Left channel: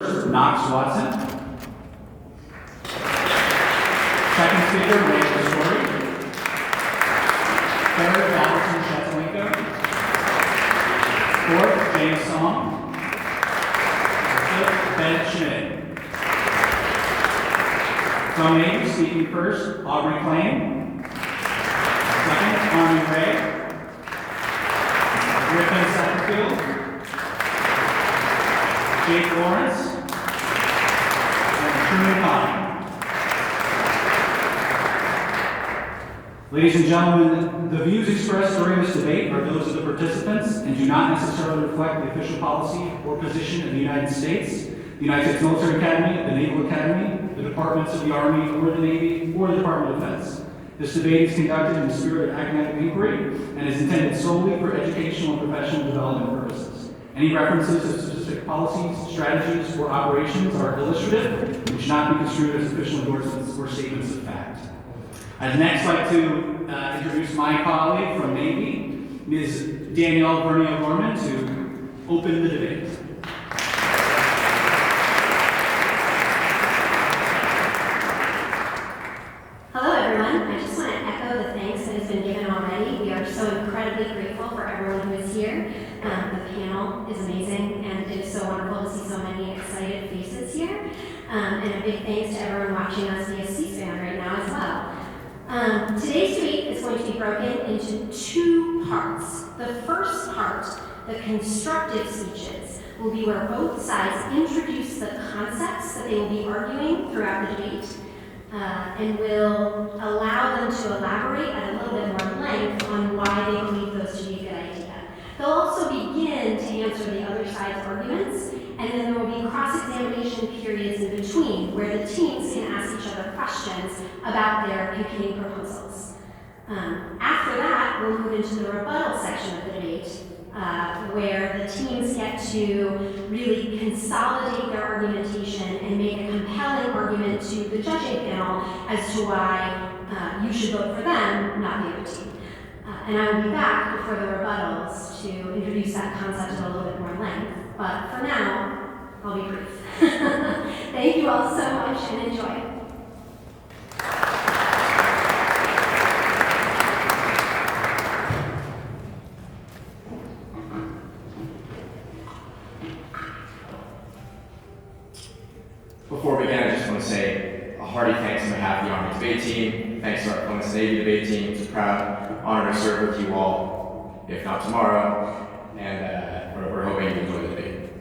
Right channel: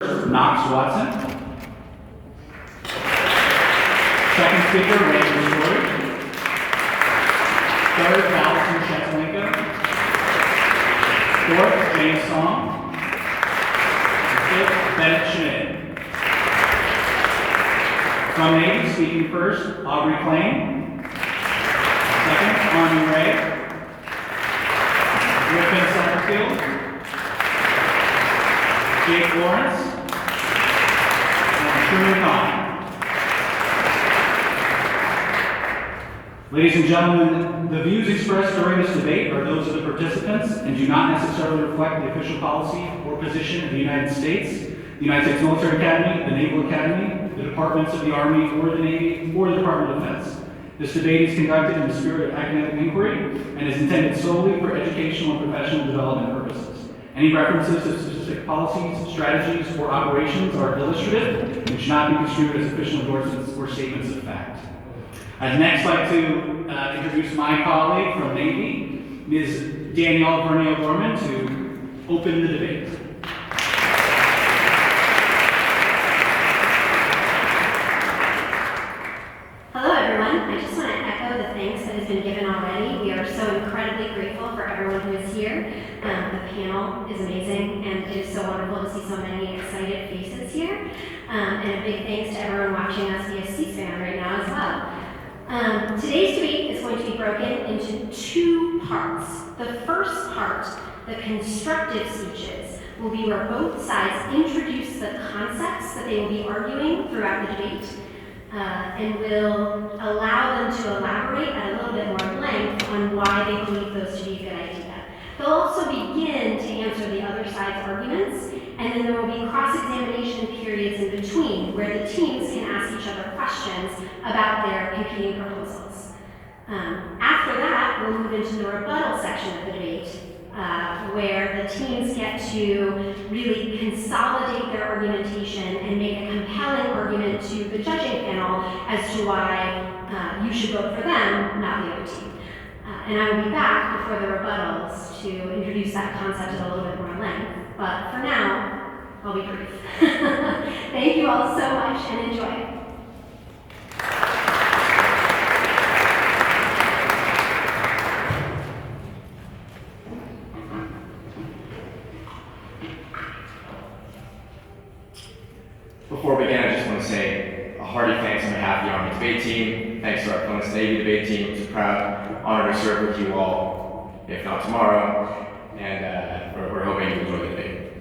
Knox Watson. Second speaker, Ray Story. Third, Allison Chatlinka. Fourth, James Song. Fifth, Ben Schmidt. From A, speaking first, Aubrey Klain. Second, Armin Ray. Griffin Satterfield. Jake Lawrence. And Truman Pine. Ladies and gentlemen, the views expressed during this debate are those of the participants and do not necessarily reflect the official policy or position of the United States, the United States Military Academy, the Naval Academy, the Departments of the Army or the Navy, or the Department of Defense. This debate is conducted in the spirit of academic inquiry and is intended solely for educational and professional development purposes. Any references to specific policies, strategies, or operations are illustrative and should not be construed as official endorsements or statements of fact. I'd next like to introduce my colleague from Navy, Ms. Danielle Vernio-Gorman, to open the debate. Hello everyone, I just want to echo the thanks that has been given already. We are so incredibly grateful for everyone who is here. The panel is amazing and it is so wonderful to see so many excited faces here. And a big thanks to everyone watching us via C-SPAN right now as well. Today's debate is going to be broken into two parts. The first part, the constructive speeches, will be where both sides introduce the concepts that they will be arguing throughout the debate, and will allow them to elaborate at a little bit more length on why they believe those to be a good idea. They'll also begin to answer the other side's arguments, and then there will be cross-examination periods in between where the teams can ask each other questions about their competing proposals. After that, we'll move into the rebuttal section of the debate, where the teams get to really consolidate their argumentation and make a compelling argument to the judging panel as to why you should vote for them, not the other team. And I will be back before the rebuttals to introduce that concept in a little bit more length. But for now, I'll be brief. Thank you all so much and enjoy. Before we begin, I just want to say a hearty thanks on behalf of the Army debate team. Thanks to our opponents, the Navy debate team. It's a proud honor to serve with you all, if not tomorrow. And we're hoping you enjoy the debate.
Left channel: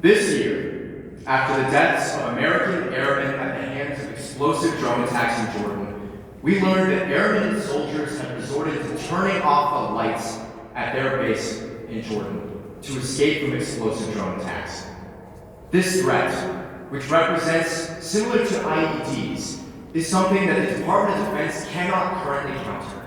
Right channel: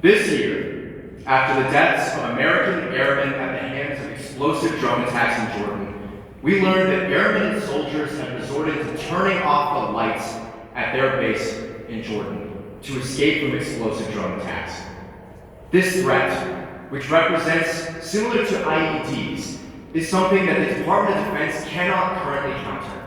This year, after the deaths of American airmen at the hands of explosive drone attacks in Jordan, we learned that airmen and soldiers have resorted to turning off the lights at their base in Jordan to escape from explosive drone attacks. This threat, which represents similar to IEDs, is something that the Department of Defense cannot currently counter.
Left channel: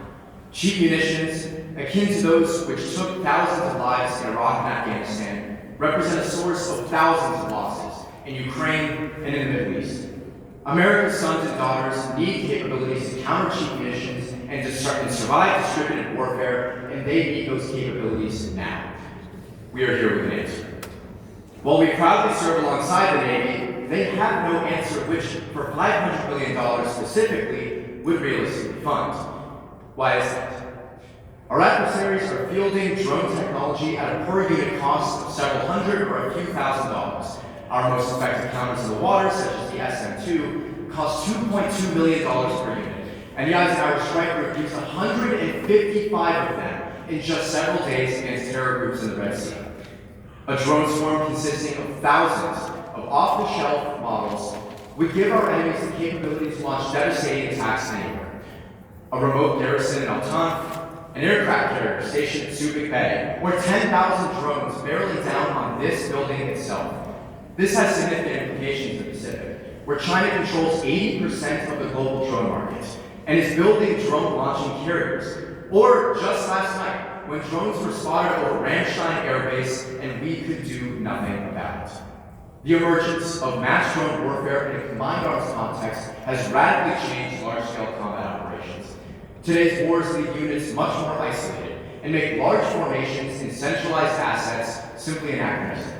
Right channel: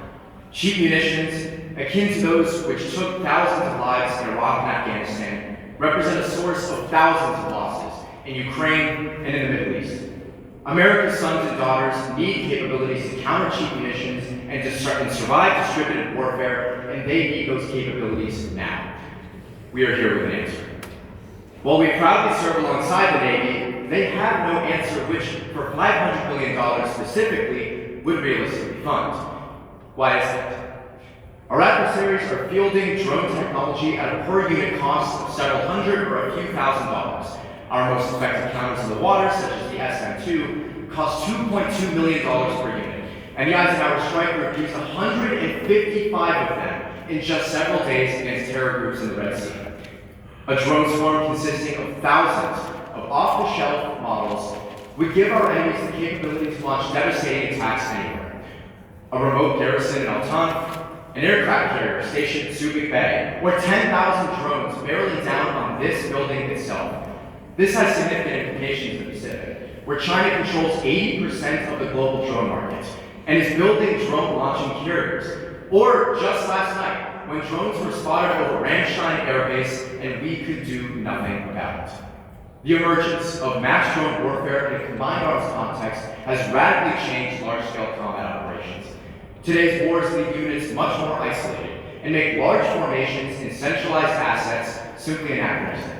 Cheap munitions, akin to those which took thousands of lives in Iraq and Afghanistan, represent a source of thousands of losses in Ukraine and in the Middle East. America's sons and daughters need capabilities to counter cheap munitions and to survive distributed warfare, and they need those capabilities now. We are here with an answer. While we proudly serve alongside the Navy, they have no answer which, for $500 million specifically, would realistically fund. Why is that? Our adversaries are fielding drone technology at a per-unit cost of several hundred or a few $1,000s. Our most effective counters in the water, such as the SM-2, cost $2.2 million per unit, and the Eisenhower Striker produced 155 of them in just several days against terror groups in the Red Sea. A drone swarm consisting of thousands of off-the-shelf models would give our enemies the capability to launch devastating attacks anywhere. A remote garrison in Al-Tanf, an aircraft carrier stationed at Subic Bay, or 10,000 drones barreling down on this building itself. This has significant implications in the Pacific, where China controls 80% of the global drone market and is building drone launching carriers. Or just last night, when drones were spotted over Ramstein Air Base and we could do nothing about it. The emergence of mass drone warfare in a combined arms context has radically changed large-scale combat operations. Today's wars leave units much more isolated and make large formations and centralized assets simply anachronistic.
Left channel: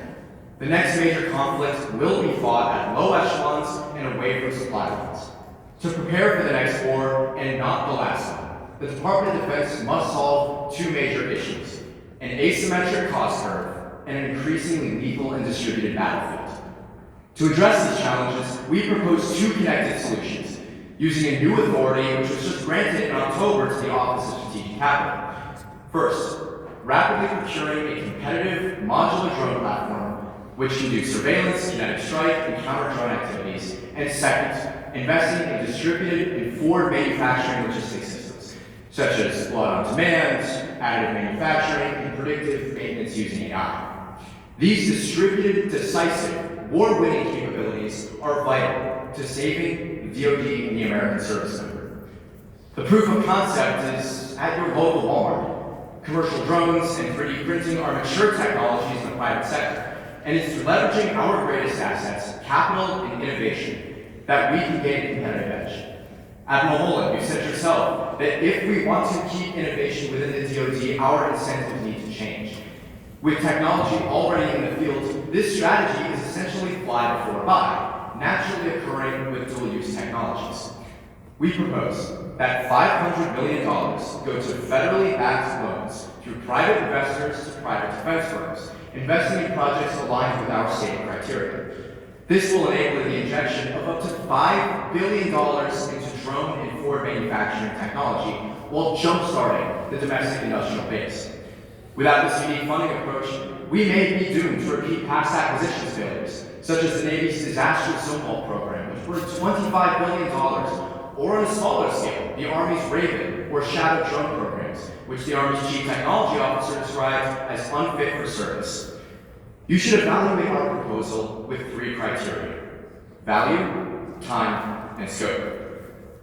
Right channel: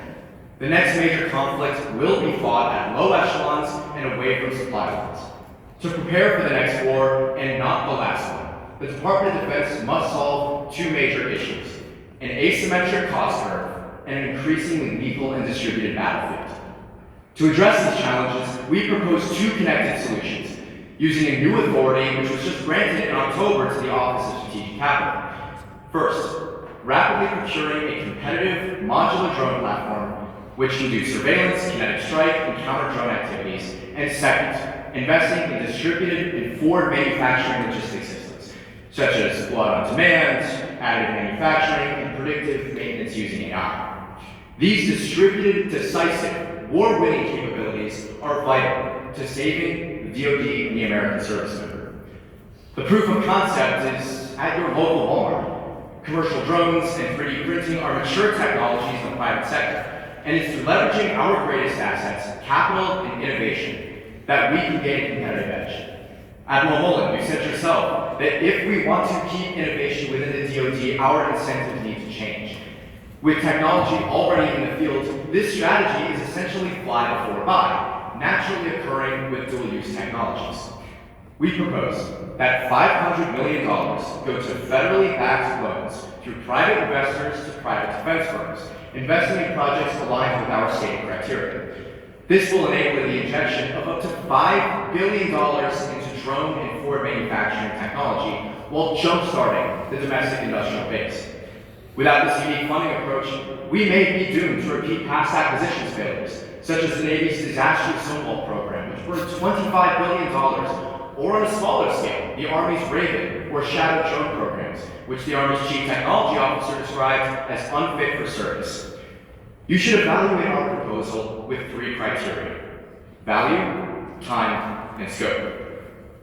The next major conflict will be fought at low echelons and away from supply lines. To prepare for the next war, and not the last one, the Department of Defense must solve two major issues: an asymmetric cost curve and an increasingly lethal and distributed battlefield. To address these challenges, we propose two connected solutions, using a new authority which was just granted in October to the Office of Strategic Capital. First, rapidly procuring a competitive modular drone platform which can do surveillance, kinetic strike, and counter-drone activities. And second, investing in distributed and forward manufacturing logistics systems, such as blood-on-demand, additive manufacturing, and predictive maintenance using AI. These distributed, decisive, war-winning capabilities are vital to saving the DoD and the American service member. The proof of concept is at your local Walmart. Commercial drones and 3D printing are mature technologies in the private sector, and it's through leveraging our greatest assets, capital and innovation, that we can gain a competitive edge. Admiral Holland, you said yourself that if we want to keep innovation within the DoD, our incentives need to change. With technology already in the field, this strategy is essentially fly before buy, naturally occurring with dual-use technologies. We propose that $500 million go to federally backed loans through private investors to private defense firms, investing in projects aligned with our stated criteria. This will enable the injection of up to $5 billion into drone and forward manufacturing technology while jump-starting the domestic industrial base. Without this unique funding approach, we may be doomed to repeat past acquisitions failures, such as the Navy's disastrous Zone program, which burned $25 billion, or on a smaller scale, the Army's Raven or Shadow drone programs, which the Army's Chief Technology Officer described as unfit for service. You should evaluate our proposal with three criteria: value, time, and scope.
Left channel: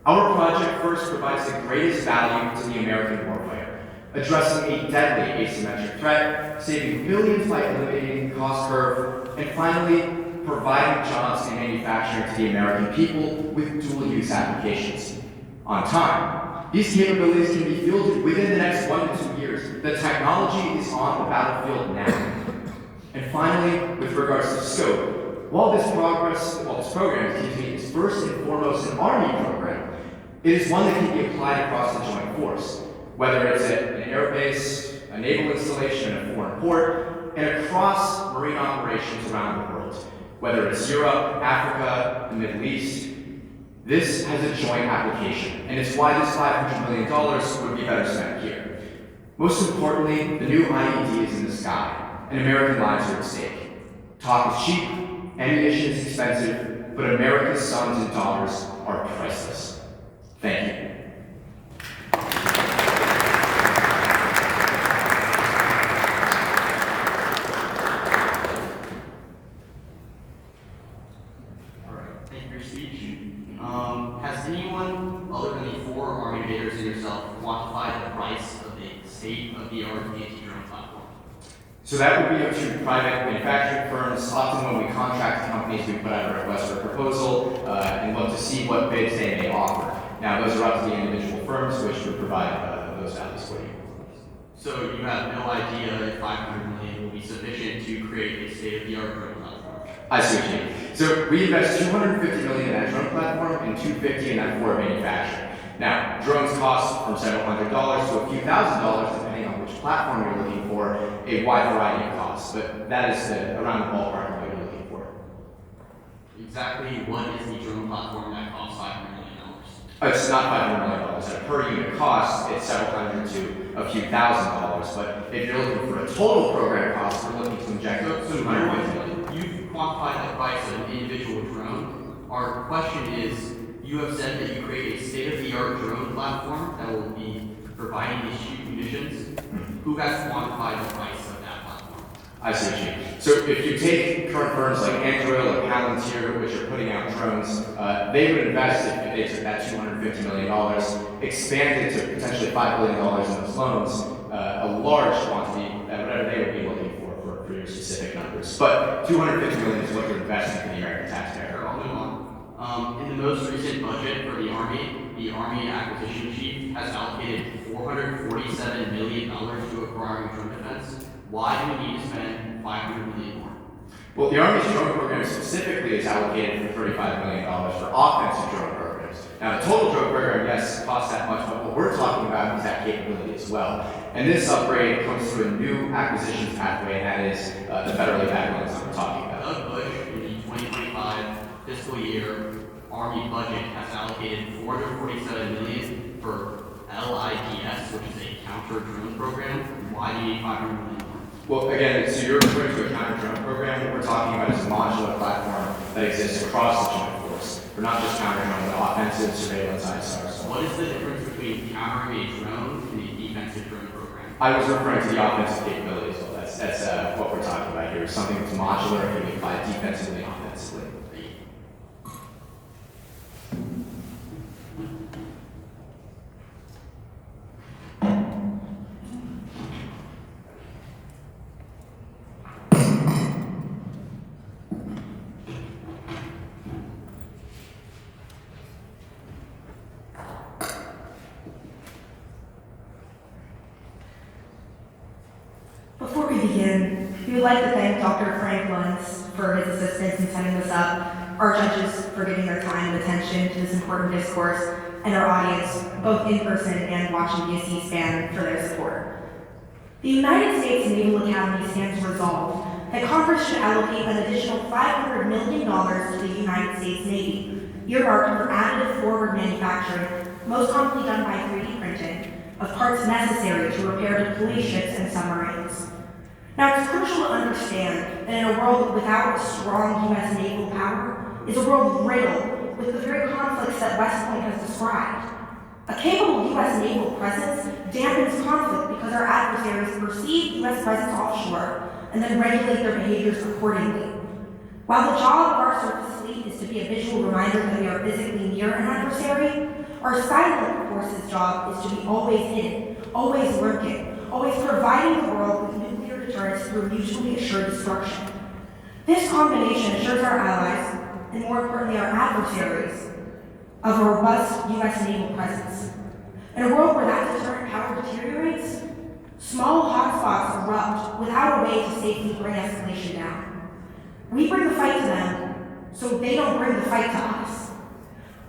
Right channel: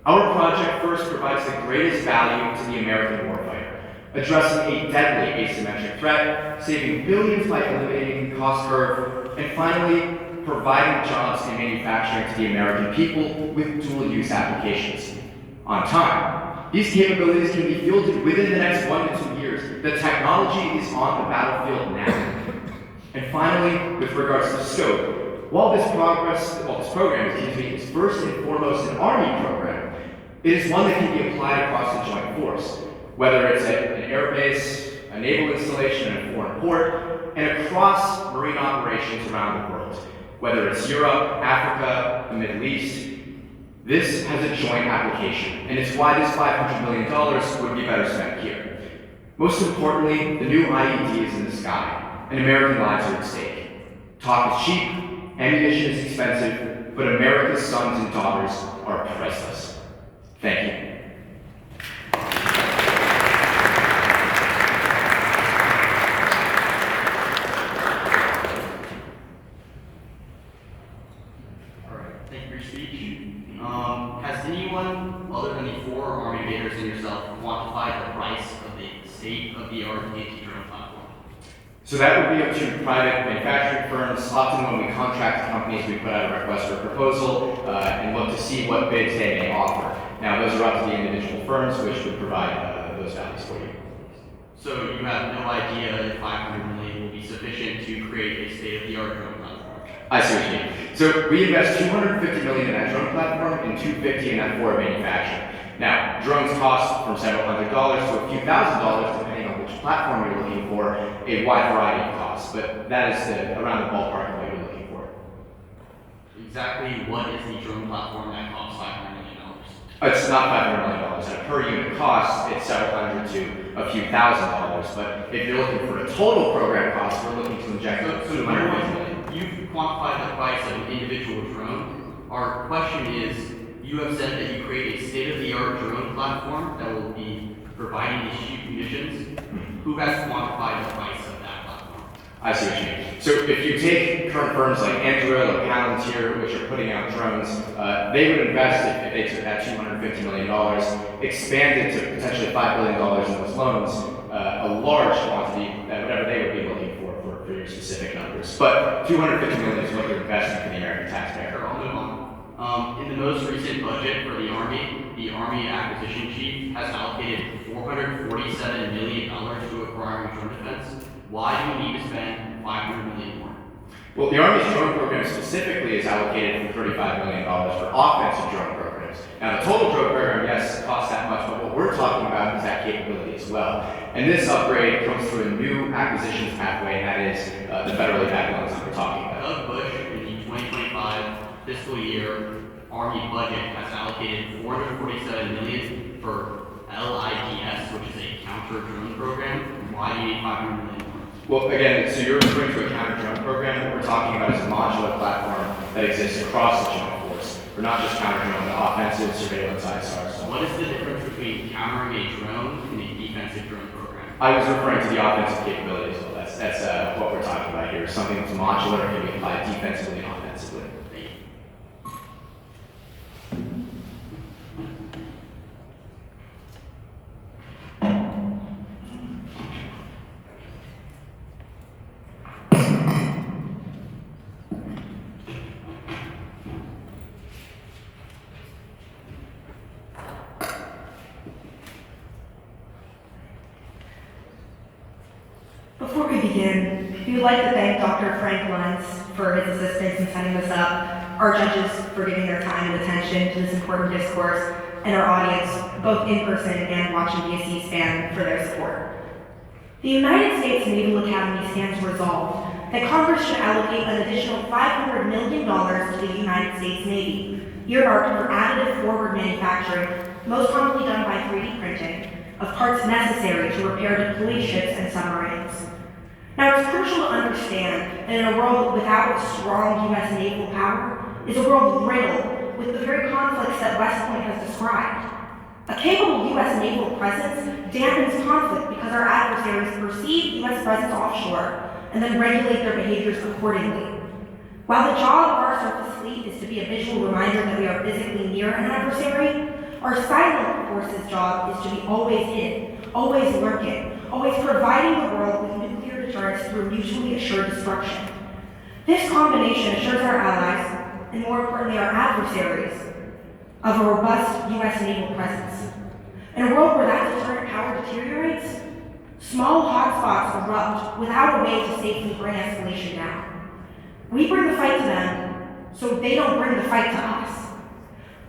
Our project first provides the greatest value to the American warfighter, addressing a deadly asymmetric threat, saving billions by eliminating the cost curve, and finally, providing jobs and manufacturing to the American people with dual-use applications. On time, these capabilities can be fielded within the next 1 to 2 years. The technology is on the battlefield now. And finally, with regards to scope, while this program is first and foremost an Army program, it is one that can be applied across the joint force, whether it's at an air base, a naval installation in a foreign port, and across marine operations around the world, whether it's Europe, Africa, the Middle East. This has a joint application, and it's why this $500 million would be better spent here. Most importantly, the new IED is in the sky, and American lives are at stake. Talk is cheap, ammunition is expensive, but America's sons and daughters are priceless. Thank you. Has anyone, other than the 4 Army debaters and yourself, quantified the price of the state-of-the-art anti-drone platform? So that would be up to private manufacturing firms. Often when we contract companies, we put out a request for a proposal and look to see what bids they may offer. Now, those are up to the individual firms, which would provide those values for you. So you have no idea if $500 million will be sufficient to create a state-of-the-art drone platform? I see what you mean. So we invest $250 million in that drone platform and $250 in that forward manufacturing. Now, drones cost from several $100s to a few $1,000s, depending on which platform you're looking for, a wide variety of costs, but that is around the ballpark of what you're looking for. Exactly what is the drone platform that costs $500 million? It's not $500 million. At a per unit cost, it's several hundred to a few $1,000s, but if you're looking for a total program cost, we're looking to inject $250 million. You've quantified the price of an individual drone. Our question is, you have said that you create a state-of-the-art drone platform that will be providing these cheap munitions. Who has quantified the price of that platform? I see what you mean. So if you take current firms like Anduril or Palantir, which are putting out drones, they would invest, if they took that $250 million, expanded to potentially $5 billion in those loans, a large quantity, that whatever they would be looking for your specific numbers. But $250 million is what you're investing for the American taxpayer. Sure, I'll move on. In the most recent budget for the Army acquisition chief has allocated $447 million to acquiring drone defense. Why do we need to spend $500 million more? Well, the Army's drone program specifically is allocated for $35 million for offensive drone programs. Now, the total drone program, yes, costs that much, but what we're talking about is that capability as well. And this upgrade comes through a new acquisitions pathway, and that is the federally backed loans that we're talking about. Doug Bush, in the 2025 fiscal year Army budget, has allocated $447 million for LIDS, which is a counter drone program. Why do you need $500 million? Well, again, so you're referring to a counter-drone program. What we're talking about is a modular platform that exists across the joint force. We're not just counter-drone, but offensive, surveillance, ISR. What is the difference between countering a drone and a defensive drone program? I was referring to the offensive capability as well. That's what we're talking about here. Something that's modular and can be applied defensively and offensively. Thank you. Before we begin, we would like to thank Dr. Frank Luntz for his assistance in setting this up, our judges for giving their time and attention to this important discourse, and our audience, both in person and watching via C-SPAN, for their support. The United States Naval Academy stands resolved that Congress should allocate an additional $500 million to the United States Navy, earmarked for additive forward manufacturing, most commonly done by 3D printing, of parts necessary to repair deployed ships and submarines. Now, it's crucial to understand that in a world without a strong U.S. naval power is a world riddled with the very conflicts that West Point has described. A capable U.S. naval presence dampens conflict because our adversaries perceive U.S. presence offshore and then regulate their behaviors accordingly. While the job of our surface fleet is to be a visual reminder that we are physically near an adversary, our silent forces' job is to be always hidden, always lurking, always providing the world with nuclear deterrence through mutually assured destruction. This combination assures our allies, and more importantly our adversaries, of a robust U.S. naval presence. In a world where that deterrent power deteriorates, small hotspots erupt without a way to safely bring escalation down. We bring the fight to them, so they don't bring the fight to us.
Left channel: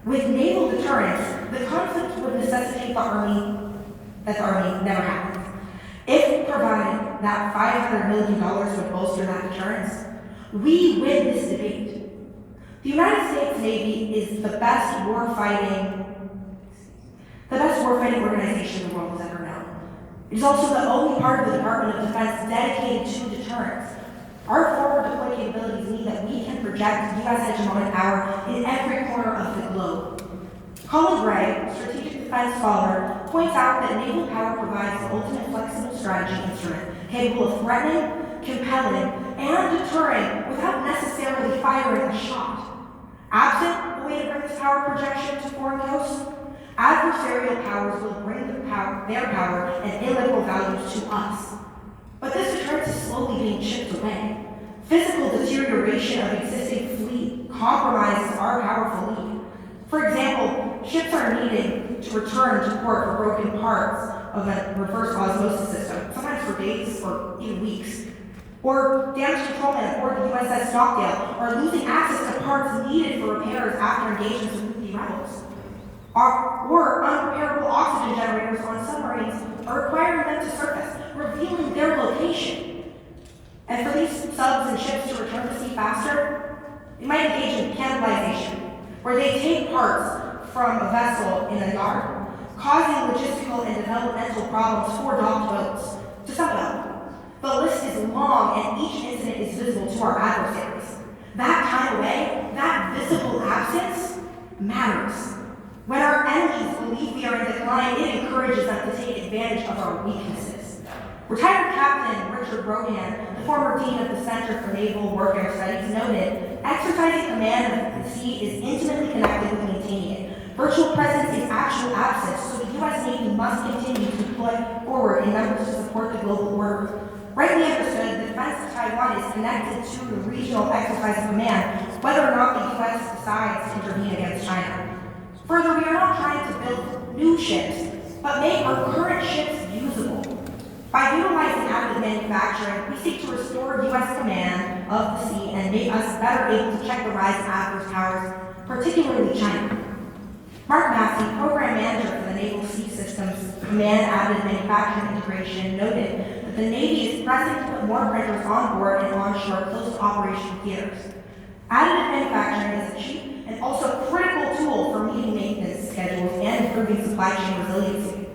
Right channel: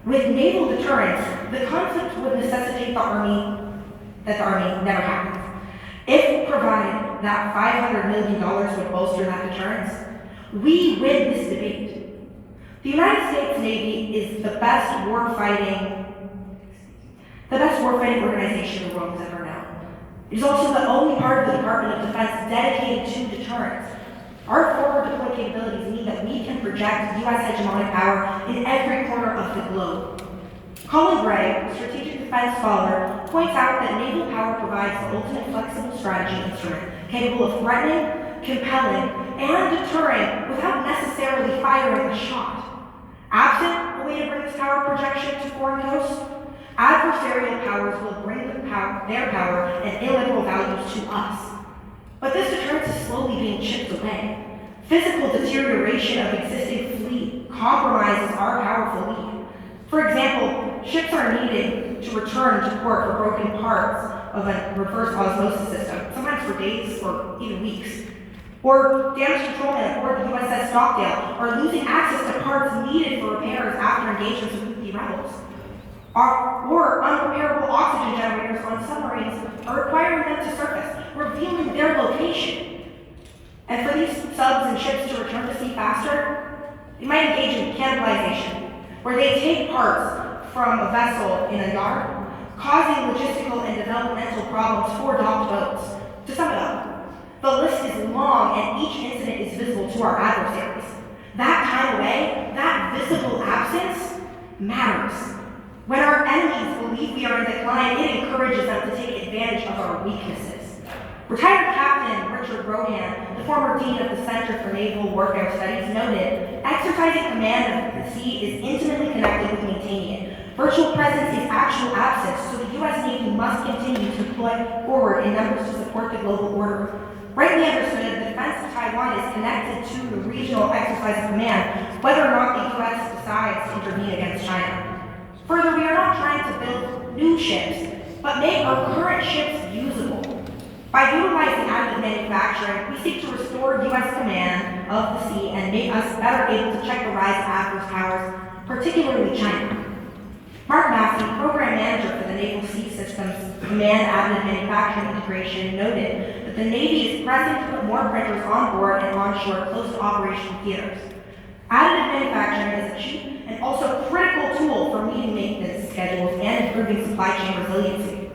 With naval deterrence, the conflict would necessitate the Army never happens. If provided that $500 million would bolster that deterrence, we win this debate. The United States Navy is the best warfighting organization the world has ever known. It is also the only part of the Department of Defense dedicated to deterrence. Our forward deployed capabilities mean that we can project U.S. hegemonic power in every corner of the globe. Colin Gray, a strategic defense scholar, points out that naval power provides the ultimate flexible strategy instrument, capable of threatening, compelling, and deterring without necessarily firing a shot. Absent a way to bring this power projection to foreign coasts, adversarial powers will bring their power and illiberal values to us. But this deterrence is slowly being chipped away. Physical deterioration of existing fleet compromises our powerful lead. For example, ships are needed to return to port for broken parts of a reverse osmosis system, sometimes for days or even weeks. Or damage controlmen aboard the USS Stockdale are losing access to parts needed for repairs after engagements with Houthi rebels. Or unrepairable oxygen generators on submarines are requiring them to surface, revealing their location. And for these subs and ships to return to sea faster, they might engage in cannibalization, where they take parts from a vessel in a yard, causing logistical and developmental problems for docked boats. To sum it up, the list is long and each incident is visible to our adversaries. That time away, that visible absence, matters. When our enemies believe we are in decline, it encourages them to take advantage of our weaknesses. Retired Captain Richard Rohan, the former dean of the Center for Naval Warfare Studies, noted, exercising command of the sea is intimately connected with maintaining it. Virtual presence is actual absence, so the U.S. Navy must continue to deploy forward in numbers to support the global order. Rightly understood, the defense of Taiwan is connected to the regional exercise of command, whether or not the U.S. decides to intervene against China. Further, we are not trying to build new ships, but make our current ships usable. By utilizing additive manufacturing, we seek to restore U.S. command of the sea and make us better able to check the rise of adverse powers, particularly China. Mark Massey, Program Manager for the Naval Sea Systems Command Additive Manufacturing Integration, noted that the Navy is pressing to put more printers on board and onshore close to operational theaters. Additive manufacturing is a cheap and also critical tool for meeting maintenance schedules and improving supply chain resiliency.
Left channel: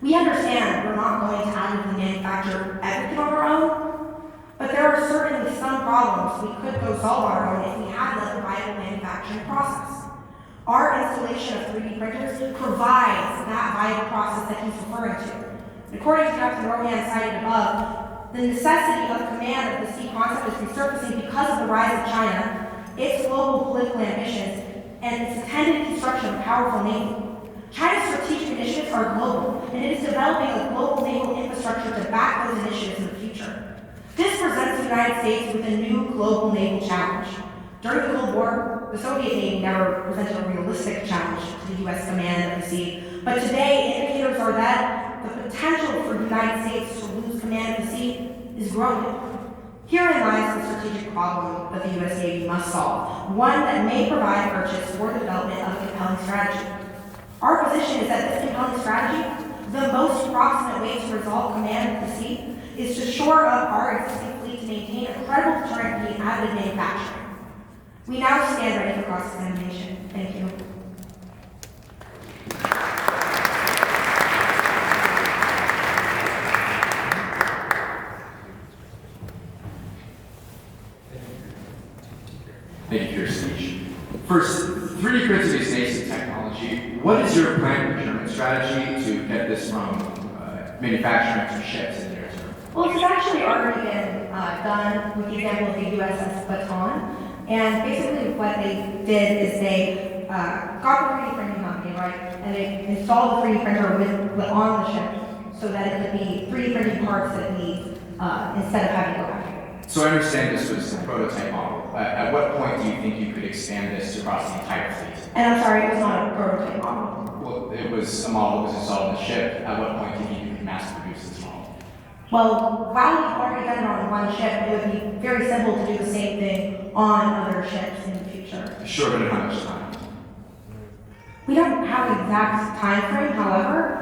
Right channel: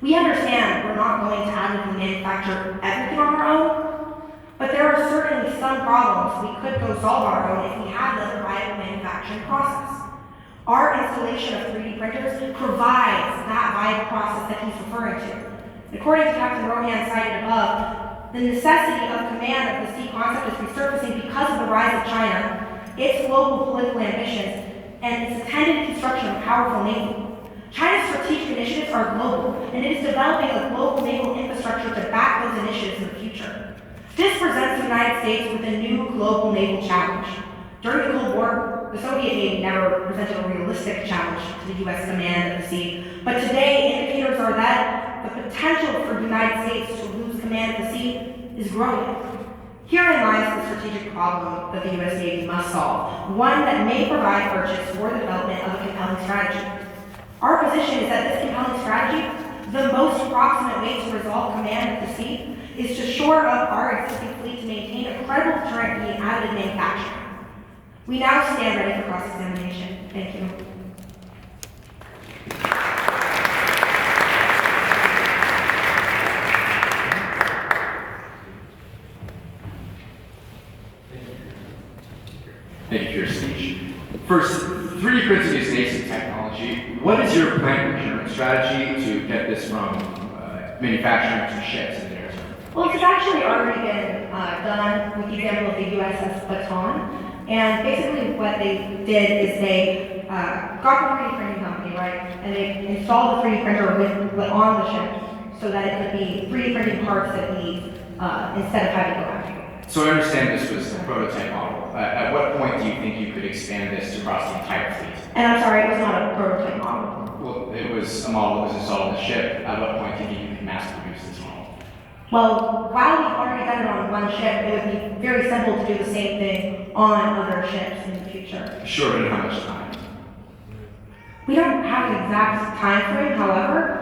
We understand we're not going to additively manufacture everything on our own, but there are certainly some problems we could go solve on our own if we had the viable manufacturing process. Our installation of 3D printers provides that viable process that he's referring to. According to Captain Rohan cited above, the necessity of command of the sea concept is resurfacing because of the rise of China, its global political ambitions, and its intended construction of a powerful navy. China's strategic initiatives are global, and it is developing a global naval infrastructure to back those initiatives in the future. This presents the United States with a new global naval challenge. During the Cold War, the Soviet Navy never presented a realistic challenge to the U.S. command of the sea, but today indicators are that the potential for the United States to lose command of the sea is growing. Herein lies the strategic problem that the U.S. Navy must solve, one that may provide purchase for the development of a compelling strategy. Our position is that this compelling strategy, the most approximate way to resolve command of the sea, is to shore up our existing fleet to maintain a credible deterrent via additive manufacturing. We now stand ready for cross-examination. Thank you. Thank you for your speech. First, 3D printing is nascent technology. What is your planned procurement strategy to get this from manufacturing to ships in the near term? Well, it's actually already been done with the example of the USS Baton. And basically what they did is they got the 3D printing company, right? And they installed the 3D printer on the ship so that it could be 3D printing parts that it needs instead of having to go out. So I understand this was a prototype model. At what point do you think you could expand this across the entire fleet? And I'm sorry, it was not a prototype model. Well, it was a model that was installed on the ship. At what point do you think you could mass produce this model? Well, while we've already done it on one ship, it would be very simple to do the same thing on other ships in the future. Sure, but in how much time? We don't have an exact time frame, however.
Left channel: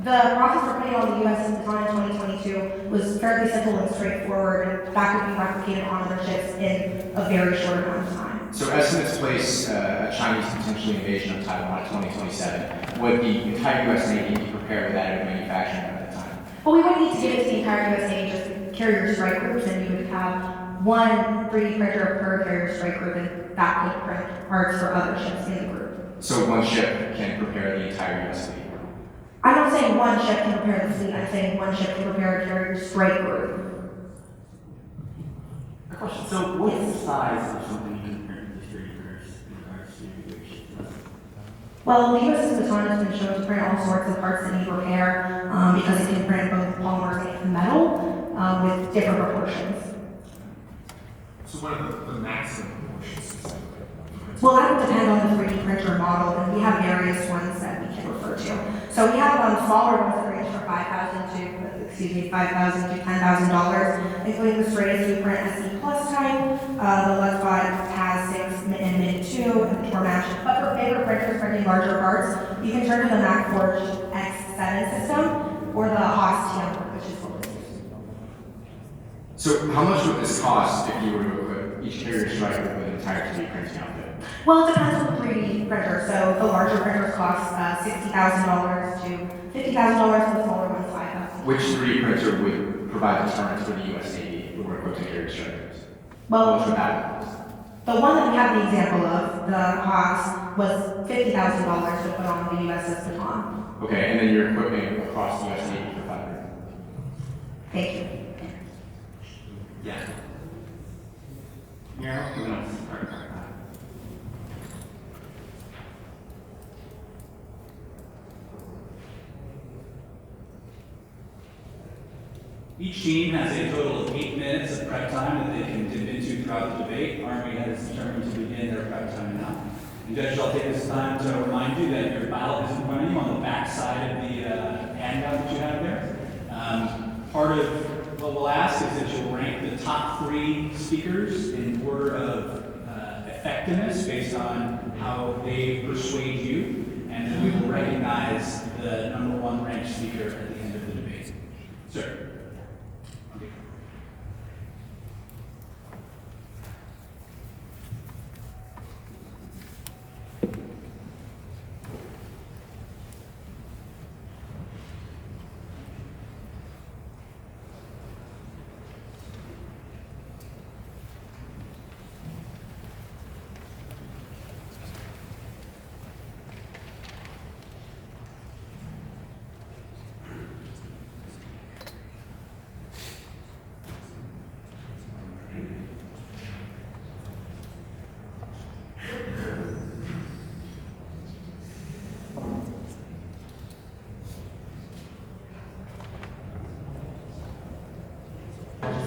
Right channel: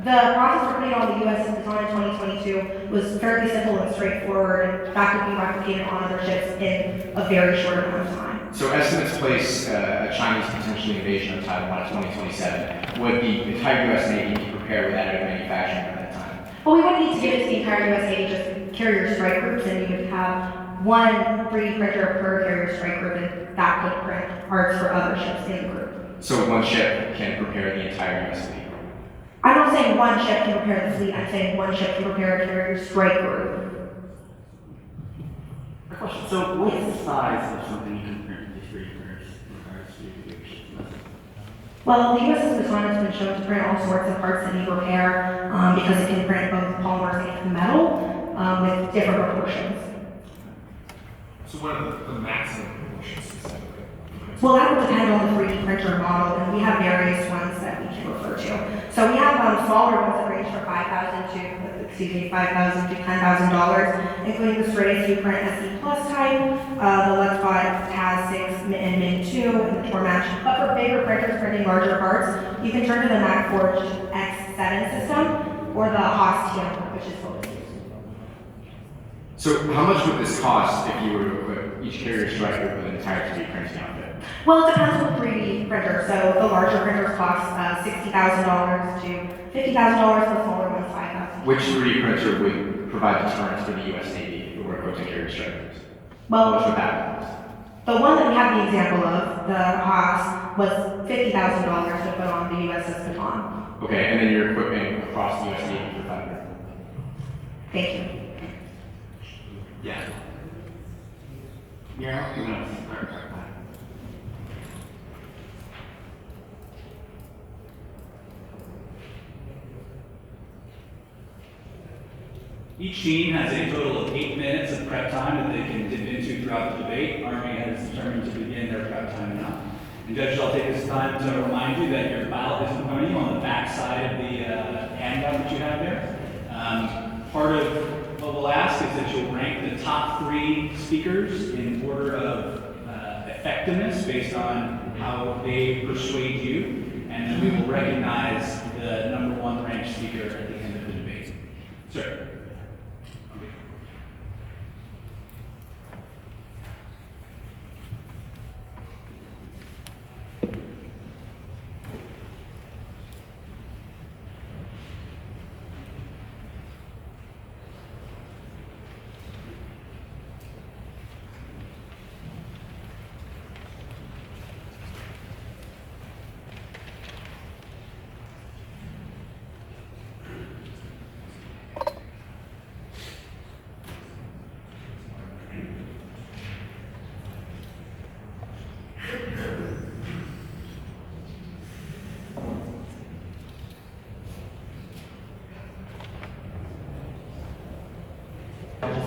The process for putting on the USS Baton in 2022 was fairly simple and straightforward, and that could be replicated on other ships in a very short amount of time. So estimates place a Chinese potential invasion of Taiwan in 2027. Would the entire U.S. Navy be prepared with additive manufacturing by that time? Well, we wouldn't need to give it to the entire US Navy, just carrier strike groups, and you would have one 3D printer per carrier strike group, and that could print parts for other ships in the group. So one ship can prepare the entire U.S. fleet? I'm not saying one ship can prepare the fleet, I'm saying one ship can prepare a carrier strike group. A question. So what is the size of something you can print with these 3D printers in regards to your ship's? Well, the USS Baton has been shown to print all sorts of parts that need repair because it can print both polymers and metal with different proportions. So what are the maximum proportions specifically? Well, that would depend on the 3D printer model, and we have various ones that we can refer to. So we have smaller ones that range from $5,000 to $10,000, including the Stratus U-Print SE Plus type. The Lexbot has 6 and Min 2 and the Tormatch. But for bigger printers printing larger parts, you can turn to the MacForge X7 system or the Haas TM, which is what was used. So how much would this cost if you were to equip each carrier strike group with an entire 3D printing outfit? Well, it depends on the 3D printer. So the larger printers cost $60,000 to $50,000, and the smaller ones $5,000. Which 3D printer would provide deterrents for the U.S. Navy if we were equipped with carrier strike groups? Well, How much would that cost? the one that we have the example of, the Haas, was $50,000 to put on the USS Baton. Okay, and then you're equipping across the U.S. Navy for $500. Thank you. Yeah. Yeah, we're gonna start. Each team has a total of 8 minutes of prep time that they can dip into throughout the debate. Army has determined to begin their prep time now. And judges, I'll take this time to remind you that your ballot is in front of you on the back side of the handout that you have there. Part of what we'll ask is that you'll rank the top 3 speakers in order of effectiveness based on how they persuade you, and then we will recognize the number 1 ranked speaker at the end of the debate. Sir.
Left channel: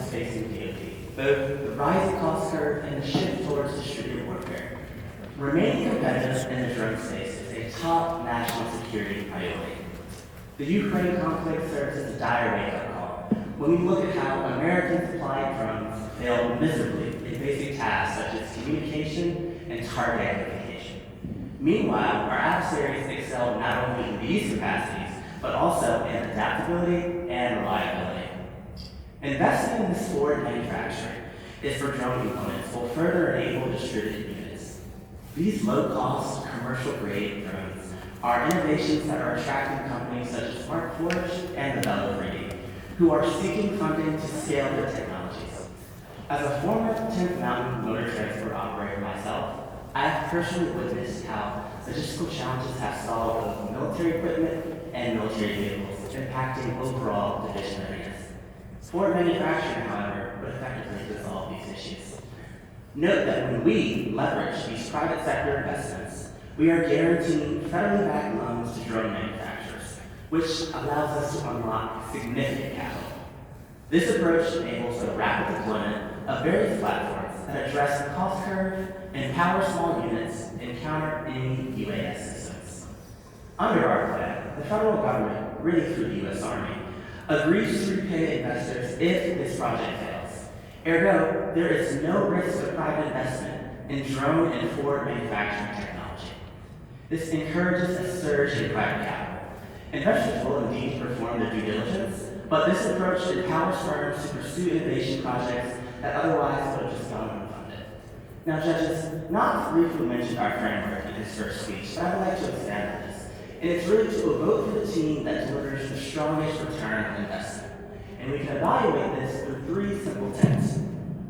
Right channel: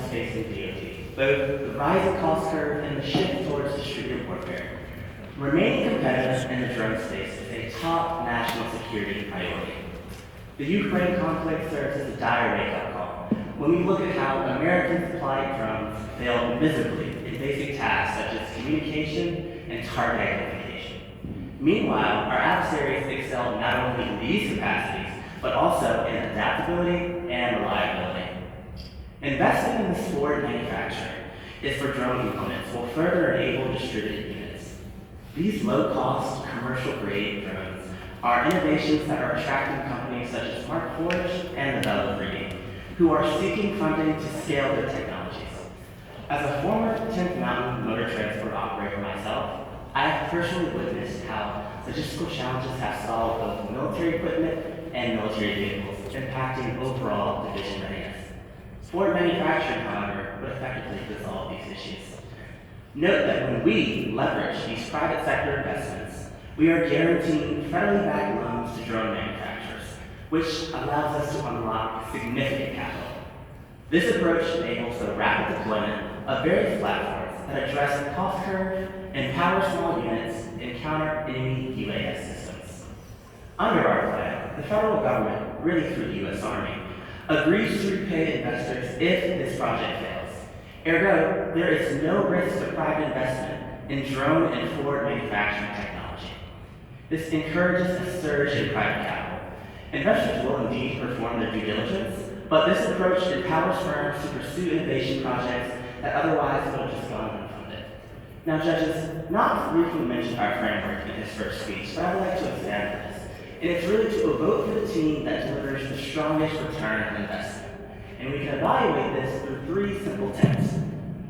Facing DoD, both the rising cost curve and the shift towards distributed warfare. Remaining competitive in the drone space is a top national security priority. The Ukraine conflict serves as a dire wake-up call when we look at how American supplied drones fail miserably in basic tasks such as communication and target identification. Meanwhile, our adversaries excel not only in these capacities, but also in adaptability and reliability. Investing in this forward manufacturing is for drone components will further enable distributed units. These low-cost, commercial-grade drones are innovations that are attracting companies such as Markforged and Rebuttal, who are seeking funding to scale their technologies. As a former 10th Mountain motor transport operator myself, I have personally witnessed how logistical challenges have stalled both military equipment and military vehicles, impacting overall division readiness. Forward manufacturing, however, would effectively resolve these issues. Note that when we leverage these private sector investments, we are guaranteeing federally backed loans to drone manufacturers, which allows us to unlock significant capital. This approach enables the rapid deployment of various platforms that address the cost curve and empower small units and counter enemy UAS systems. Under our plan, the federal government, really through the U.S. Army, agrees to repay investors if this project fails. Ergo, there is no risk of private investment in drone and forward manufacturing technology. This encourages a surge in private capital. Investors will indeed perform their due diligence, but this approach empowers firms to pursue innovation projects that otherwise would have just gone unfunded. Now, judges, not briefly mentioned our framework in his first speech, but I would like to expand on this. And it's really to vote for the team that delivers the strongest return on investment. And we can evaluate this through 3 simple tenets.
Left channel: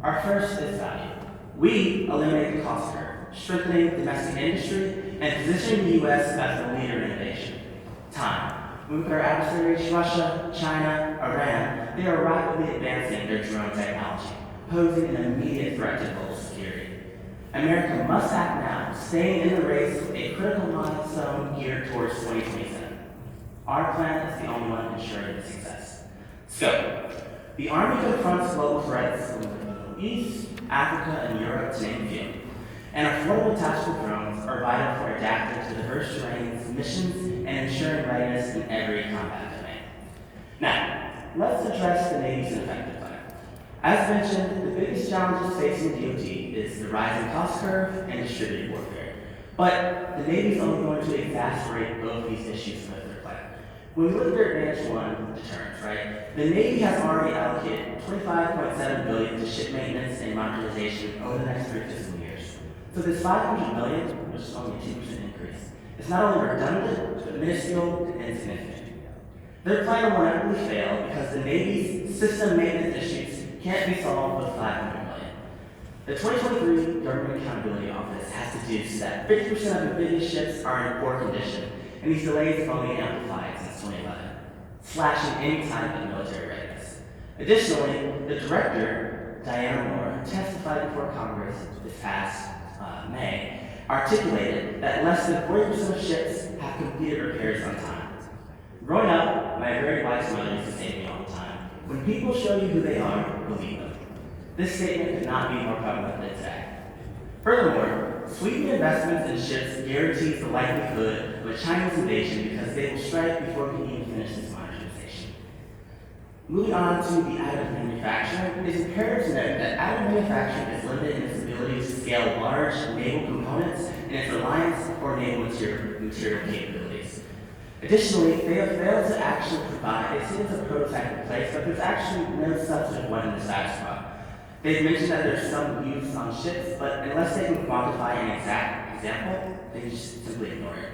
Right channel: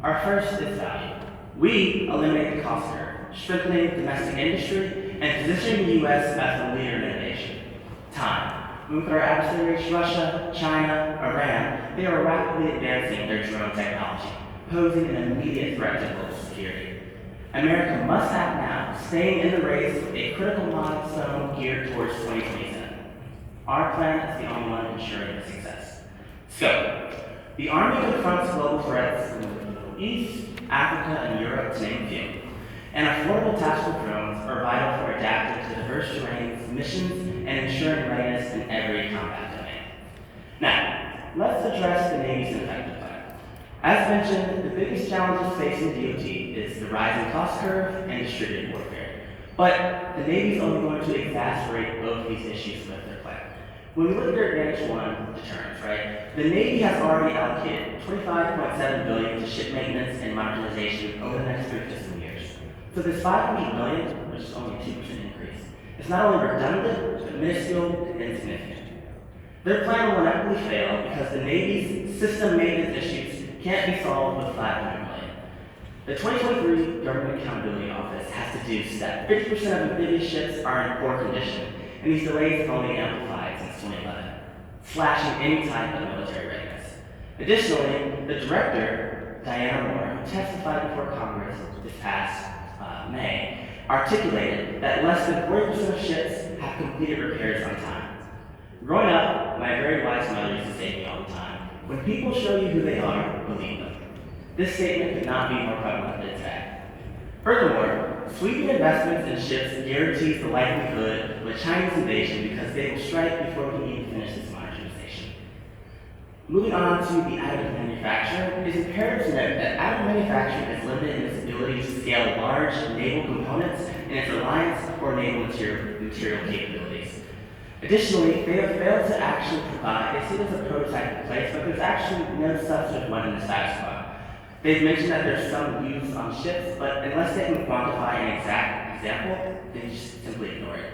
Our first is value. We eliminate the cost curve, strengthening domestic industry and positioning the U.S. as a leader in innovation. Time. When we look at our adversaries, Russia, China, Iran, they are rapidly advancing their drone technology, posing an immediate threat to global security. America must act now, staying in the race with a critical milestone geared towards 2027. Our plan is the only one ensuring its success. So, the Army confronts global threats from the Middle East, Africa, and Europe, to name a few. And affordable tactical drones are vital for adapting to diverse terrains, missions, and ensuring readiness in every combat domain. Now, let's address the Navy's effective plan. As mentioned, the biggest challenges facing DoD is the rising cost curve and distributed warfare. But the Navy is only going to exacerbate both these issues with their plan. When we look at their Advantage 1 deterrence, right, the Navy has already allocated $25.7 billion to ship maintenance and modernization over the next 3 fiscal years. So this $500 million, which is only a 2% increase, is not only redundant, but minuscule and insignificant. Their plan will inevitably fail because the Navy's system maintenance issues can't be solved with $500 million. The 2023 Government Accountability Office has deduced that 50% of amphibious ships are in poor condition, and these delays have only amplified since 2011, slashing any type of military readiness. Additionally, the director, Diana Moore, who testified before Congress this past May, articulated that less than 40% of ships have completed repairs on time. Growing up, my very wise mother used to say to me all the time, when people show you who they are, believe them. This statement could not be more prevalent than today. Furthermore, sweeping investments in ships guarantees the likelihood of a Chinese invasion because they will strike before we can even finish this modernization. Moving on to the additive manufacturing, it is imperative to note that additive manufacturing is limited in its ability to scale large naval components and its reliance for naval material capabilities. Additionally, they have failed to actually provide, they see there's a prototype in place, but there's actually no substantive one to satisfy. They've mentioned that there's some use on ships, but unless they can quantify an exact example, they just simply ignore it.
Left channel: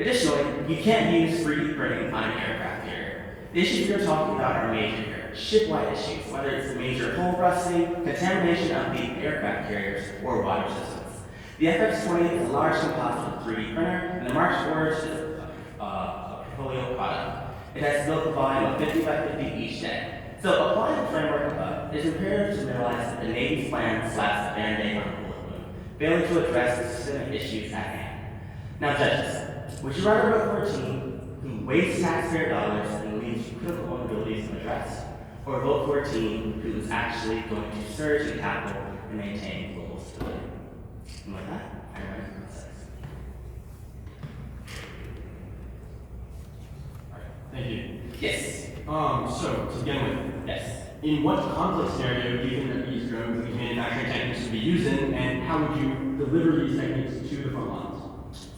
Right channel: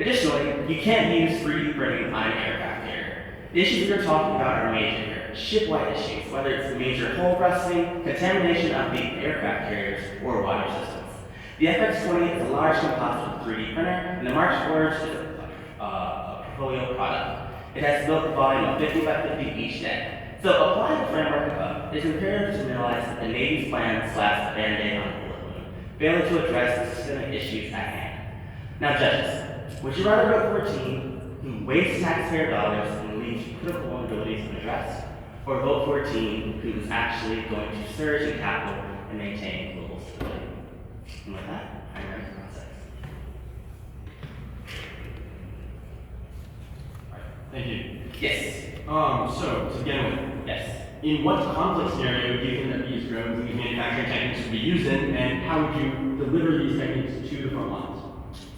Additionally, you can't use 3D printing on an aircraft carrier. The issues we're talking about are major here, ship-wide issues, whether it's major hull rusting, contamination of the aircraft carriers, or water systems. The FX-20 is a large composite 3D printer, and the March Forge is a portfolio product. It has built a volume of 50 by 50 each day. So applying the framework above, it is imperative to realize that the Navy's plan slaps a band-aid on the bullet wound, failing to address the systemic issues at hand. Now judges, would you rather vote for a team who wastes taxpayer dollars and leaves critical vulnerabilities unaddressed, or vote for a team who is actually going to surge in capital and maintain global stability? And with that, I'm ready for process. Thank you. Yes. So to begin with, Yes. in what conflict scenario do you think that these drones, these manufacturing techniques would be used in, and how would you deliver these techniques to the front lines?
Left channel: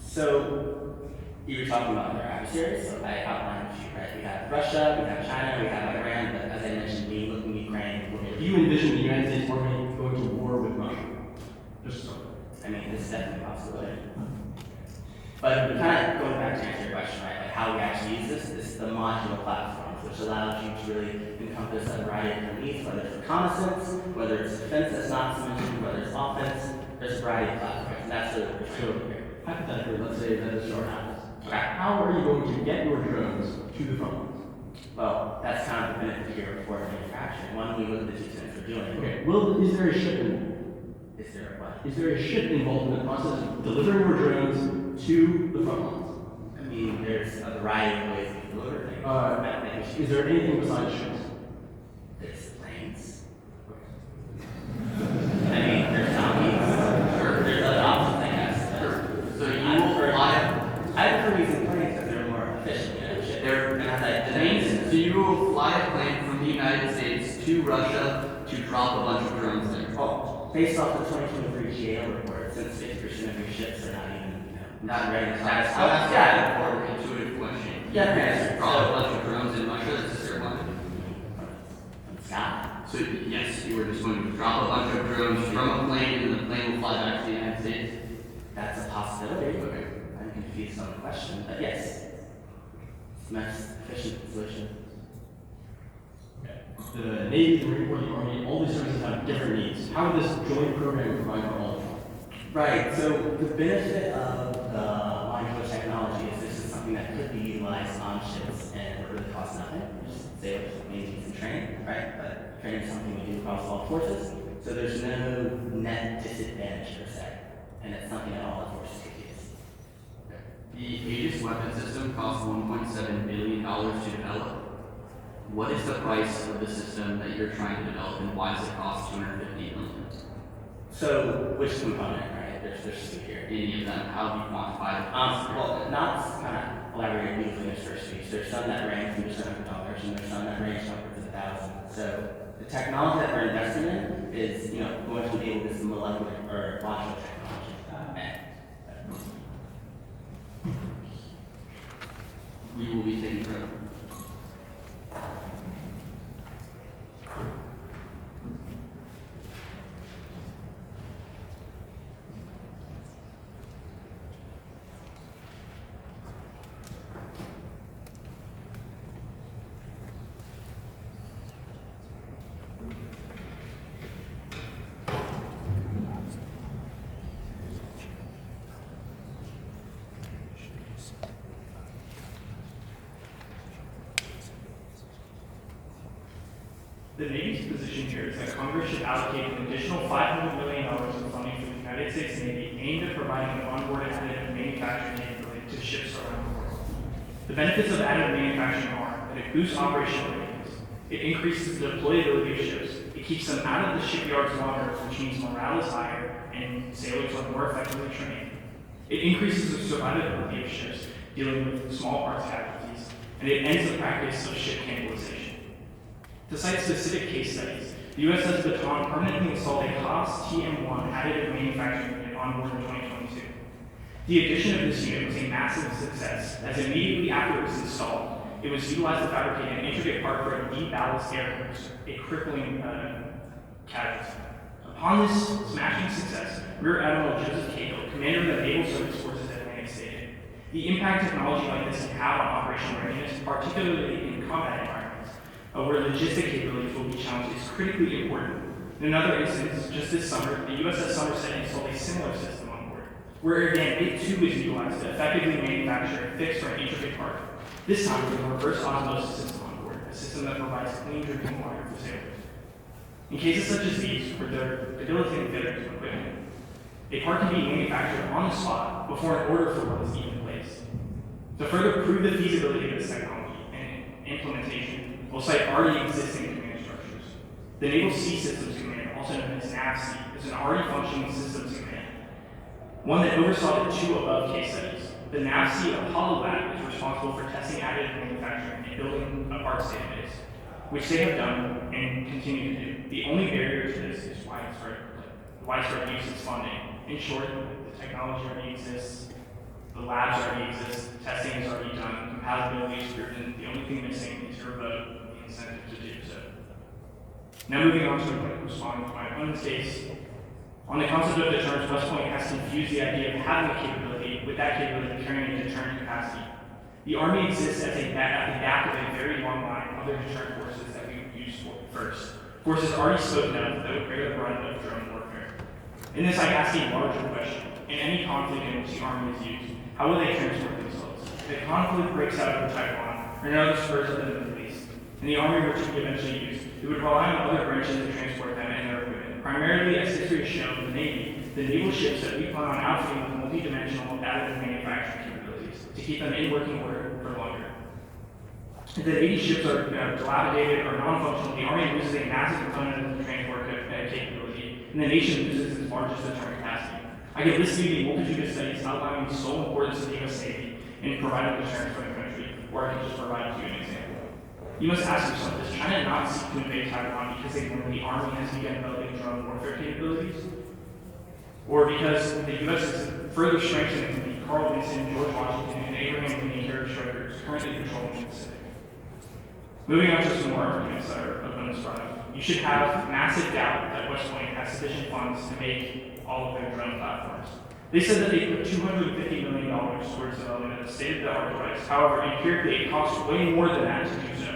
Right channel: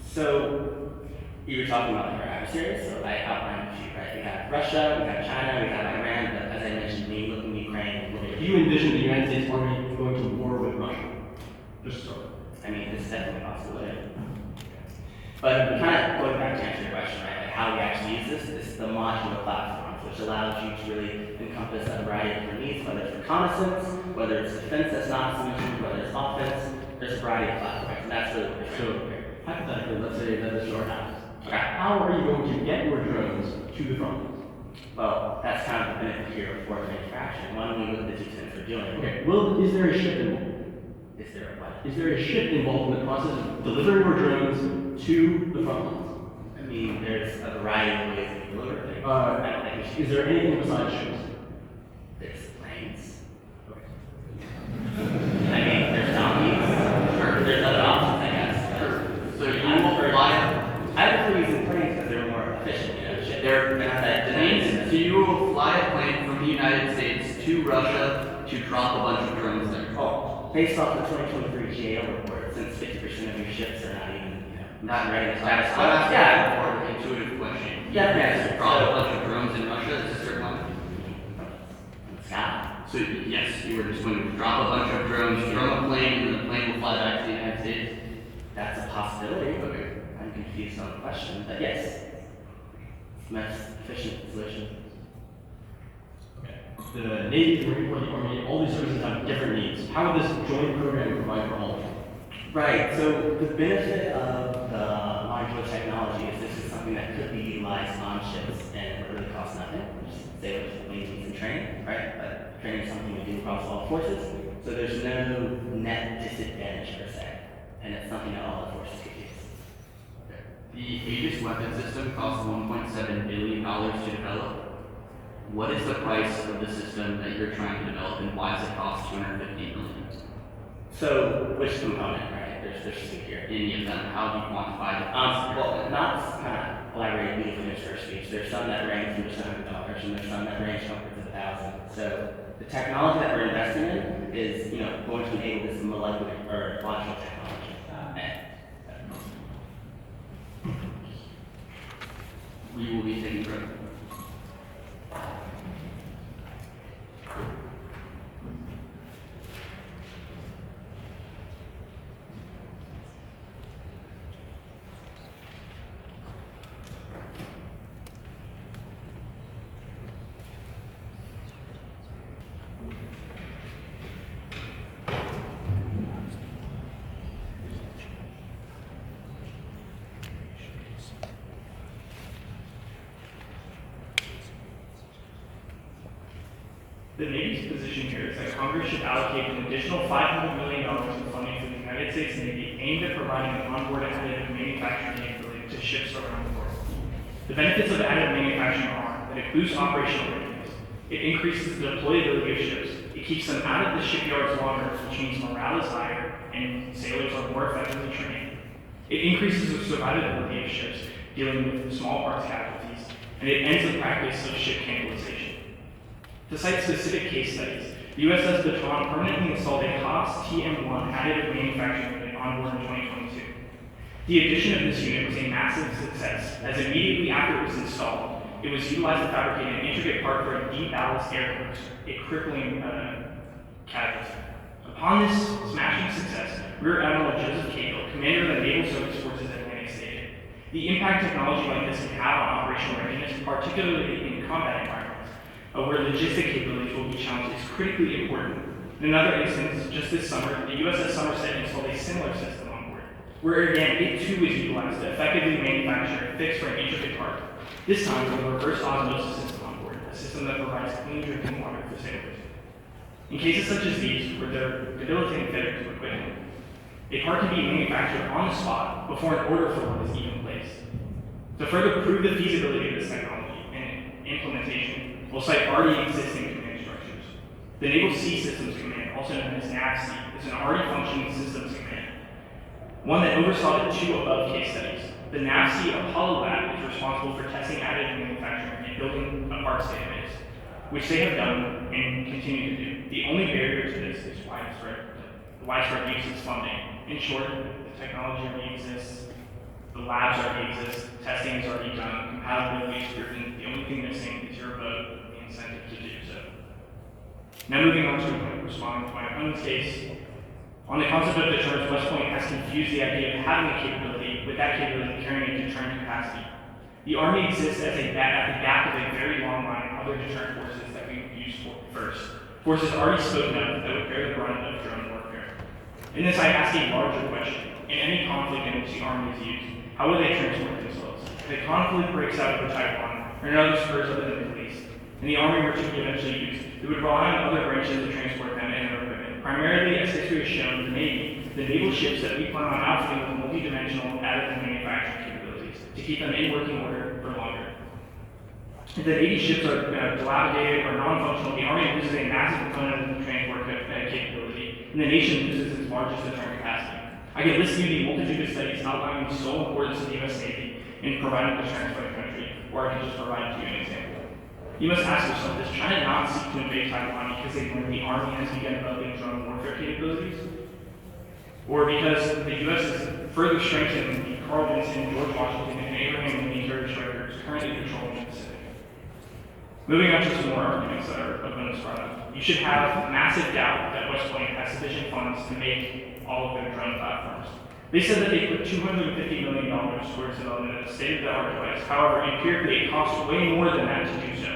So you were talking about your adversaries, so I outlined a few, right? We have Russia, we have China, we have Iran, but as I mentioned, we look in Ukraine, Do you envision the United States Army going to war with Russia? Just so. I mean, this is definitely a possibility. But kind of going back to answer your question, right? Like how we actually use this is the modular platforms, which allows you to really encompass a variety of different needs, whether it's reconnaissance, whether it's defense that's not solution, whether it's offense. There's a variety of platforms, and that's really what we're trying to do here. Hypothetically, let's say that this short happens. Okay. How are you going to get your drones to the front lines? Well, that's kind of the benefit here of force manufacturing. One, we look at the two things we're doing. Okay. Is there a ship involved? Is there a what? Is there a ship involved in the process of delivering your drones to the front lines? I mean, there's a variety of ways we deliver things. I think we should Is there anything besides ships? There's planes. I mean, there's donkeys. Sure. There's other options, I guess. Sure. So you I will prefer- fly I prefer using planes because they're more efficient. You know, They're- and as I planes. So you will fly a plane from the United States to Russia to drop a bunch of drones there. Oh, based off the 2023 GAO report, since 50% of your ships are not even, not ready to satisfy. That's Yeah. more of an intuitive question. Yeah, yes. You drop So- a bunch of drones in Russia, is this your one? On the sky. So yes, you were just going to drop a bunch of drones from a plane and the plane will fly back to the United States? That's a possibility. Okay. I'm confused on the question, but yes. It's the most efficient solution. Okay. The Navy, the Marine Corps, the Army, all these services have different needs. How would this joint program provide for all of them? Right, so the benefit of the modular technology is this is something that could be utilized on ships and it would really cost nothing. Just say like maintenance and training, right? But training is something we do across all forces, so there's no net disadvantage per se. And it's something that all the forces could use. The Aegis weapon system costs $1.7 billion to develop. What is the price of the system that you're trying to develop and why does it cost $250 million? So which component, right? There's two here. Any of them, how do you quantify the cost? Well, not kind of elaborate beautifully in this first speech. There's some that range from just $100 and there's some that range upwards of $1,000. So the technology that we're investing in is, going to enable this molecular or modular technology. We will be taking further. The Navy's position here is that Congress should allocate an additional $500 million in funding for the United States Navy aimed at providing an onboard additive manufacturing capability to ships around the world. The benefits of additive manufacturing are that it boosts operational readiness, it increases the deployability of ships, it keeps them out of the shipyards longer, which means morale is higher and sailors are more effectively trained. It increases the survivability of ships dealing with small parts casualties, and it ends the practice of ship cannibalization. To cite specific case studies, the USS Baton permanently installed a Haas TM1 additive manufacturing unit on board in 2022. The addition of this unit was a massive success, as immediately after it was installed, it was utilized to fabricate an intricate part for a de-ballast air cruiser, a crippling casualty. Upon this smashing success, Rear Admiral Joseph Cahill, commander of the Naval Service Forces at Atlantic, stated, "The impact technology like this can have on operational readiness, particularly in combat environments, where logistic capabilities will be challenged, is critically important." In another instance, just this summer, the USS Somerset installed a similar system on board, where again, it too is utilized to effectively manufacture a fixed or an intricate part, this time with a reverse osmosis system on board, a system that provides clean drinking water for sailors. In cases such as these, where there are debilitating failures of equipment, a part can be manufactured on the spot before an order for one is even placed. To further prove the feasibility of this technology and implementation, we'll cite already existing command structures. The Naval Sea Systems Command, also known as NAVSEA, is an already functioning systems command, one that oversaw the two above case studies. The NAVSEA Apollo Lab is responsible for testing additive manufacturing and building a parts database, which they have done and continue to do. The only barrier to this is widespread use of funding. In short, the technology already exists, the labs already exist, testing is already done, compatibility is proven. The only thing missing is your vote, the incentive to do so. Now moving on to responding to my opponent's case. On the concept of deterrence, West Point has confused the idea of having a capability with that capability carrying a deterrent capacity. The Army exists at the back of a very long line of other deterrent forces that we would use first. Forces already spoken of that would bear the brunt of drone warfare. In this, I ask a larger question. In any conflict in which the Army is used, how will they transport themselves? If a conflict breaks out over Taiwan or in other spurs of the Middle East, and the Army were to be eventually used, it would rely on other branches to transport them and their equipment. Primarily, as history has shown, the Navy, the naval ships that we plan on outfitting with multi-dimensional additive manufacturing capabilities to keep them in working order for longer. If the Navy ships are dilapidated or non-functional, the Army loses a massive component of the transport capability, and the nation loses its largest deterrent capacity. I could list you the multitude of studies outlining the sole importance of the U.S. Navy in providing deterrence for the country, or I could just provide you an example. You must ask yourself, does China not seek to invade Taiwan because they learned the Army has begun developing drone warfare capabilities? Or because the U.S. is further strengthening the Carl Vinson, George Washington, and Abraham Lincoln carrier strikers currently patrolling the Pacific? Moving on to some more arguments that are opponents brought up. You should have massive doubt that West Point has sufficient funds to make all of their drone platforms. They said that they put $250 million towards development of a state-of-the-art device. However, empirically, it costs way more than that to do so.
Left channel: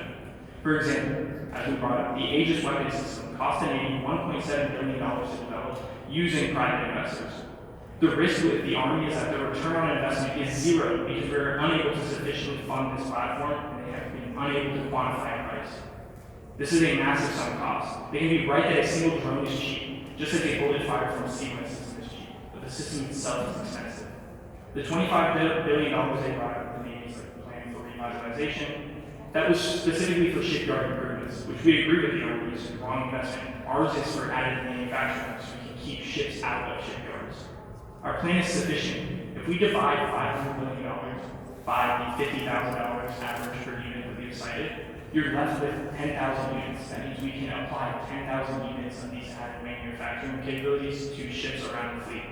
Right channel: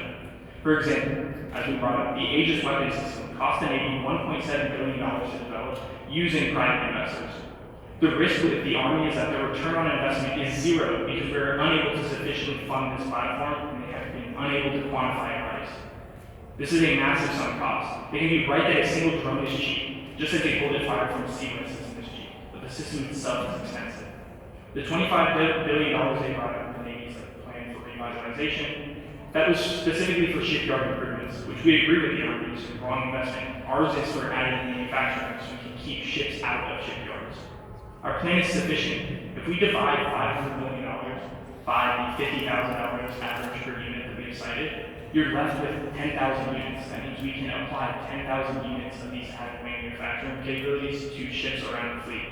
For example, as we brought up, the Aegis weapon system cost the Navy $1.7 billion to develop using private investors. The risk with the Army is that the return on investment is zero because we're unable to sufficiently fund this platform and they have been unable to quantify a price. This is a massive sunk cost. They can be right that a single drone is cheap, just like a bullet fired from a sequence system is cheap, but the system itself is expensive. The $25 billion they brought up, the Navy's plan for revitalization, that was specifically for shipyard improvements, which we agree with the Army is a wrong investment. Ours is for additive manufacturing, so we can keep ships out of shipyards. Our plan is sufficient. If we divide $500 million by the $50,000 average per unit that we have cited, you're left with 10,000 units. That means we can apply 10,000 units of these additive manufacturing capabilities to ships around the fleet.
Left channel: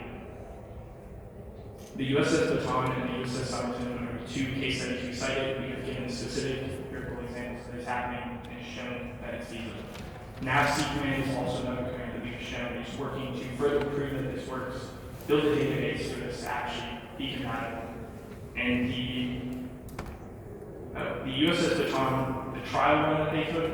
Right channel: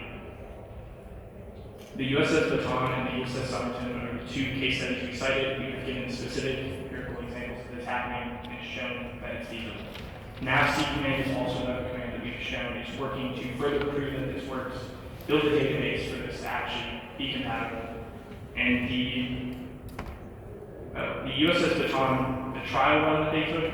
The USS Baton and the USS Somerset are the two case studies we cited. We have given specific empirical examples of this happening and shown that it's feasible. Now, Sea Command is also another command that we've shown is working to further prove that this works, build a database for this to actually be compatible. And the USS Baton, the trial run that they took,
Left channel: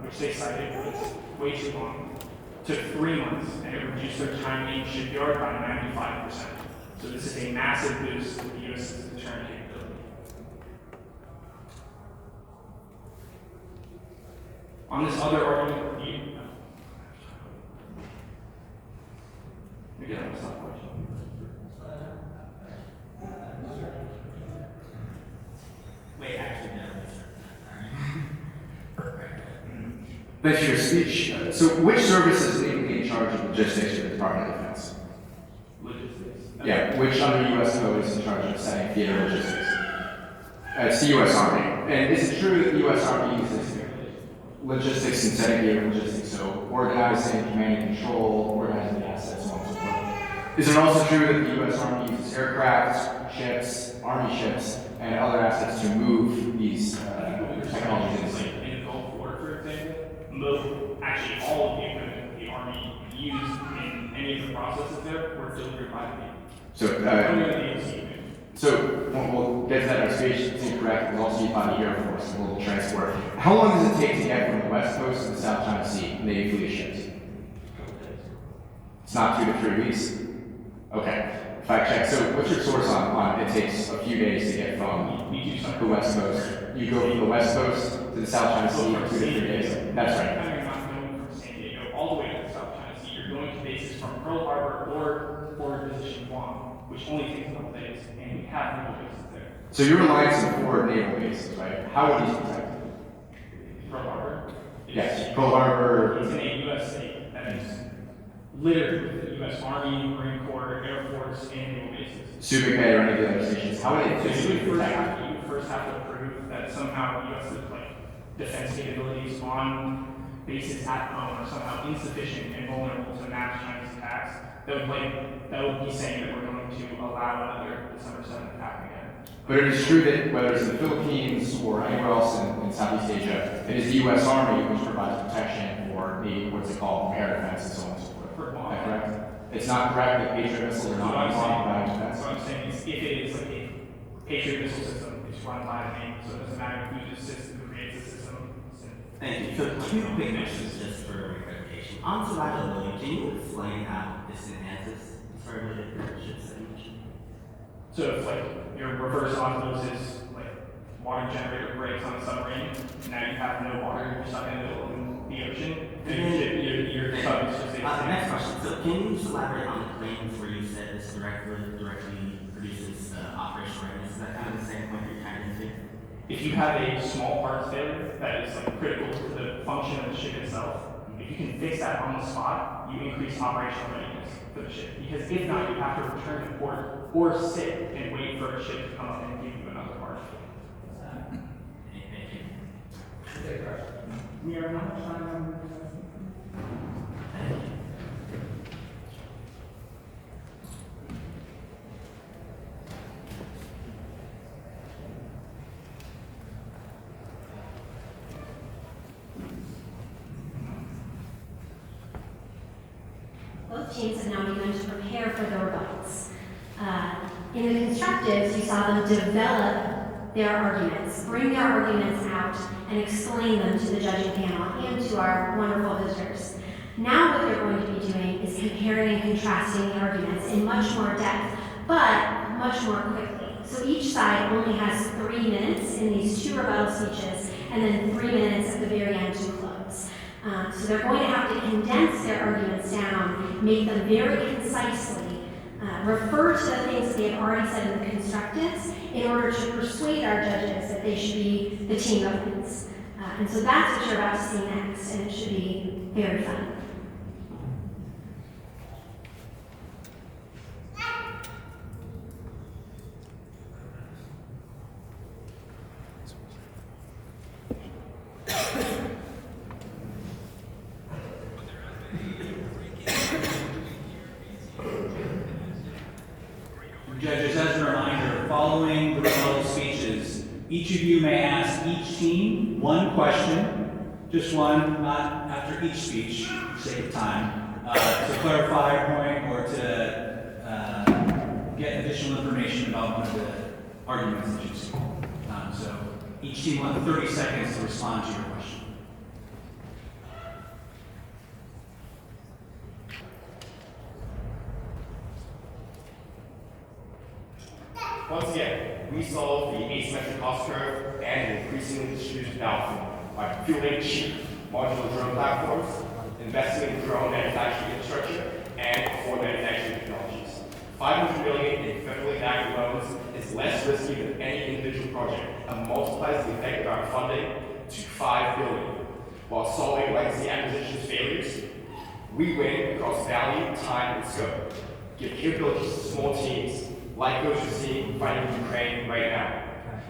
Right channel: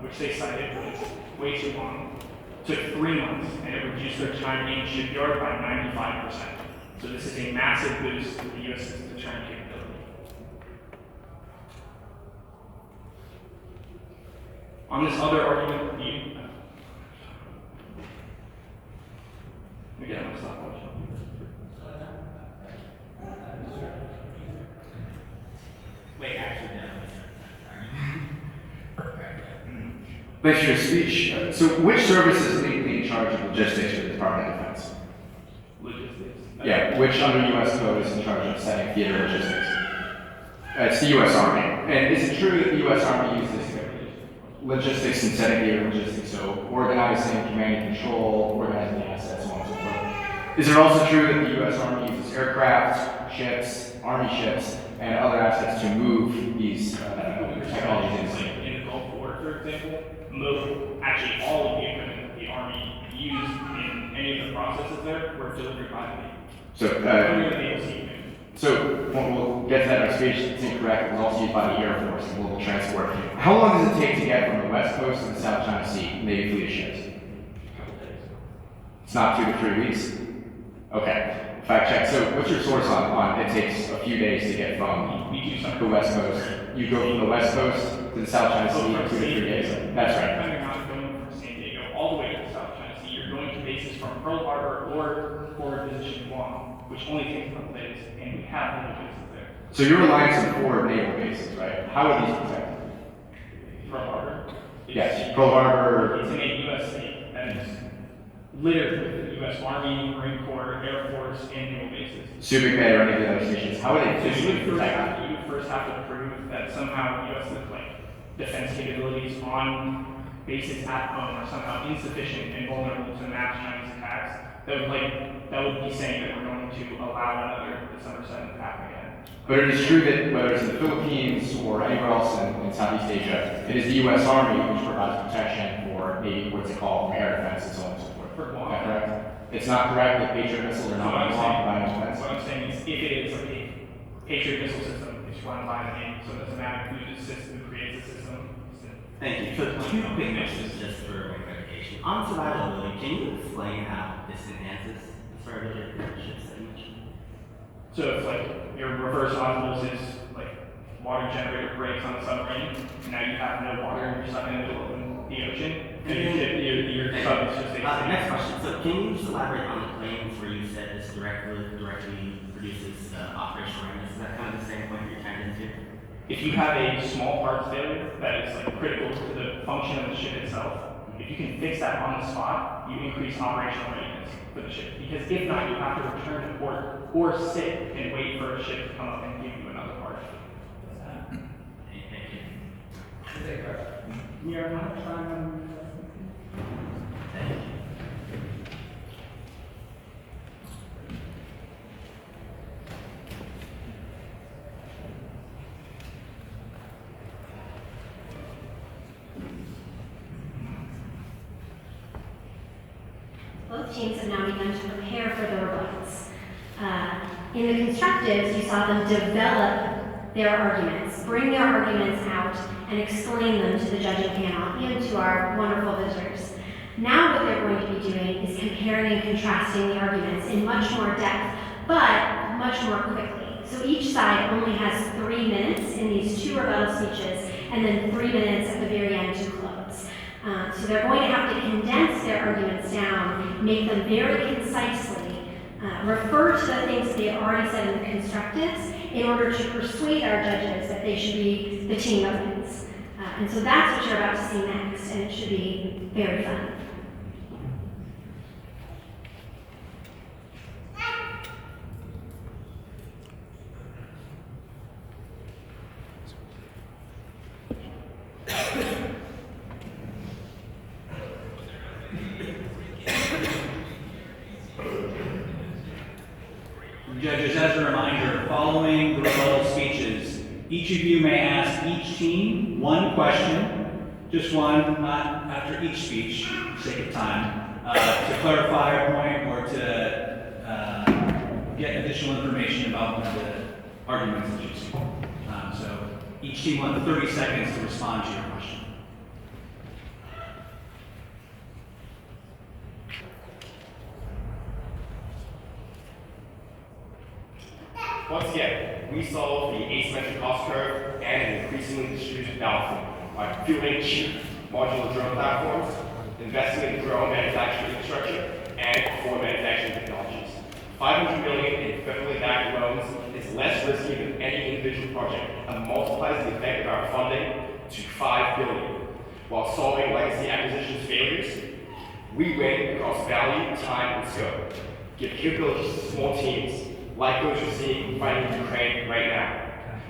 which they cited, was way too long. Took 3 months, and it reduced their time in shipyard by 95%. So this is a massive boost to the U.S.'s deterrent capability. On this other argument, again, I'm going to stop watching. Wait, actually, no. Thanks for your speech. So which service is legally in charge of logistics for the Department of Defense? Logistics. Yeah, which under U.S. code is in charge of setting theater logistics? It's the U.S. Army. And is it true that the U.S. Army uses logistics and setting the logistics, so organizing, command and control, organizing the assets, so on and so forth. Is it also true that the U.S. Army uses aircraft, ships, Army ships, and other assets to move these technologies? Like in the Gulf War, for example, actually all of the equipment the Army used in any of the processes there were delivered by the Navy. So we'll get to that next page. It's incorrect. We'll also used by the Air Force and global transport. How long does it take to get from the West Coast to the South China Sea, Navy fleet of ships? It's not 2 to 3 weeks? Okay. Fact check. So what's your source on it takes a few days to get from the West Coast? You go from the West Coast to the South China Sea in 2 to 3 days. That's right. You're not going from San Diego all the way to the South China Sea. You're going to bases from Pearl Harbor or forward position Guam, which only takes a couple days, and we have naval bases there. So you're relying on 4 naval bases, right? How are these protected? Pearl Harbor. Yes, Pearl Harbor. It's in a U.S. state that is littered with the U.S. Army, Marine Corps, Air Force, and naval bases. Subic Bay or any of the other stations. How are they So physically you would protected? first have to prove that somehow U.S. defense capabilities on bases at home are somehow insufficient and vulnerable to mass Chinese attacks. That would be saying that we're going to allow another December 7th to happen again. But it is true that whether it's in the Philippines or anywhere else in Southeast Asia, it is the U.S. Army which provides protection for the, what's it called, air defense and so on and so forth. For Is Guam. that correct? It's not correct that Patriot missiles are not What I'm blocked by air saying- defense? What I'm saying is, if it is like a Patriot missile system, it's run by the Navy, so it doesn't matter who the system, who creates the system. Thank you. So 2 quick questions just for clarification. On survivability, can you explain how this enhances the survivability of the ships that you mentioned? So if your reverse osmosis, water generator breaks on a submarine, and now you have no water and you're stuck in the middle of the ocean, and your sub is just a Next question. So can you just elaborate on the claims where you said this directly produces operational readiness? Is that kind of the same point you're trying to do? If you have a small parts failure that is critical to the function of the ship itself, if you can fix that on the spot, you increase operational readiness for the ship. Because if not, you have to return to port or sit and wait for a ship to come up and give you another part. Thank you. We are not trying. Thank you. Both teams have now begun to prepare for the rebuttals. In the constructives, you saw them develop their arguments, bring their arguments out, and explain them to the judging panel and to our wonderful visitors. Now what they're going to be doing is comparing and contrasting the arguments in much more depth, but much more quickly. So each side only has 3 minutes in these 2 rebuttal speeches, and then 3 minutes at the very end to close. So they're going to have to condense their arguments down, make them very concisely, refer to the things they have already said in the constructives in order to persuade our judges that they should be the team that wins. And so that's what you're about to see next, and it should be very fun. Judges, as a reminder, following the rebuttal speeches, each of you may ask each team 1 question, just one, not after each speech, for the sake of time, to clarify a point or to get additional information about one of the arguments that you see. So each team will have 30 seconds to respond to your question. Once again, we solve the asymmetric cost curve and an increasingly distributed battlefield by fueling cheap modular drone platforms, investing in drone manufacturing infrastructure, and core manufacturing technologies. $500 million in federally backed loans is less risky than any individual project and multiplies the effect of our funding to $5 billion. While solving legacy acquisitions failures, we win across value, time, and scope. Give capabilities to small teams, like those you're seeing fighting in Ukraine right now.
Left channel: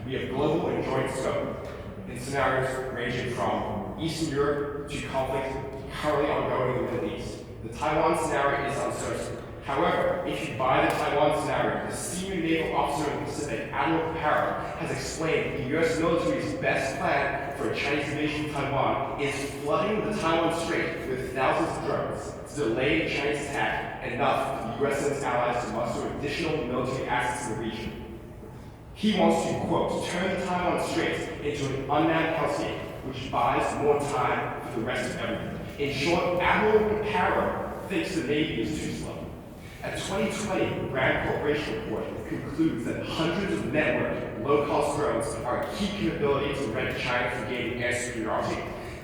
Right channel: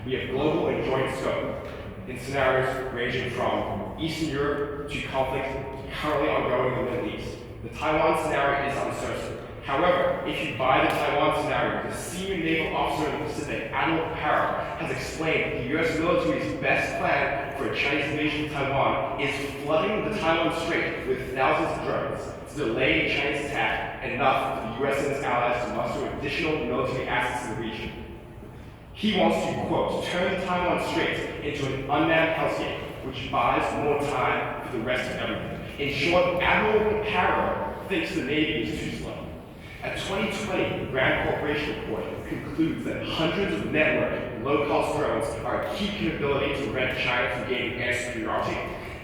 We have global and joint scope in scenarios ranging from Eastern Europe to conflict currently ongoing in the Middle East. The Taiwan scenario is uncertain. However, if you buy the Taiwan scenario, the senior naval officer in the Pacific, Admiral Parra, has explained the U.S. military's best plan for a Chinese invasion of Taiwan is flooding the Taiwan Strait with thousands of drones to delay a Chinese attack, enough for the U.S. and its allies to muster additional military assets in the region. He wants to, quote, turn the Taiwan Strait into an unmanned hellscape, which buys more time for the rest of everything. In short, Admiral Parra thinks the Navy is too slow. A 2020 Rand Corporation report concludes that hundreds of network, low-cost drones are a key capability to prevent China from gaining air superiority,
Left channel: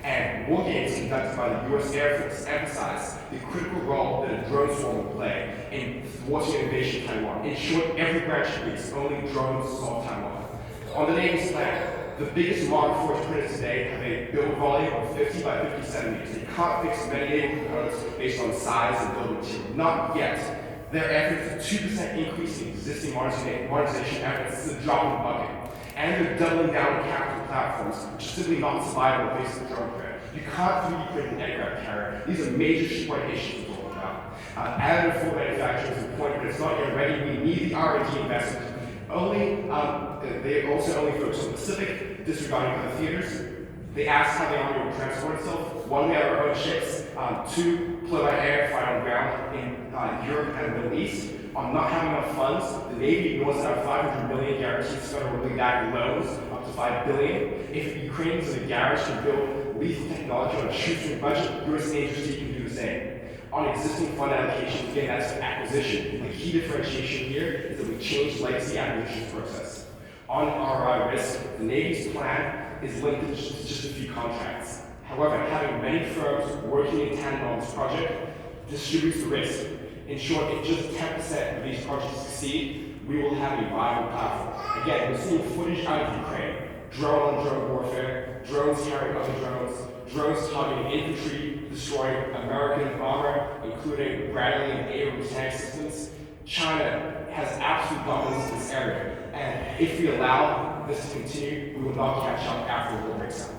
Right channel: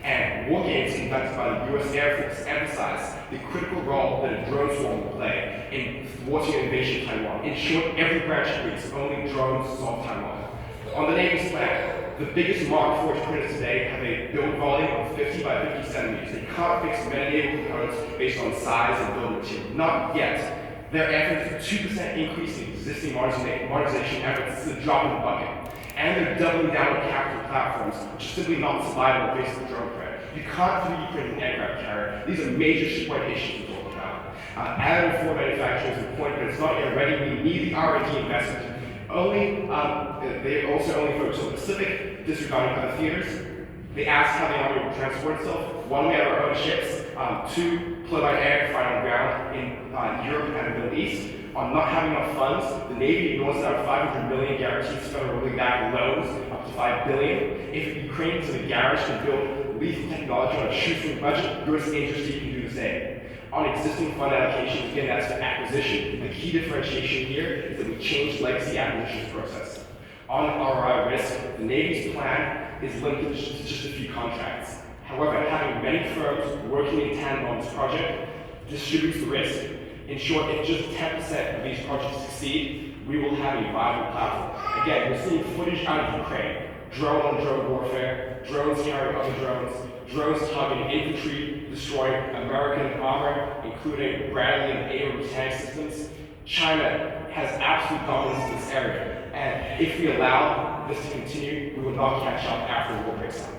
and war games conducted by the U.S. Air Force emphasize the critical role that a drone swarm will play in thwarting an invasion of Taiwan. In short, every branch agrees only drones solve Taiwan. On the Navy's plan, the biggest Mark IV printers today have a build volume of 50 by 50 centimeters. They can't fix many naval components based on size and build material. Not yet. Their efforts, a 2% increase in existing modernization efforts, is a drop in the bucket. And they're doubling down on capital platforms, which is simply not survivable based on drone threat. You can't 3D print an aircraft carrier. These are major shipwright issues to talk about. Additive for manufacturers is a point, but it's not yet ready. We need the R&D investment. They also only focus on the Pacific, disregarding other theaters. They asked how the Army would transport itself. One, we have our own ships. Two, fly by air, fight on ground in Europe and the Middle East. On not having enough funds, the Navy ignores out $500 million guaranteed federally backed loans, up to $5 billion. If Ukraine is in a garage to build lethal technology on a shoestring budget, U.S. agency can do the same. On existing fund allocations, again, that's an acquisition. The key differentiation here is that we change legacy acquisitions process. On ROI risk, the Navy's plan is limited to just a few contracts. However, having many firms working in tandem on this project distributes the risk. In short, if just 10% of these projects succeed, we will have a viable platform. Again, we're seeing footage out of Ukraine, drone-on-drone warfare, drones carrying other drones, drones targeting infantry, destroying American armor, including Bradley and Abrams tank systems. China has absolute dominance in this area, and if we allow this to continue, we will not catch up after the war breaks out.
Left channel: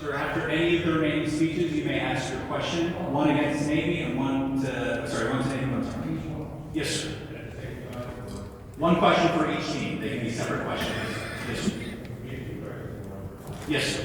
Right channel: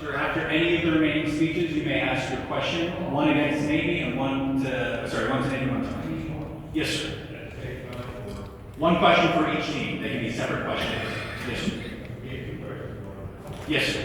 Sir, after any of the remaining speeches, you may ask your question, one against Navy and one to Navy, one to Army. Yes, sir. One question for each team. They can be separate questions. Yes, sir. Yes, sir.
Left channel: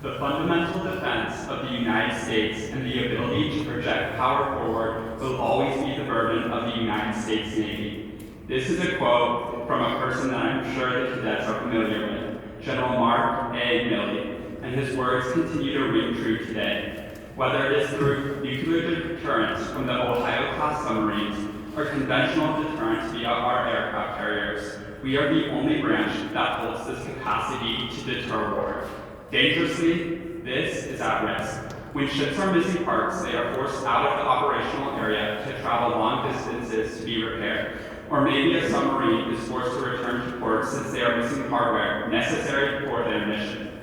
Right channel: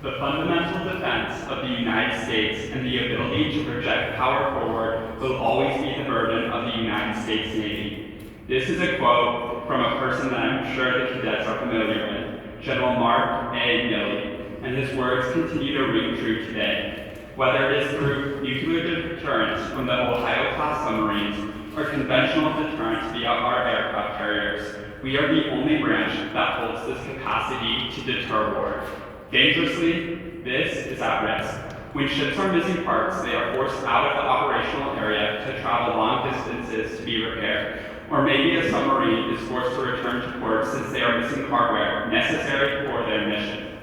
The fundamental defense of the United States and the ability to project power forward will always be the burden of the United States Navy. This is a quote from a person that I'm sure the cadets are familiar with, General Mark A. Milley, and his words continue to ring true today. Whether it is through nuclear deterrence from the Ohio-class submarines or conventional deterrence via our aircraft carriers, we are the only branch that holds this capacity to deter war. Dangerously, this is at risk. When ships are missing parts, they are forced out of the operational area to travel long distances to be repaired. Or maybe a submarine is forced to return to port since they are missing hardware necessary for their mission.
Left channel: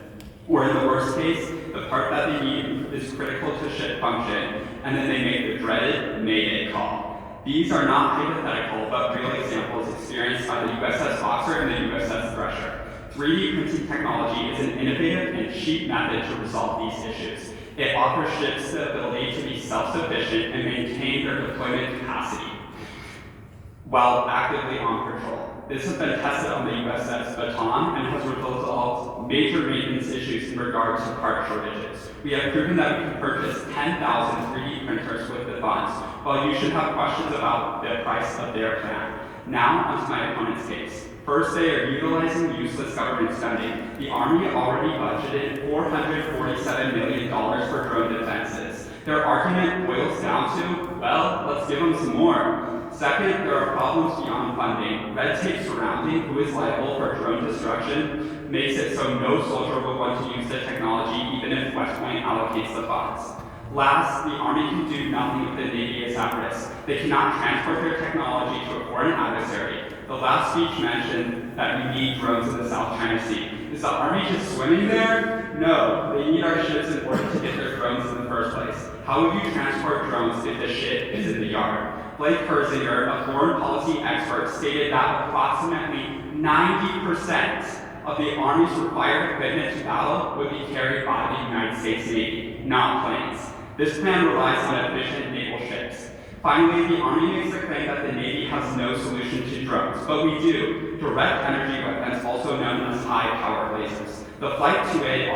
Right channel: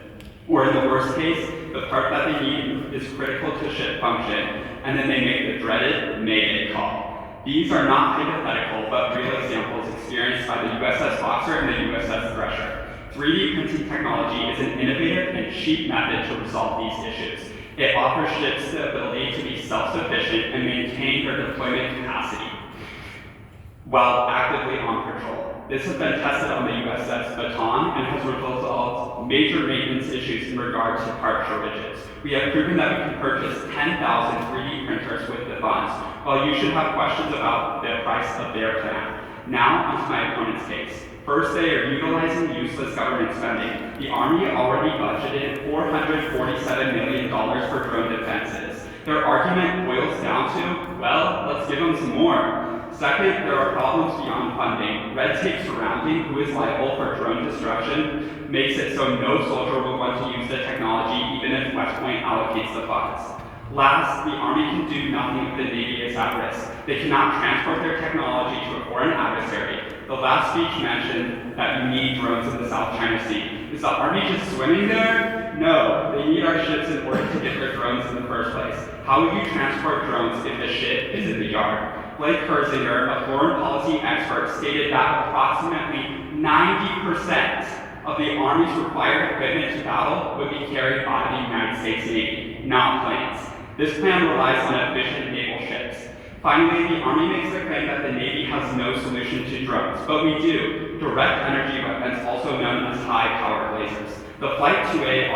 Or in the worst case, the part that they need is critical to ship function, and then they make the dreaded Mayday call. These are not hypothetical, but real examples experienced by the USS Boxer and the USS Thresher. 3D printing technology is an innovative and cheap method to resolve these issues. It offers ships the ability to be self-sufficient and maintain their deployment capacity while actively on patrol. This has been tested on the USS Baton and has resolved major maintenance issues in regard to part shortages. We have proven that we can purchase 10,000 3D printers with the funds, while you should have questions about the price of their plan. Now, onto my opponent's case. First, they are utilizing useless government spending. The Army already budgeted $447 million for drone defenses. Their argument boils down to, well, let's give them some more. Second, there are problems beyond funding. Red tape surrounding who is liable for drone destruction makes it so no soldier will want to use the technology even if West Point allocates the funds. Last, the Army can do nothing if the Navy is at risk. They cannot transport their technology to a foreign adversary. The last speech mentioned that you need drones in the South China Sea. Is the Army just swimming there? No, they need our ships in order to get their drones in the first place. How would you transport drones if the ship is in the yard? Blake Herzinger, a foreign policy expert, stated that approximately 90% of the Army's required equipment to battle would be carried by the United States Navy, not planes. This plan relies on efficient naval ships. Finally, the Army makes the claim that the Navy has no solution to drones, but we do. Direct energy weapons, also known as high-powered lasers. The Flight 2A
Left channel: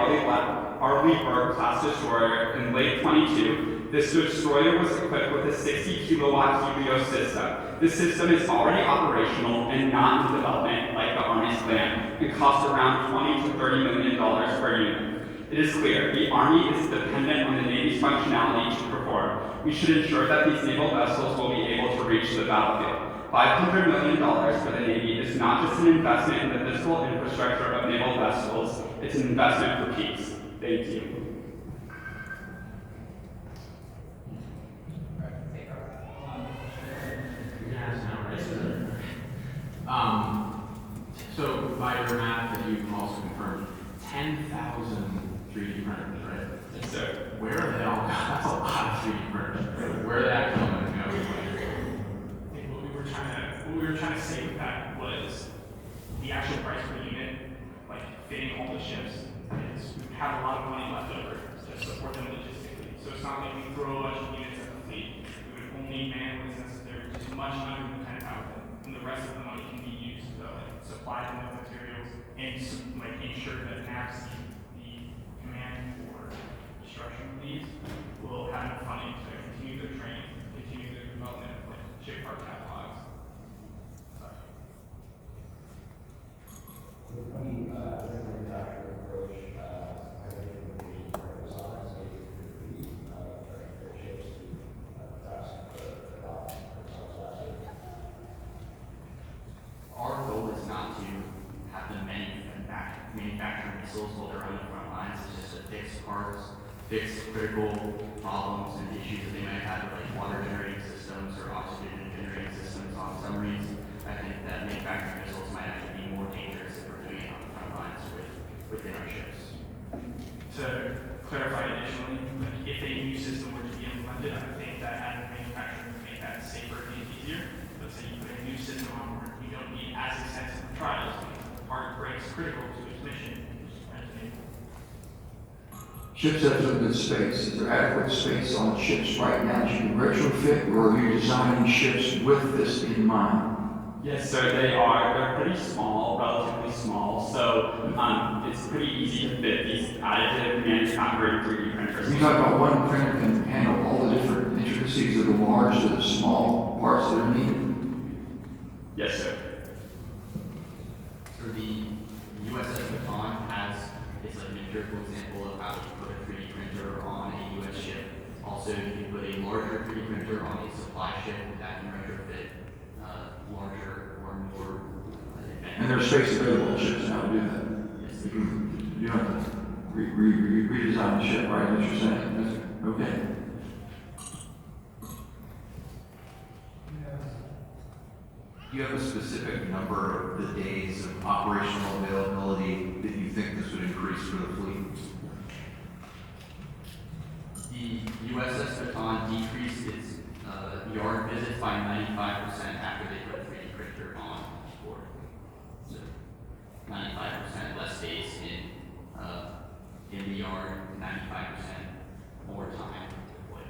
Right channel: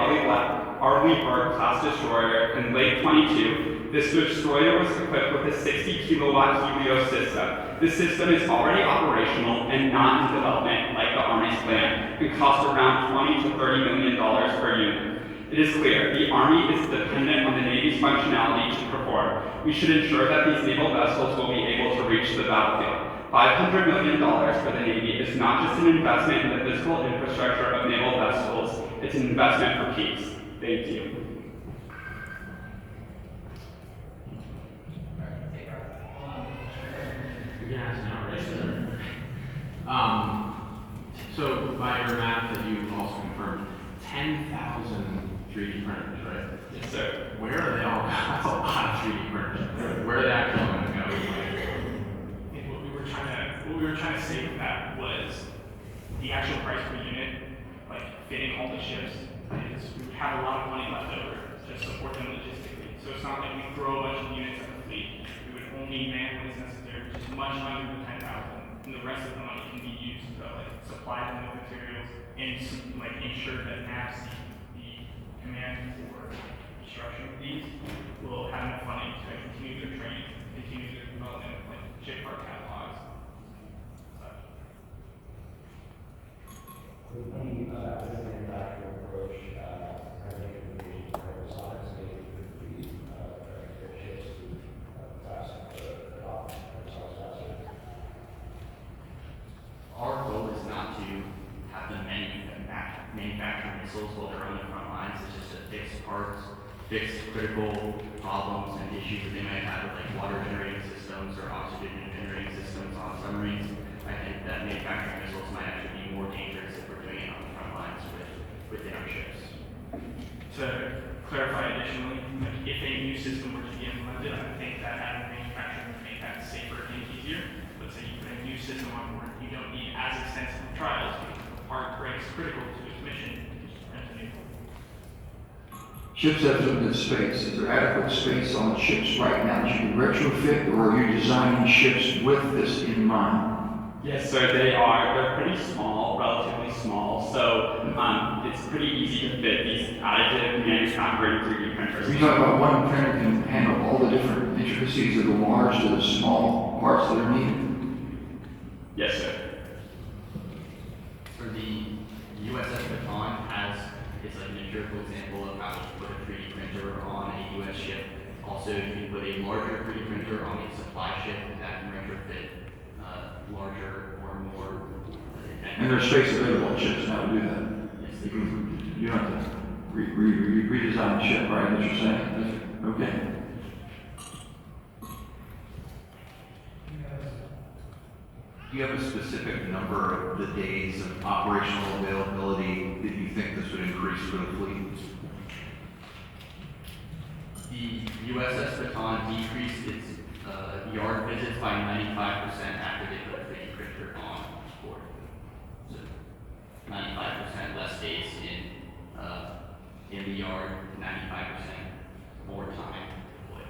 Arleigh Burke-class destroyer in late 22, this destroyer was equipped with a 60-kilowatt Helios system. This system is already operational and not in development like the Army's plan, and costs around $20 to $30 million per unit. It is clear, the Army is dependent on the Navy's functionality to perform. We should ensure that these naval vessels will be able to reach the battlefield. $500 million for the Navy is not just an investment in the physical infrastructure of naval vessels, it's an investment for peace. Thank you. So by your math that you also confirmed, 10,000 3D printers, right? Yes, sir. Where are they all? That's a lot of 3D printers. Where are they actually going to go? I think what we were trying to say with that was the actual price per unit, like fitting all the ships, is we have a lot of money left over to support them logistically. So it's not like we throw a bunch of units at the fleet. We would only manually necessary, which is much under 10,000, and the rest of the money can be used to supply them with materials and ensure that NAPS, the command for construction of these, will have enough funding to continue their training, continue their development of ship part catalogs. Our goal is not to have them manufacture missiles while they're on the front lines. It's just to fix parts, fix critical problems and issues that they might have with water generating systems or oxygen generating systems on submarines. I think that manufacturing missiles might actually be more dangerous if we're doing it on the front lines within our ships. To clarify additionally, if a new system were to be implemented, I think that having manufacturing would make that safer and easier. Let's say you put a new system on board, you don't need as extensive trials because the part breaks critical to its mission. Ships have limited space. Is there adequate space on ships right now that you can retrofit, or are you designing ships with this in mind? Yes, sir, they are. They're pretty small, relatively small, so it's pretty easy to fit these additive manufacturing 3D printers. You talk about one printer can handle all the different intricacies of the large to the small parts that are needed? Yes, sir. So the USS Baton it's an empirical example of how you put a 3D printer on a US ship. Also, you can put a larger 3D printer on a supply ship that can retrofit larger or more. And there's space available on ships now to do that. Yes, they do. You don't have to redesign the ship, right? What you're saying? Okay. Do you have a specific number of the days of operational availability that you think this would increase for the fleet? The USS Baton decreased its yard visits by 95% after they put the 3D printer on board. So 95% less days in the yard, 95% more time deployed.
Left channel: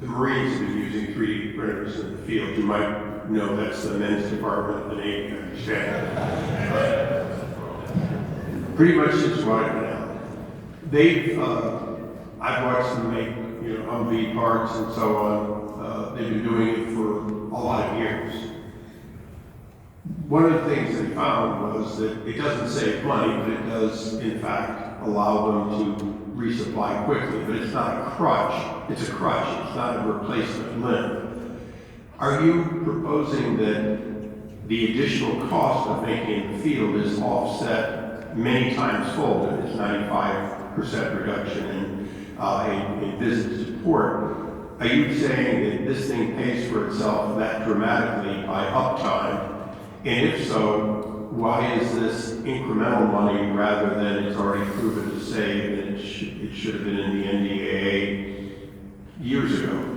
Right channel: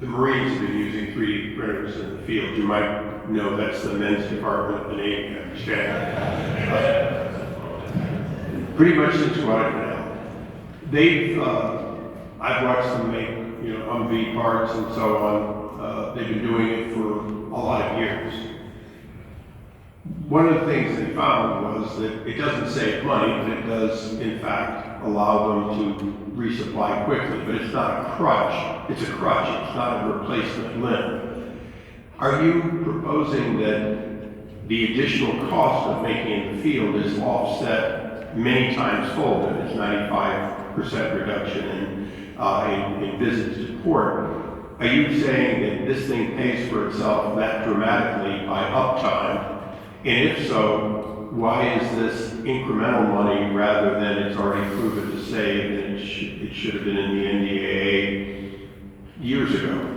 The Marines have been using 3D printers in the field. You might know that's the men's department of the Navy, I understand. Pretty much since what I know. I've watched them make, Humvee parts and so on. They've been doing it for a lot of years. One of the things they found was that it doesn't save money, but it does, in fact, allow them to resupply quickly. But it's not a crutch. It's a crutch. It's not a replacement limb. Are you proposing that the additional cost of making the field is offset many times fold? If it's 95% reduction in visit support, are you saying that this thing pays for itself that dramatically by uptime? And if so, why is this incremental money rather than it's already proven to save and it should have been in the NDAA years ago?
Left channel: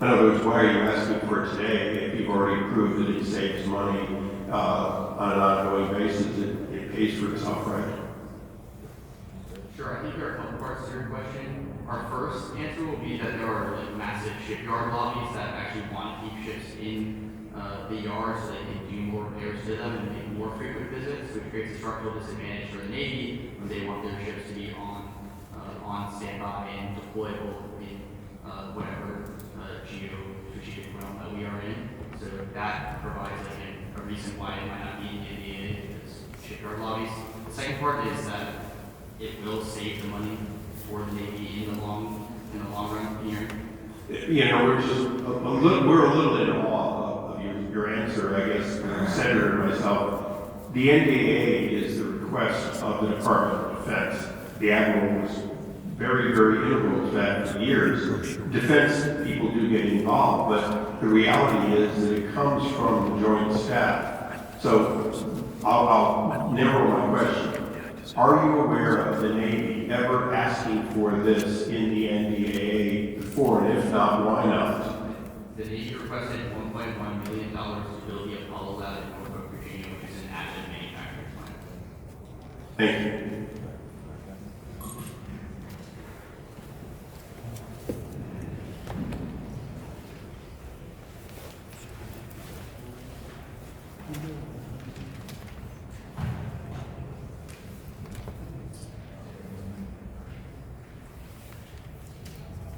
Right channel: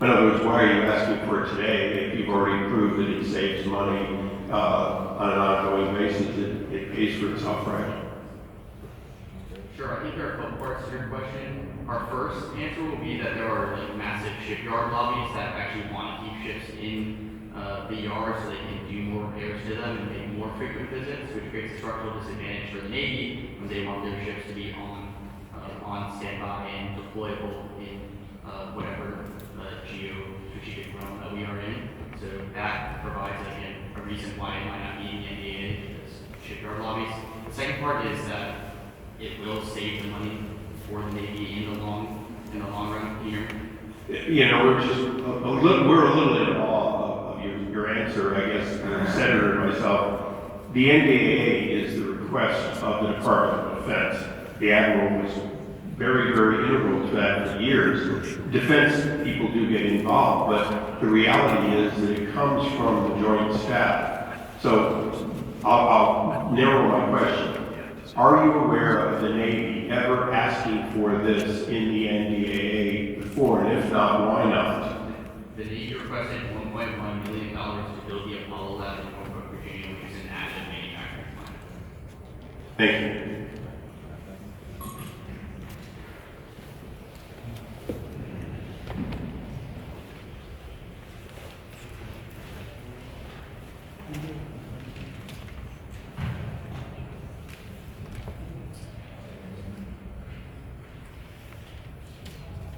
In other words, why are you asking for it today if you've already proved that it saves money on an ongoing basis? It pays for itself, right? Sure, I think there are a couple parts to your question. Our first answer will be that there are massive shipyard lobbies that actually want to keep ships in the yard so they can do more repairs to them and make more frequent visits, which creates a structural disadvantage for the Navy when they want their ships to be on standby and deployable in whatever geo-strategic realm that we are in. So that provides a reason why it might not be in the NDA, because shipyard lobbies. The second part is that it will save the money for the Navy in the long run here. We're just we're a little in awe of your answer, I guess, Senator and myself. The NDAA is the request of the Department of Defense. The Admiral was very, very integral to that for years. Defense people do get involved, but the reality is that it comes from the Joint Staff. So I'll narrow my question. Are you aware of the Navy ever asking for this in the NDAA before, and if not, why not? The Navy requested $1.1 million to build the Apollo lab in Norfolk, Virginia, which is an additive manufacturing plant. Thank you.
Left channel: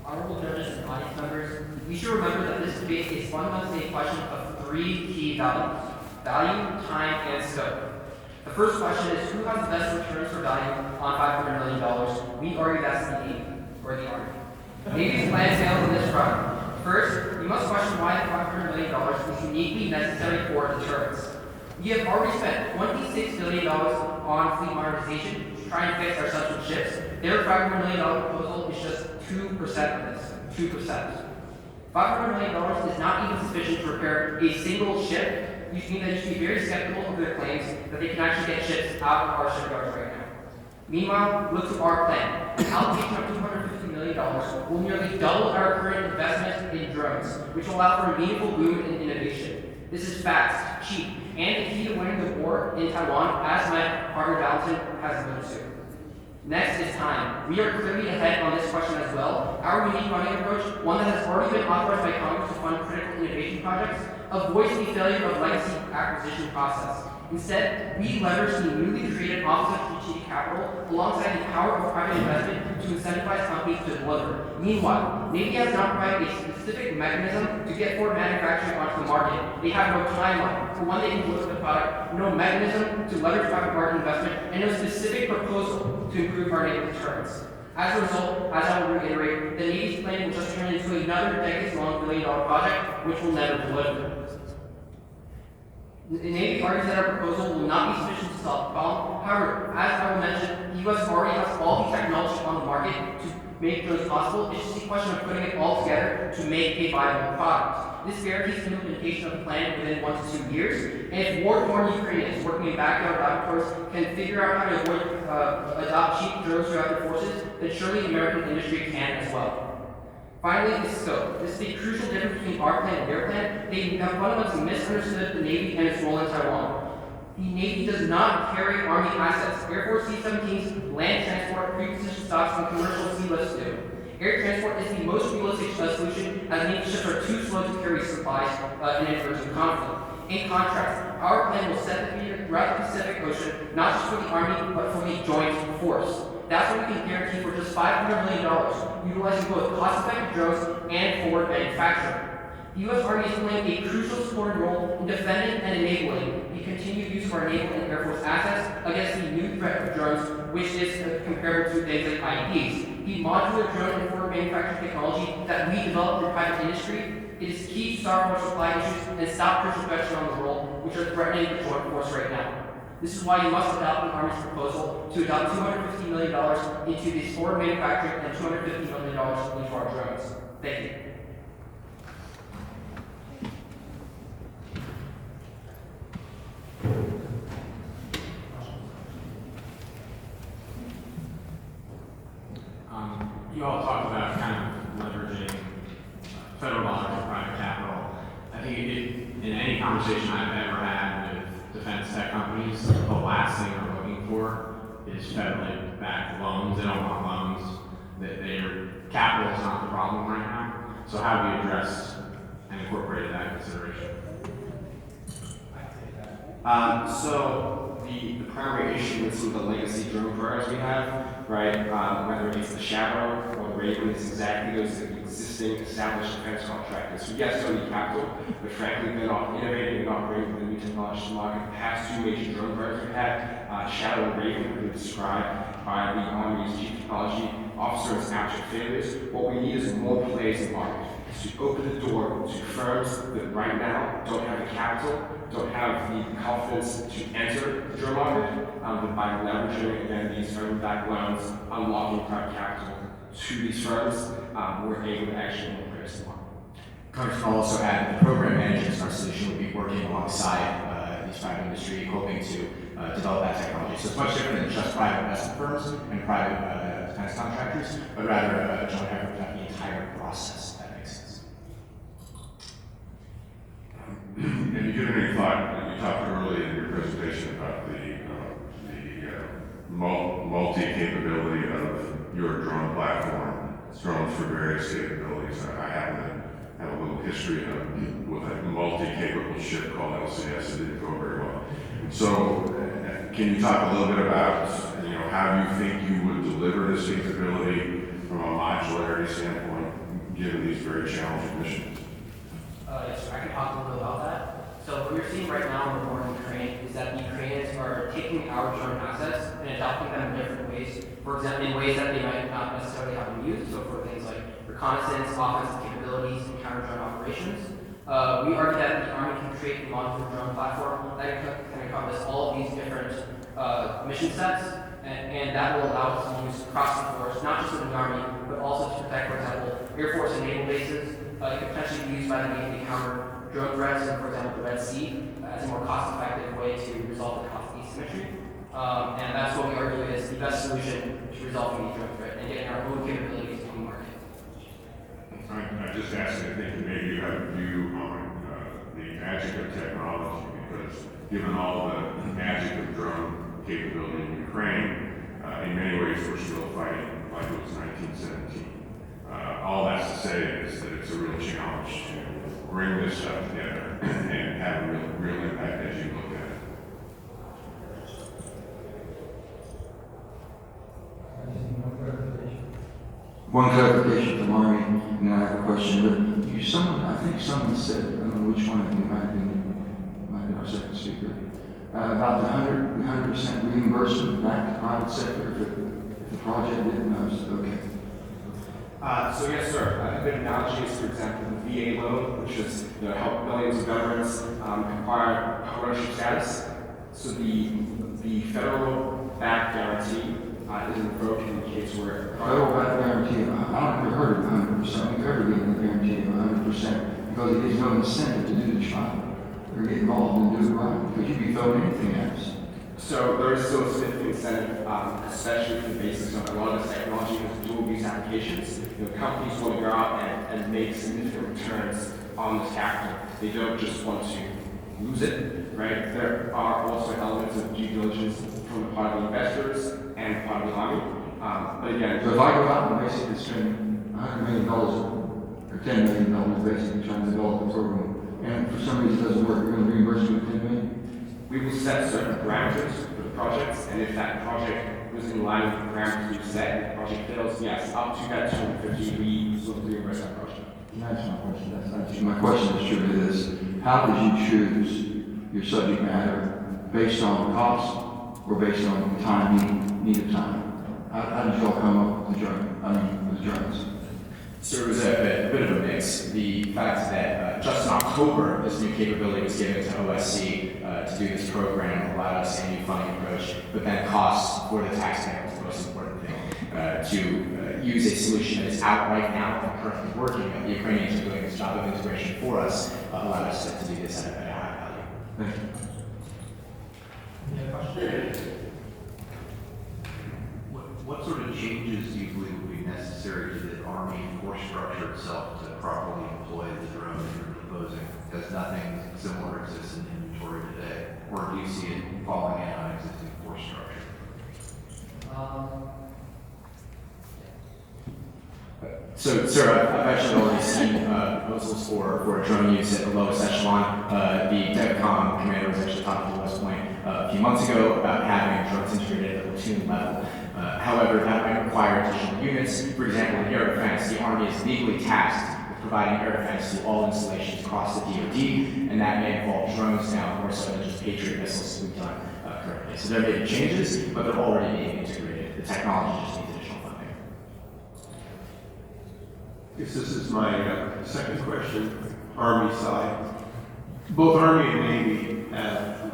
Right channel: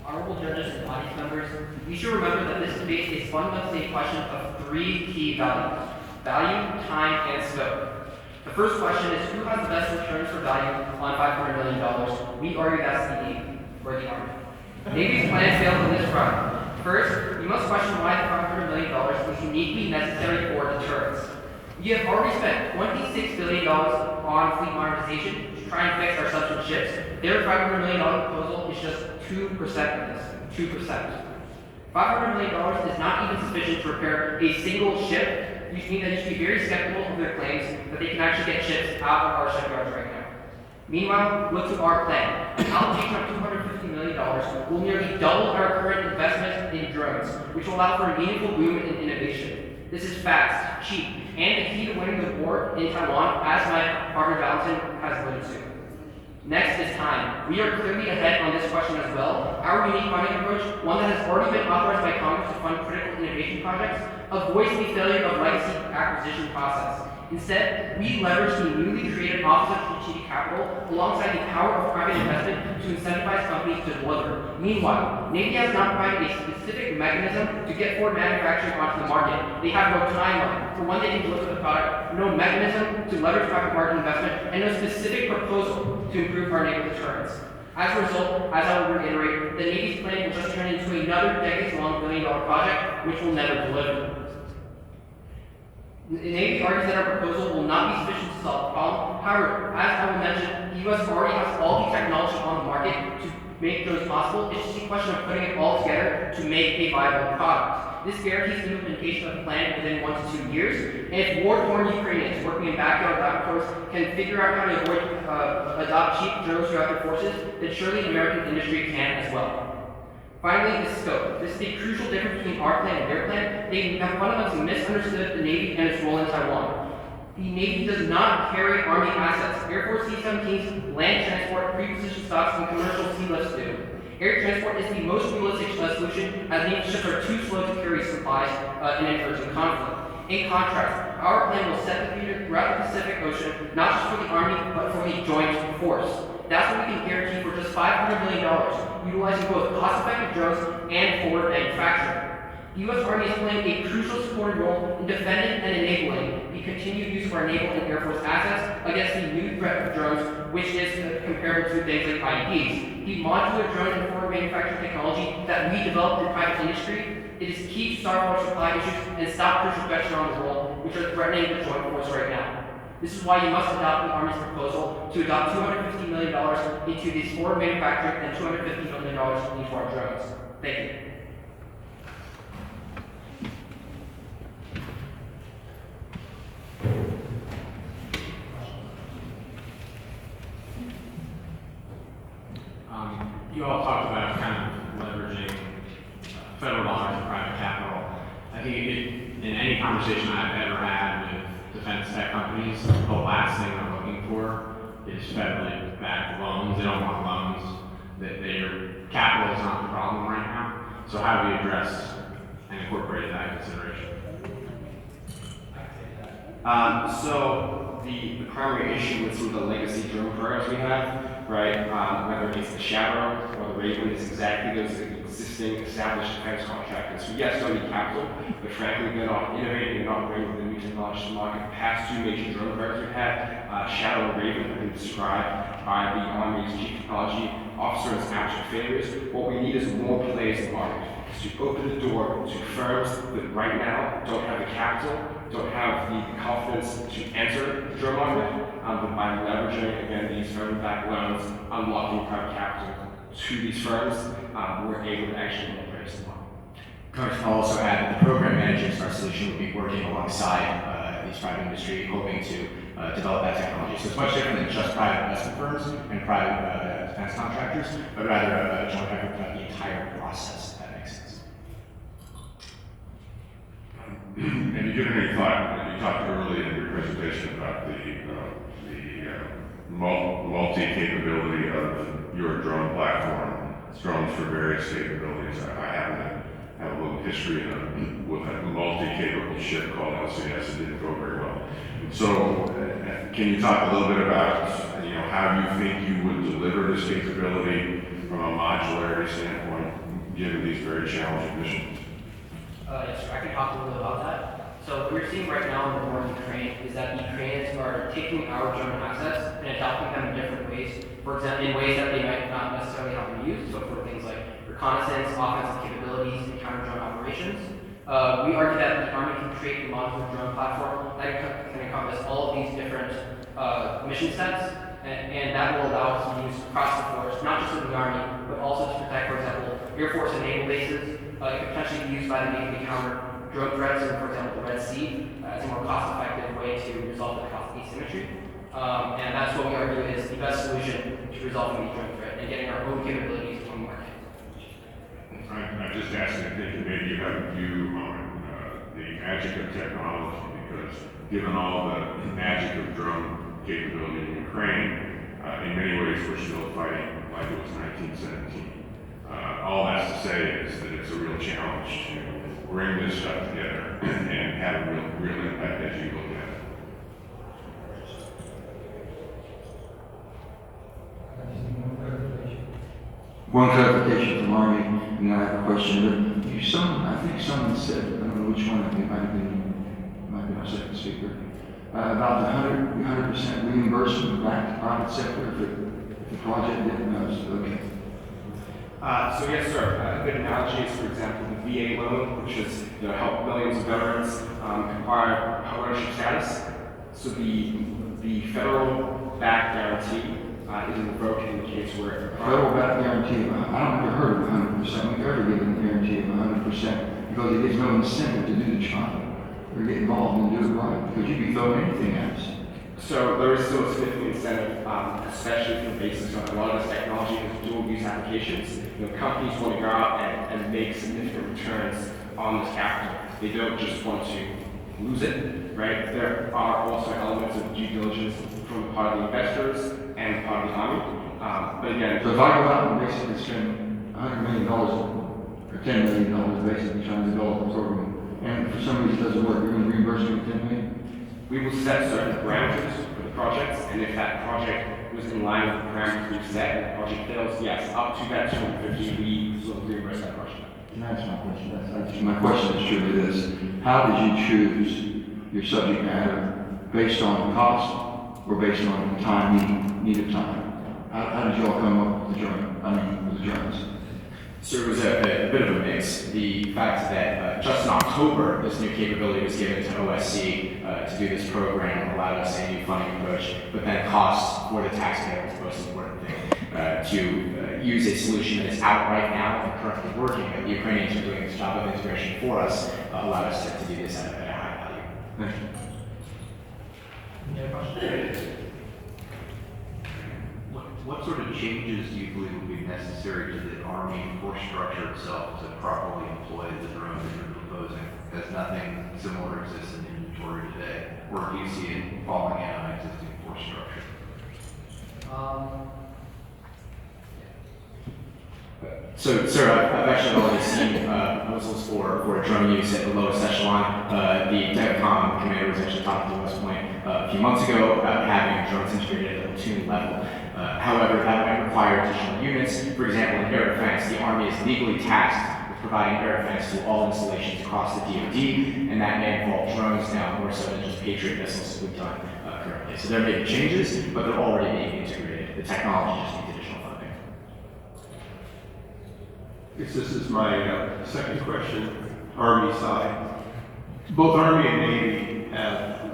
Honorable judges and audience members, we should remember that this debate is fundamentally a question of three key values: value, time, and scope. The first question is, who has the best returns for value on $500 million? We argue that's the Navy, or the Army. Navy's plan fails on this front. First, we must question why the $500 million is uniquely necessary for deterrence. We have already spent $26 billion on fleet modernization to try and fix our submerged ships. Their $500 million proposal is just 2% of this. 2%. $500 million is not even sufficient to repair a single ship, which means that you should be very skeptical of their claims that they can actually get ships out of our shipyards right now. Meanwhile, look to our plan. An allocation of $250 million will nearly double our current investment in drones, which will allow for a meaningful boom in innovation. This is fast, cheap, and the key to winning the war in Taiwan, as my partner Valentin has alluded to. Next is time. We are clearly ahead on this question as well. Our unique funding approach, one that has already been authorized by Congress to fund critical innovation projects, avoids the failure of legacy acquisition process. Instead, we leverage the newly created Office of Strategic Capital alongside the power of private investment to incentivize companies to deliver. Meanwhile, Navy has not provided a specific mechanism to get forward manufacturing onto the market. They have no timeline for when they can deliver the product, no mechanism to leverage private market investment, and no specific proposal to improve our naval deterrence. As a result, as I will reiterate, the Navy's plan will just turn into another decades-long billion-dollar project, which will never deliver. The Navy argues that our proposal will not be sufficient to solve the problem. However, as I will mention, the U.S. already has all the technology on the market to make those possible. It's just a question of putting it all together to make a viable product. This guarantees the implementation of the plan within 1 to 2 years. And if war-torn Ukrainians working in backyard laboratories can figure out how to adopt cheap drones throughout their forces, then surely the American industry can as well. Finally, the scope. This is a crucial difference between our plan and their plan. They have fundamentally misunderstood the Navy and its role in Taiwan. The Navy does not carry Army assets. Air Force C-17s, land transport, pre-positioned stocks, and commercial sea lifts do. Air transport is the most realistic solution, as Navy ships are too slow to carry supplies in an urgent conflict. In contrast, our plan will set the feeder throughout the Pacific Ocean, not just for the Army, but for the joint force. That's what we can guarantee for just $500 million, utilizing both cost-effective drones and forward manufacturing. The U.S. Army is playing a crucial supporting role in defending and enabling the continued use of our naval and air force assets against the new threat of drones, which is comparable to things like IEDs. The modular drone and forward manufacturing technology that we developed in private industry, it is key to start our supply issues and stop crucial threats around the world, which are threatening the joint force right now. This is why you must adopt the Army's proposal to adopt $250 million into this forward manufacturing and $250 million into our drones. Thank you. You all talked about kind of leveraging federal dollars and private capital. I think in any conversation I've ever had with defense tech companies, the last thing they're looking for is federally backed loans. They don't want loans. Their capital is not the problem right now. So how do we address and incorporate that consideration? So the primary issue with some of the legacy drone programs we have, right, whether it's the Shadow or the Raven, is exactly those existing established defense contractors. So yes, they need capital, but frankly, they're not innovating, they're not bringing the new technology to market. The past two major drone programs we've had, Shadow and Raven, have been described by the Army's Chief Technology Officer as abject failures. What we need is more players in the market, to open the door to firms that right now don't have the capital, don't have the confidence to enter the drone market, but by leveraging, again, these federally-backed loans, unlocking private capital to these firms, we're able to actually embrace the market. Congress will also add that the program managers in our solution will be working alongside these private industry, hoping to develop that technology. So it's much different than just private investment firms and private defense contractors, but rather a joint effort throughout the entire process, if that makes sense. Have you given any thought, you talked earlier in your presentation about the multi-capability of your drone platform, drones for various capabilities. I happen to have a little history with a multi-capable ship called LCS. It didn't go very well. So can you talk a little bit about how you think you would deliver this capability from a modularity standpoint, given these very challenging missions? Yes, sir. I can talk a little bit about that. So what we're seeing right now in the war in Ukraine is that the Ukrainians are taking our drone assets and adopting them in different ways. For example, in ways that they might not necessarily have them used. So for things like reconnaissance, offensive capabilities, and counter-drone operations. We argue that the Army can create a modular drone platform that can encompass all of these different mission sets, and that will allow us to use across the force, not just in the Army, but also to protect, for example, Air Force and naval bases. It could potentially be used by the Navy to counter drone threats in, for example, the Red Sea, as a more cost-effective way to resolve the cost asymmetry. And that's what we argue is the best solution to resolving the drone threat and getting our own capabilities on the market. I just asked you, thinking maybe you have a view on the magic of technology, because given all the magic of drone capability in Ukraine, in many ways we're still fighting like it was 1917. All that's to say is that it's a real challenge to bring this stuff together and have a real impact as you look at it. One clarification from Army, and then I have a question. But I think someone said, I don't know which one of you, might have been our second speaker, about the 100% reimbursement back to private sector if the project didn't know. Okay. So yes, sir. A good analogy is, for example, the VA loan, which has helped millions of veterans acquire ownership status. So the federal back guarantee is revoked in the case where Federal back guarantee, I don't ever heard of 100%. We've ever given a guarantee of 100% because it gives no incentive to do the job or get involved and do it right, because you can throw anything at us. So there is still a significant incentive, especially for the basics of a lot of this technology with dual use applications. Companies want to go out and make significant returns on this capital. They don't just want to lose it, right? There are also elements of due diligence from the part of the investors and the part of the Army. But again, so if I go out and basically spend $100 million or $10 million basically trying to develop a program, and for some reason it doesn't work, you're going to reimburse me $10 million? We will set certain parameters for the projects, and if that project was in line with the parameters we've set and the project fails, yes, up to that 250, we will reimburse that project. Can I ask my question? My question is truly this: how did you choose your subject matter based on cost or based on time, needed time? How did you all come up with the drones? So it was a bit of a mix. The fact that just in October, this new capability was given to OSC to do this program allowed us a new funding approach, but then cost for the taxpayer is the most important thing. To use a solution that is out right now and currently working, and the Ukrainians are doing this job of integration for us, allowed us to do this at a high value. Thank you. Any other questions? What sort of changes do you believe would be necessary to the Army force structure itself to properly employ the drone that you're proposing? Because nothing similar exists in inventory today. Or do you see it falling in on existing force structure? So, sir, I've actually already seen proposals for drone use at the lowest echelon. The DEVCOM commander was actually talking to West Point a few months ago about having drones integrated at a platoon level. However, that might require additional units. For example, in air defense, the Army is legally tasked with providing air defense to all installations across the DoD, and that may involve drones now more so than just Patriot missiles we've done currently. So there may be changes, but they're already being integrated. The technology just needs additional funding. I guess this is my second question, Army side. Both Army and Navy have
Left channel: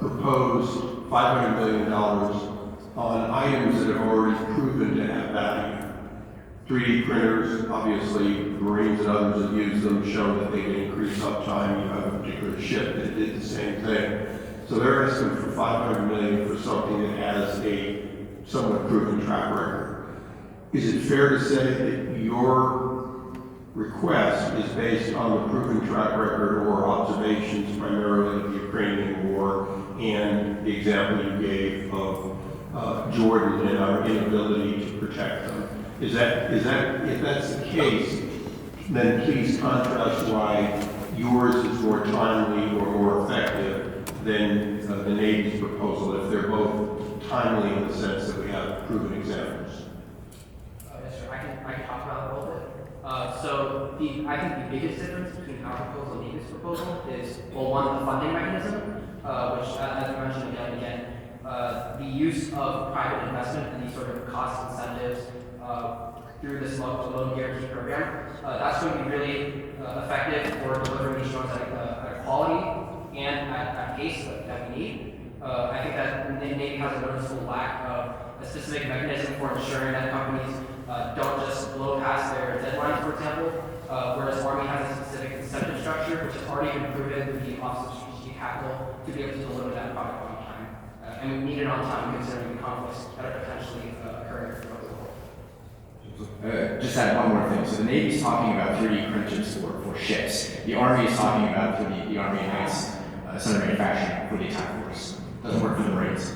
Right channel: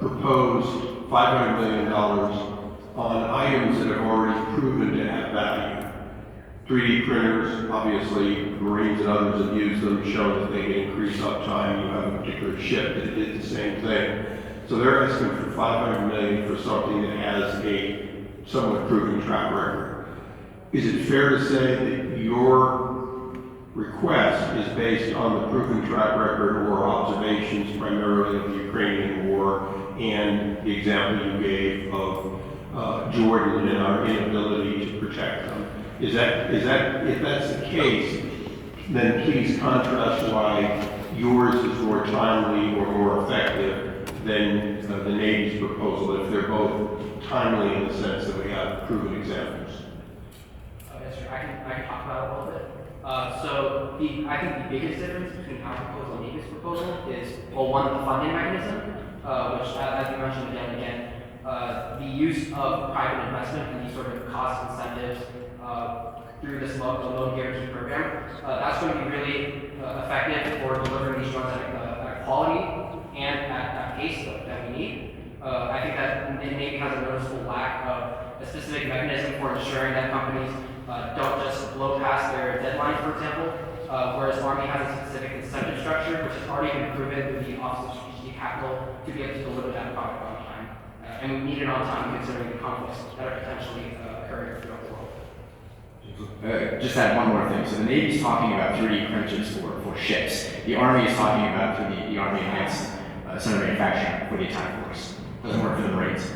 proposed $500 million on items that have already proven to have value. 3D printers, obviously, Marines and others have used them, shown that they can increase uptime. You have a particular ship that did the same thing. So they're asking for $500 million for something that has a somewhat proven track record. Is it fair to say that your request is based on the proven track record or observations primarily of the Ukrainian war and the example you gave of Jordan and our inability to protect them? Is that, if that's the case, then please contrast why yours is more timely or more effective than the Navy's proposal, if they're both timely in the sense that we have proven examples. Yes, sir. I can talk about it a little bit. I think the biggest difference between our proposal and Navy's proposal is, well, one, the funding mechanism, which, as you mentioned again and again, the use of private investment and these sort of cost incentives through this loan guarantee program, that's going to be really effective for delivering these drones at a quality and at pace that we need. I think that Navy has a noticeable lack of a specific mechanism for ensuring that companies don't just blow past their deadlines, for example, whereas Army has a specific incentive structure, which has already been proven through the Office of Strategic Capital to be able to deliver that product on time. And we need it on time considering the conflicts that are potentially occurring throughout the world. Just add one more thing. So the Navy's talking about 3D printers for ships. The Army is talking about the Army Advanced Center Manufacturing for the attack force. Doesn't work for the Marines.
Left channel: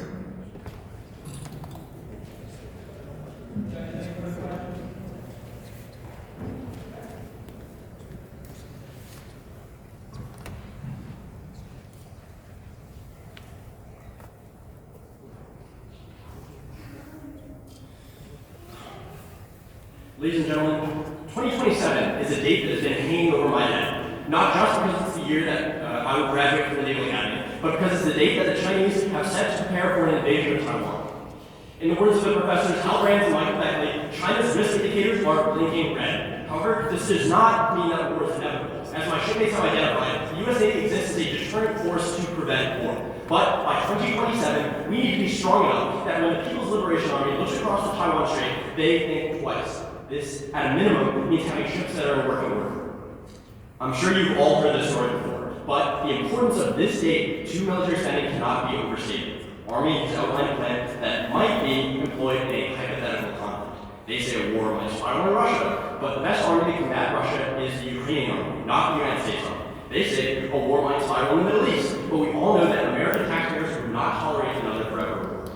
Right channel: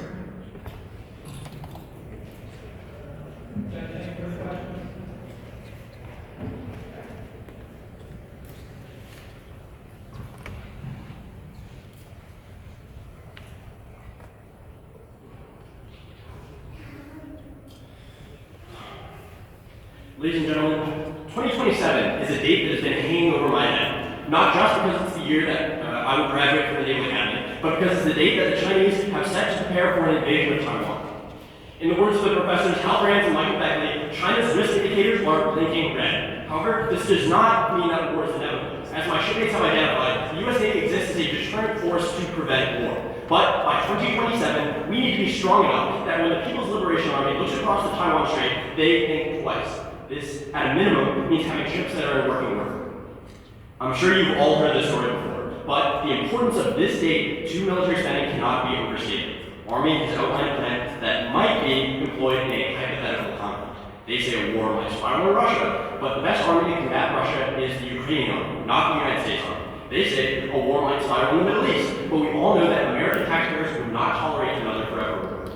Ladies and gentlemen, 2027 is a date that has been hanging over my head, not just because it's the year that I will graduate from the Naval Academy, but because it's the date that the Chinese have set to prepare for an invasion of Taiwan. In the words of the professors Hal Brands and Michael Beckley, China's risk indicators are blinking red. However, this does not mean that war is inevitable. As my shipmates have identified, the U.S. Navy exists as a deterrent force to prevent war. But by 2027, we need to be strong enough that when the People's Liberation Army looks across the Taiwan Strait, they think twice. This, at a minimum, means having ships that are in working order. I'm sure you've all heard this story before, but the importance of this date to military spending cannot be overstated. Army has outlined a plan that might be employed in a hypothetical conflict. They say a war might spiral in Russia, but the best army to combat Russia is the Ukrainian army, not the United States army. They say a war might spiral in the Middle East, but we all know that American taxpayers would not tolerate another forever war.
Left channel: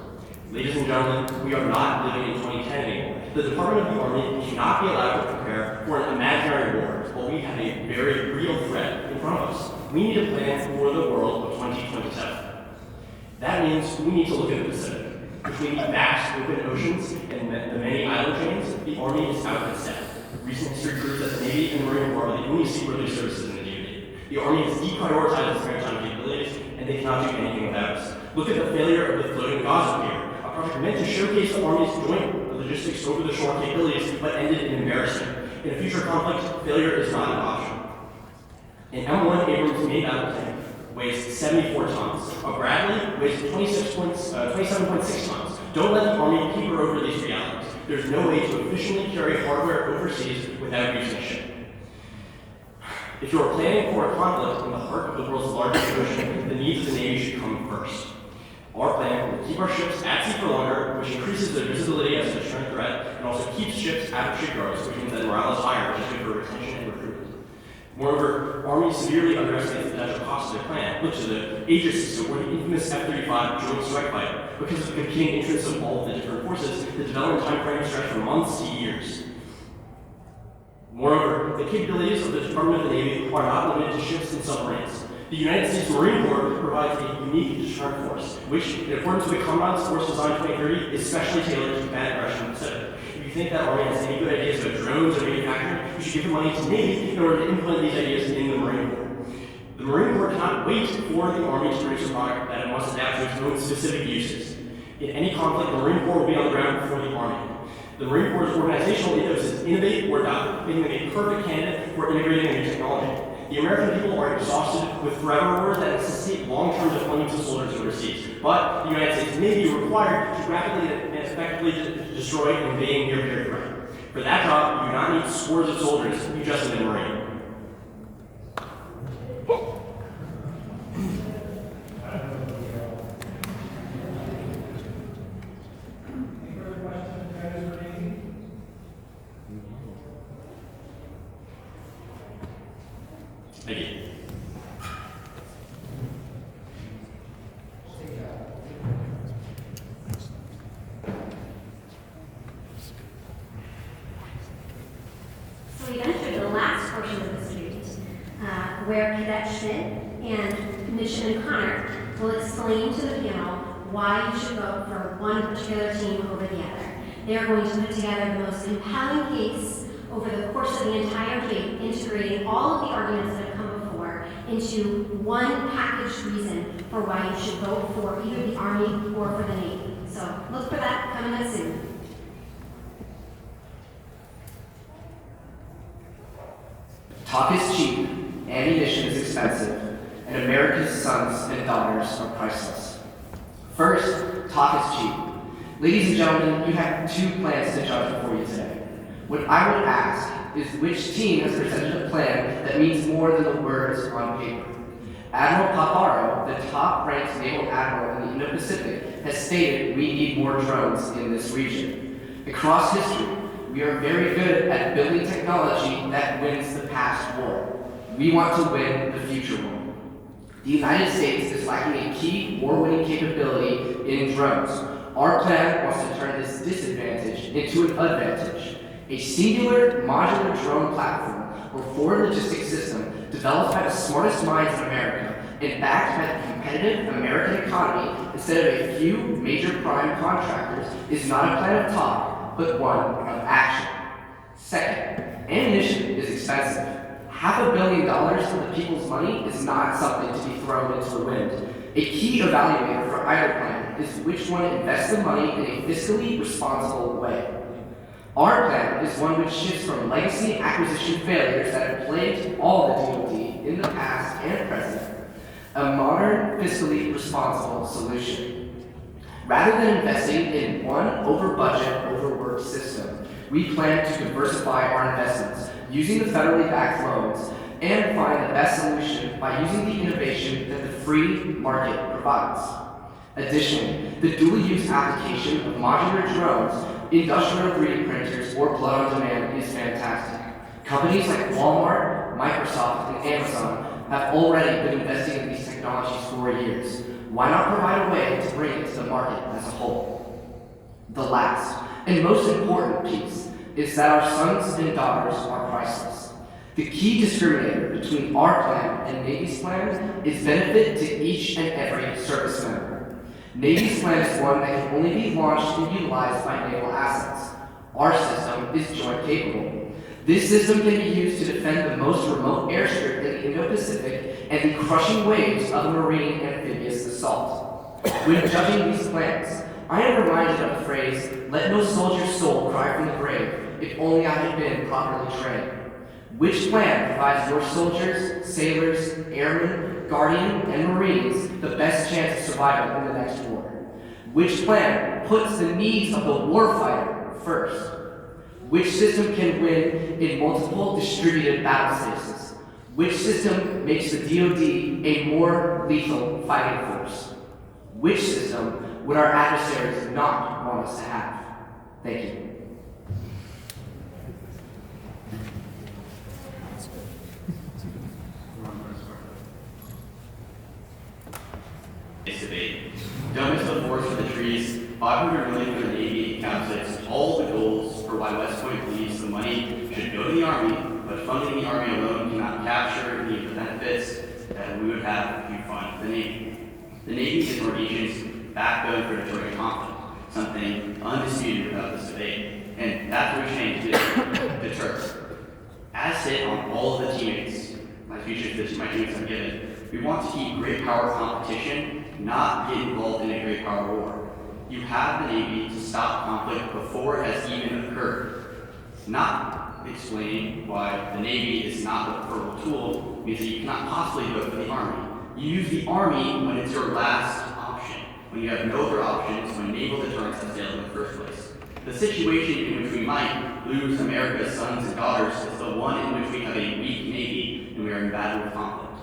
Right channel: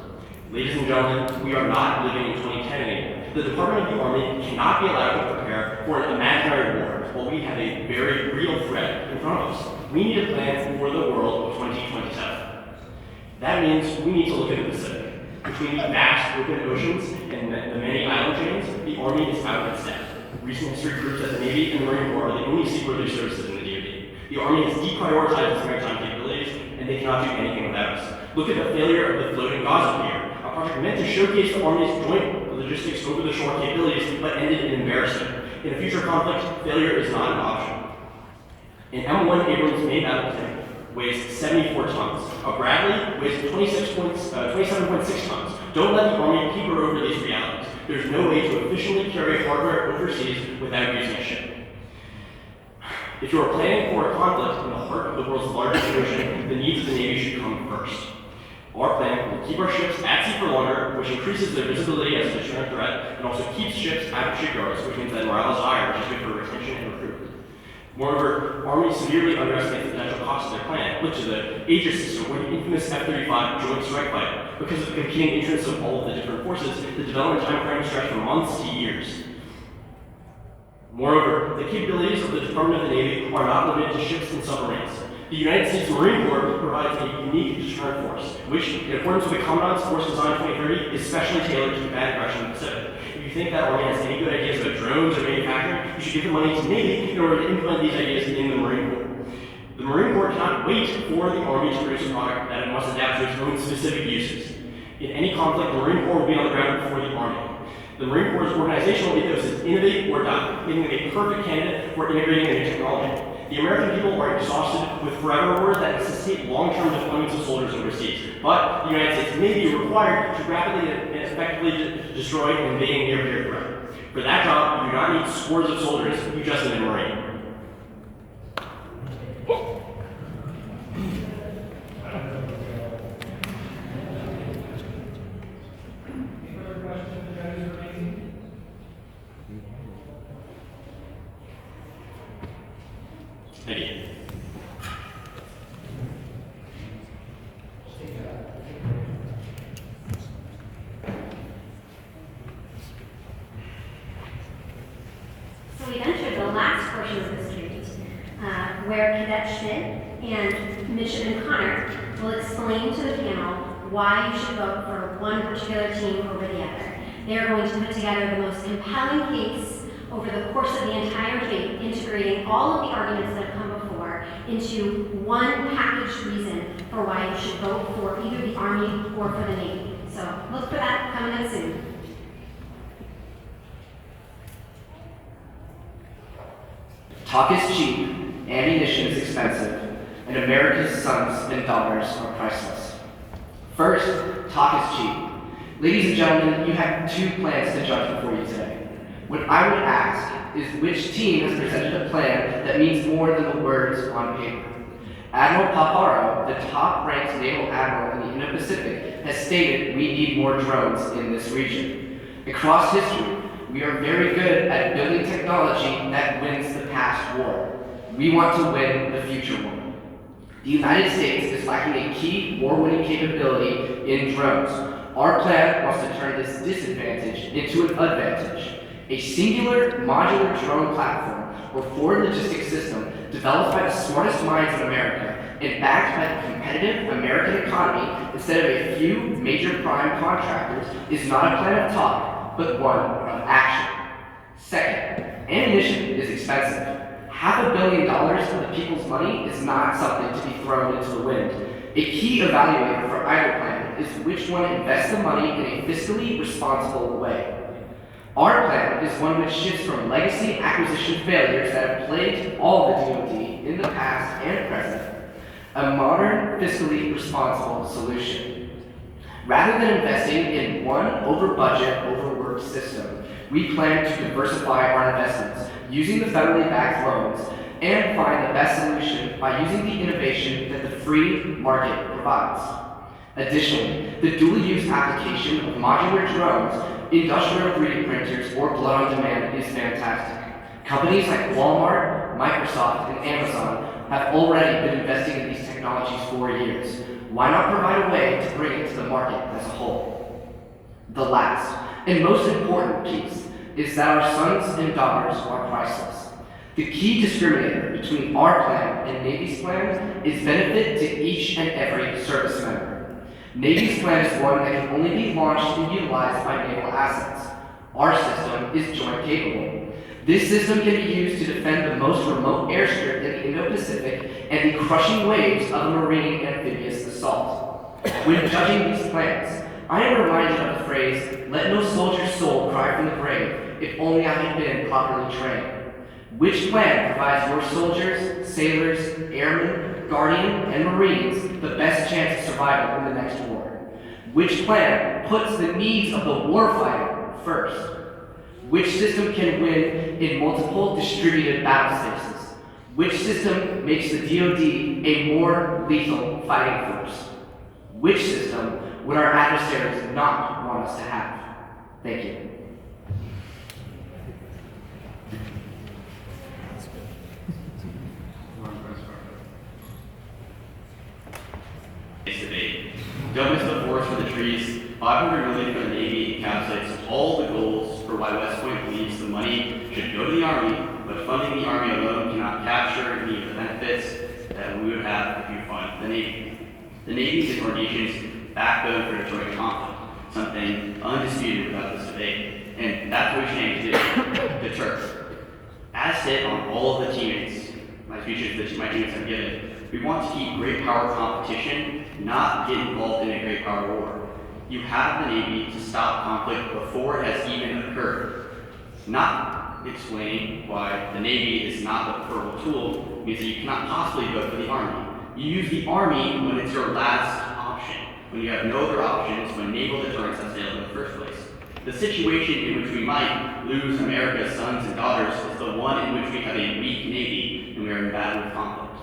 Ladies and gentlemen, we are not living in 2010 anymore. The Department of the Army cannot be allowed to prepare for an imaginary war while we have a very real threat in front of us. We need a plan for the world of 2027. That means we need to look at the Pacific. Between the vast open oceans and the many island chains, the Army is out of its depth. Recent history proves that the Navy and the Marine Corps are the only seaworthy services in the DoD. The Army has deprioritized its maritime capabilities, and they cannot do anything without us. Look at the failure of the floating Gaza pier, a project meant to showcase the Army's joint logistics over the shore capabilities, but ended in embarrassment. In a future conflict, failure is not an option. An M1 Abrams main battle tank weighs 74 tons. A Bradley weighs 27.6 tons. Don't let the Army paper over these realities. There's no way to efficiently carry hardware overseas without using a ship. If you are planning for a conflict in the heart of the world's largest ocean, the needs of the Navy should come first. Our plan will keep our ships at sea for longer, which increases their visibility as a deterrent threat, and also keeps ships out of shipyards, which means that morale is higher, which is good for retention and recruitment. Moreover, Army severely underestimates the potential cost of their plan. Look to the Aegis system or the infamous F-35 Joint Strike Fighter. Because of the competing interests of all of the different forces, the development time frame stretched from months to years. Moreover, the capabilities of the Department of the Navy are not limited to ships and submarines. The United States Marine Corps provides a unique deterrent force, which, in accordance with the Commandant's Force Design 2030, is specially tailored to combat aggression in the Pacific. If you think that Army has any good ideas about drones or manufacturing, you should give the money to the Navy in order to implement these ideas in the Marine Corps. The Marine Corps cannot wait for the Army to produce a product that it must adapt to its own specific uses. In any conflict, the Marine Corps will be on the ground before the Army. The Marine Corps' organizational ethos is innovate or die, making them a perfect candidate for integrating a new technology. The American people are exhausted with forever wars that necessitate long-term deployments of soldiers overseas, but the United States may be required to rapidly and effectively destroy an invading near-peer threat. For that job, you do not need scores of soldiers, you just need a Marine. Thank you. So we've entered the last portion of the street, where Cadet Schmidt and Midshipman Connor will explain to the panel why you should vote for one particular team over the other. They are going to put together the most compelling case over the course of the entire debate, integrating all of the arguments that have come before into one packaged reason for why you should vote for either the Army or for the Navy. So look for that coming up soon. Talk is cheap, ammunition is expensive, and America's sons and daughters are priceless. First, talk is cheap. Ladies and gentlemen, you have two plans to judge before you today. What I would ask is which team has presented a plan that means more than the words on paper. Admiral Paparo, the top-ranked naval admiral in the Indo-Pacific, has stated we need more drones in this region. Across history, we are very good at building technology that wins the past war. We want to win the future war. The United States is lacking a key war-winning capability in drones. Our plan wants to turn this disadvantage into an advantage. A singular modular drone platform or forward logistics system developed by the smartest minds in America and backed by the competitive American economy instead of a few major prime contractors is not a plan of talk, but one of action. Second, ammunition is expensive. $500 million of the people's money is not something to be thrown into the wind. A key evaluator for either plan is which one invests the money in a fiscally responsible way. Our plan is one which shifts from legacy acquisition failures that have plagued all the DoD in the past and present, a modern, fiscally responsible solution. Rather than investing in one over-budget, overworked system, we plan to diversify our investments using the federally backed loans and find the best solution by using the innovation that the free market provides. Additionally, the dual-use application of modular drones, industrial 3D printers, or blood-on-demand is fantastic. Companies like Walmart, Microsoft, and Amazon have already been investing in these technologies for years. Why not provide a way to bring it to the market as a whole? The last, and most important piece, is that our sons and daughters are priceless. The key discriminator between our plan and Navy's plan is benefit to each and every service member. Navy's plan is one that can only be launched and utilized by naval assets. Our system is joint capable. This system can be used to defend the most remote airstrip in the Indo-Pacific and the crushing waves of a marine amphibious assault. When judging these plans, I am reminded of the phrase, "Let no soldier's soul cry from the grave, if only I had been properly trained." Which plan provides your soldiers, sailors, airmen, guardian, and marines the best chance of survival in the next war? Which plan puts the needs of the warfighter first? Which system can win in multiple distributed battle spaces? Which system makes the DoD a more lethal fighting force? Which system would our adversaries not want us to have? Thank you. This debate. Don't miss the forest for the trees. $500 million for the Navy encapsulates all the goals for why West Point believes the money should go to the Army, but funding the Army alone cannot capture any of the benefits that we would have if you fund the Navy. The Navy is our nation's backbone for deterring conflict, something undisputed about this debate, and that's what we aim to do, deter. As hit on all of the teammates, my speeches that my teammates have given, we want to keep great power competition, not get involved in a great power war. You have the Navy to stop conflict before it has even occurred. Not explaining why the Navy is not the preferable tool means that you cannot possibly vote for the Army. You use the Army when it's your last option, when you have no other options, when naval deterrence has failed in the first place. The situation in which we might lose America's sons and daughters is the one in which we have a weak Navy and we are in battle with conflict.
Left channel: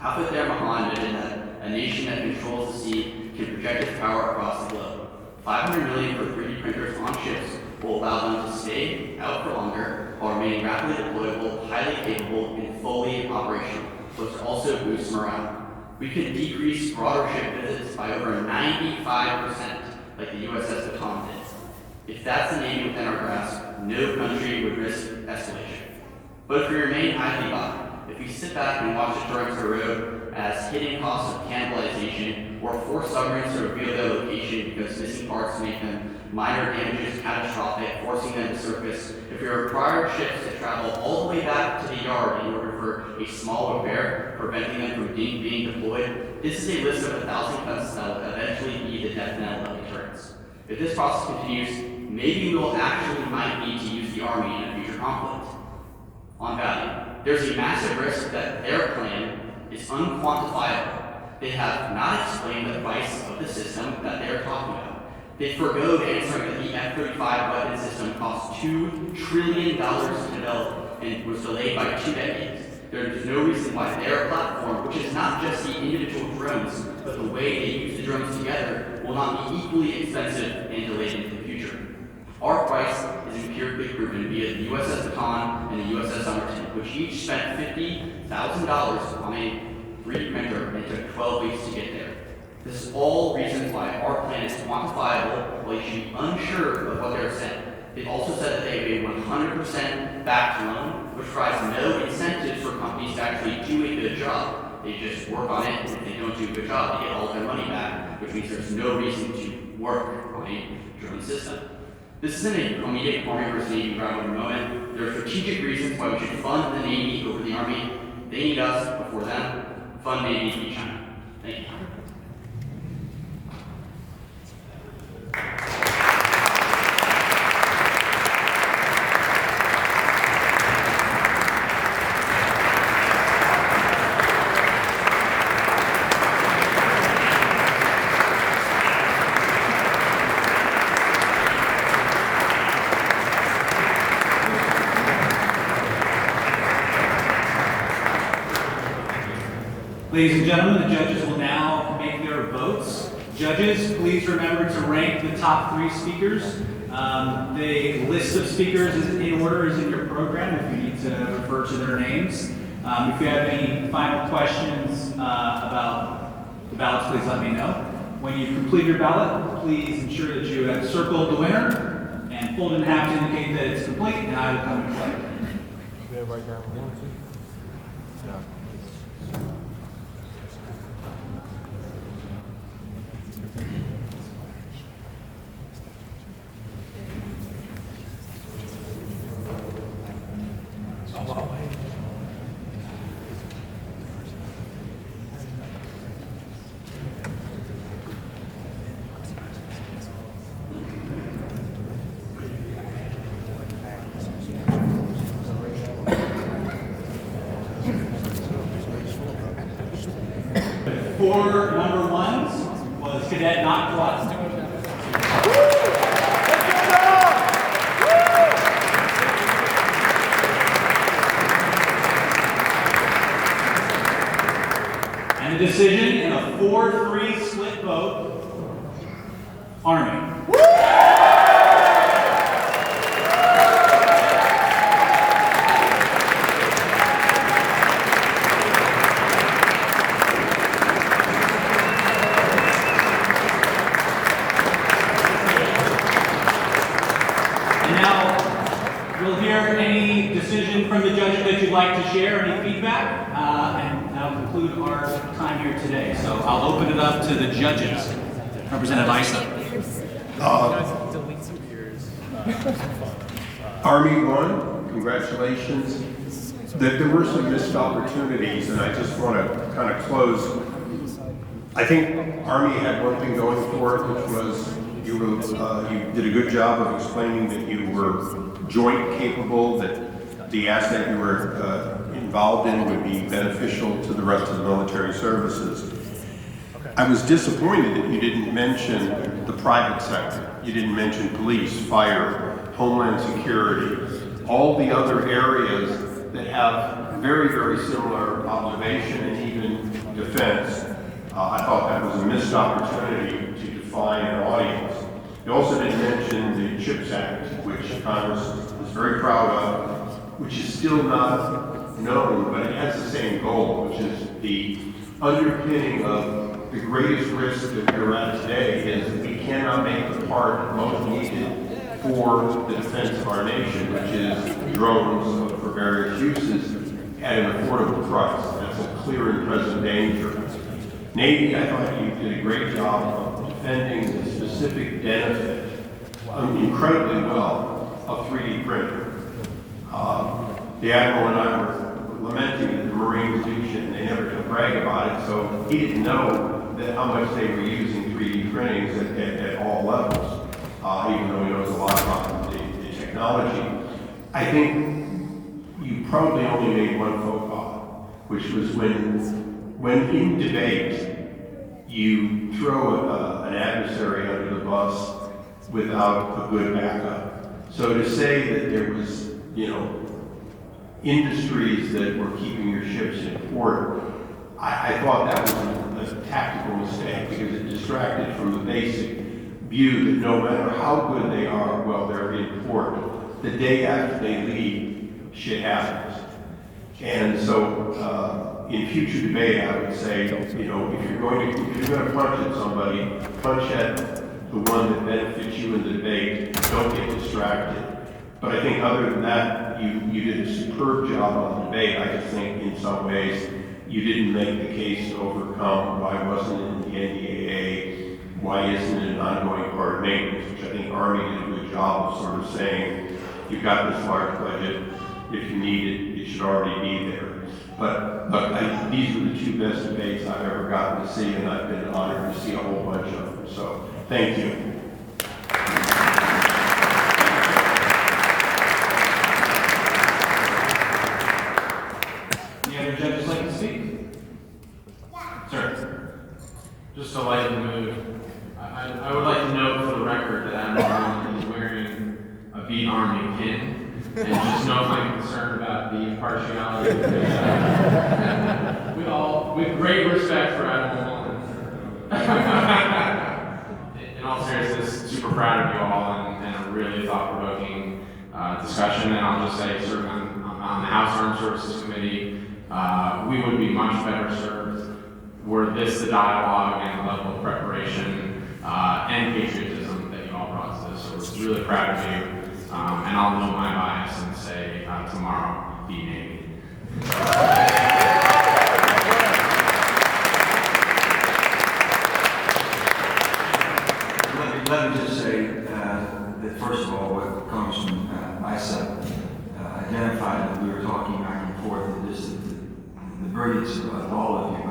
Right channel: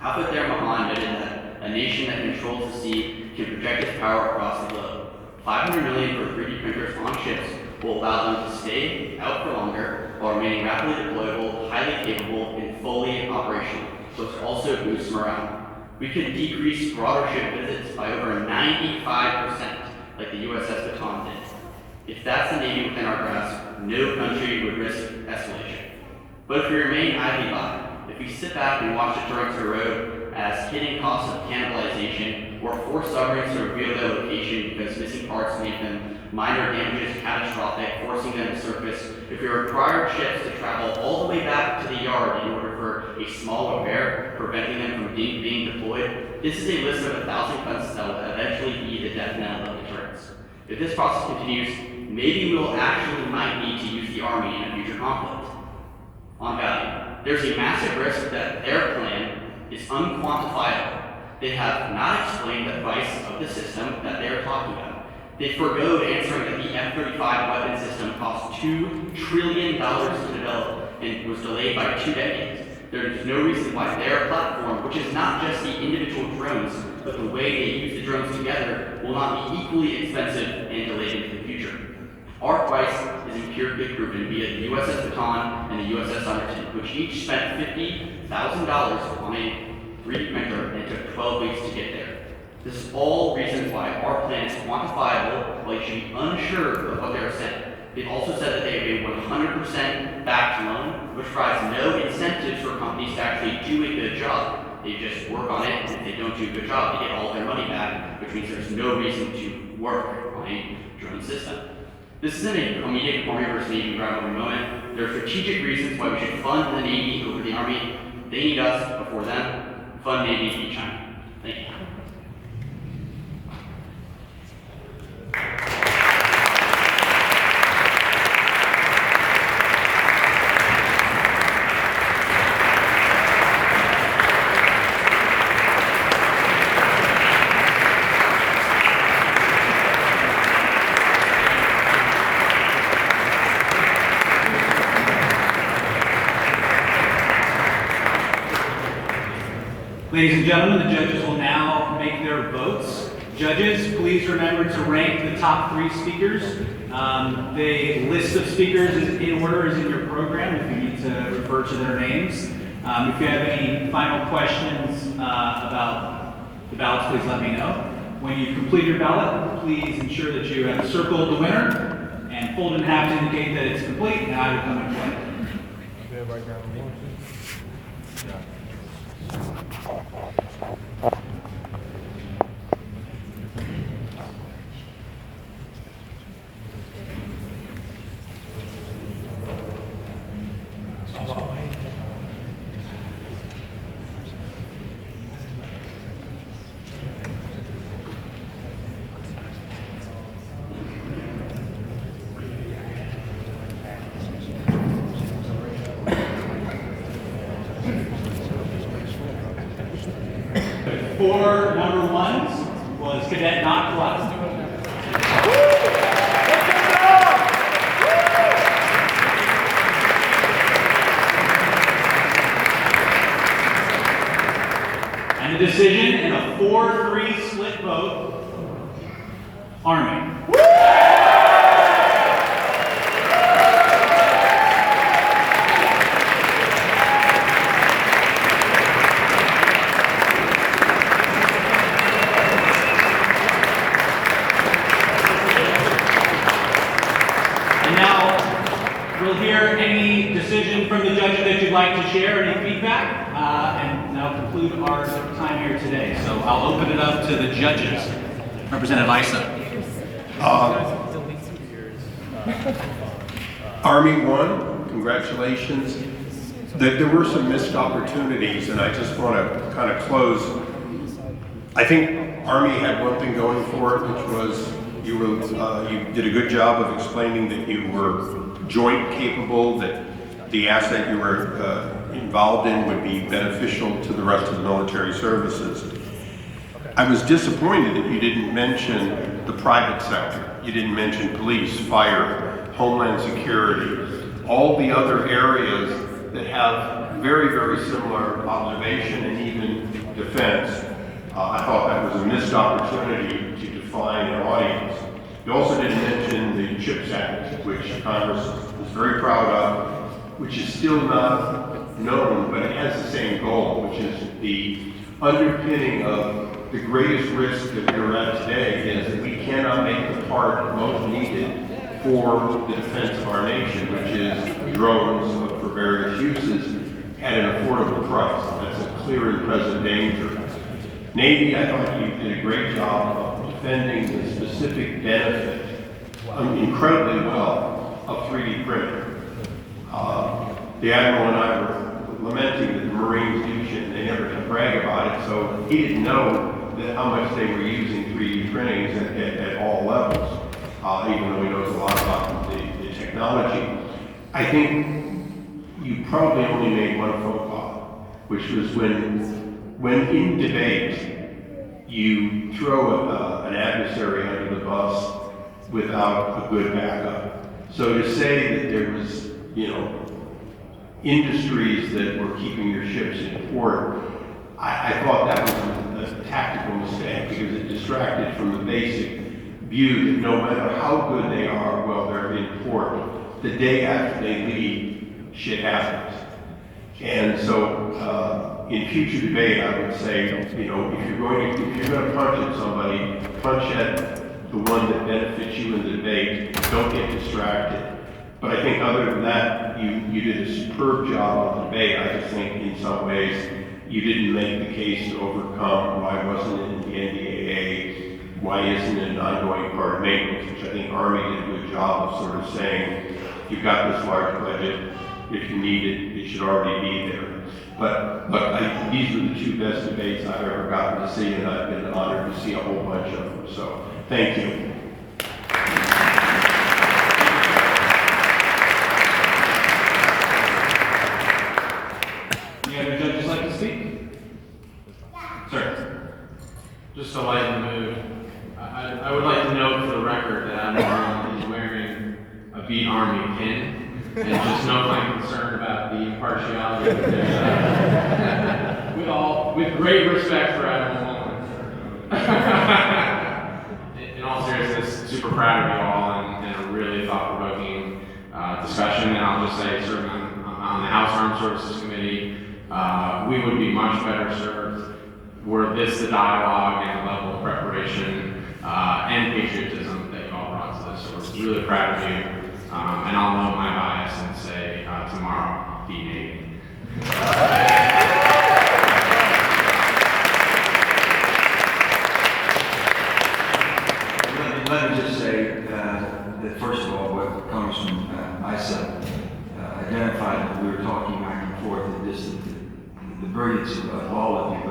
Alfred there Mahan noted that a nation that controls the sea can project its power across the globe. $500 million for 3D printers on ships will allow them to stay out for longer while remaining rapidly deployable, highly capable, and fully operational, which also boosts morale. We could decrease broader ship visits by over 95%, like the USS Baton did. If that's the Navy within our grasp, no country would risk escalation. But if we remain idly by, if we sit back and watch deterrence erode as hidden costs of cannibalization, or force submarines to reveal their location because missing parts make them minor damages catastrophic, forcing them to surface, if we require ships to travel all the way back to the yard in order for a small repair, preventing them from being deployed, this is a list of 1,000 cuts that will eventually be the death knell of deterrence. If this process continues, maybe we will actually might need to use the Army in a future conflict. On value, there's a massive risk that their plan is unquantifiable. They have not explained the price of the system that they are talking about. They forgoed answering that the F-35 weapon system cost $2 trillion to develop and was delayed by 2 decades. There is no reason why their platform, which is not just the individual drones, but the way they use the drones together, will not be equally expensive and delayed into the future. Our price is empirically proven via the USS Baton and the USS Underton, which each spent $50,000 on a 3D printer and it took 12 weeks to get there. This is all reasons why our plan is quantifiable, while you should be unsure of what they're saying. They've also said that they have a 100% backed loan, which provides no incentives for companies to actually do a good job. They just work on it, and if they don't do a good job, they get all their money back, which means there's no reason to work on a drone system. This isn't a immediate Army versus Navy rivalry moment. There are strategic reasons why we should fund the Navy over the Army. They need us before them. Fund Navy to beat China. Thank you. Ladies and gentlemen, the judges will now make their votes. Judges, please remember to rank the top 3 speakers. The list of speakers is in order is in your program if you need to refer to their names. If you have any final questions about the ballots, please let me know. When you complete your ballot, please ensure that you have circled the winner and fold it in half to indicate that it's complete, and I will come and collect it. Everybody got one, two? Yeah. 4 number 1s was Cadet Not Plus. And the decision in a 4-3 split vote, Army. And now we'll hear any decision from the judges that you'd like to share, any feedback, and now conclude our time here today. So I'll open it up to the judges. Representative Issa. Army won, congratulations. There were some missed opportunities, and I just want to kind of close. I think Army had one thing going for it, which was you did a good job of explaining that you were joint capable, that the asset you were involved in would be beneficial to the rest of the military services. I was disappointed that you didn't mention the private sector. You didn't mention police, fire, homeland security, all the other areas that have very, very similar observation and even defense. I thought that was a missed opportunity to define an audience. You also didn't mention the CHIPS Act, which Congress is very proud of, which is still not known, but it has the same goal, which is the underpinning of the greatest risk that we're at today is that we cannot make the part most needed for the defense of our nation, which is drones for various uses at an affordable price. That's a clear and present danger. Navy, I thought you did a great job of defending the specific benefit incredibly well of 3D printing. The Admiral and I were lamenting that the Marines do shit and they never brag about it, so he didn't know that how much they were using 3D printings at all levels, even though he knows a lot about the technology. I think you probably only made one faux pas, which was when in debate you throw an adversary under the bus without a good backup. So to say that there was, industries that were keeping your ships in port, I thought that was a tactical mistake because it distracted from the basic view that no matter how good they are while they're in port, the day after they leave, shit happens. And so in future debate, I would say, if you're going to punch at somebody, punch at the one that benefits you in the debate. Don't get distracted. But I think other than that, you did a superb job on the debate. I just think in some ways you didn't make the case to overcome why wasn't it in the NDAA, why isn't it an ongoing part of maintenance, which I think Army did a good job of sort of saying, you've got this large budget, if you need it, it should already be there. But look, these are the two best debates I've ever gotten to see, and I've been honored to see a whole bunch of them. So thank you. Any other judges like to speak? Sir, just to lighten the mood, I would like to note for the record that I'm is wearing a Beat Army pin. And just note my concern about the impartiality of this, with great respect for Admiral Mullen. In all seriousness, super proud of you all and a really thought-provoking discussion. And I'll just say, serving on the House Armed Services Committee, we would be much better served were this the dialogue and the level of preparation and patriotism that you all brought to this. So we're really proud of you. And I'll note my bias and say tomorrow, be Navy. Let me just say that first of all, what Congressman Issa identified that we were talking back and forth, the brilliance of all of you,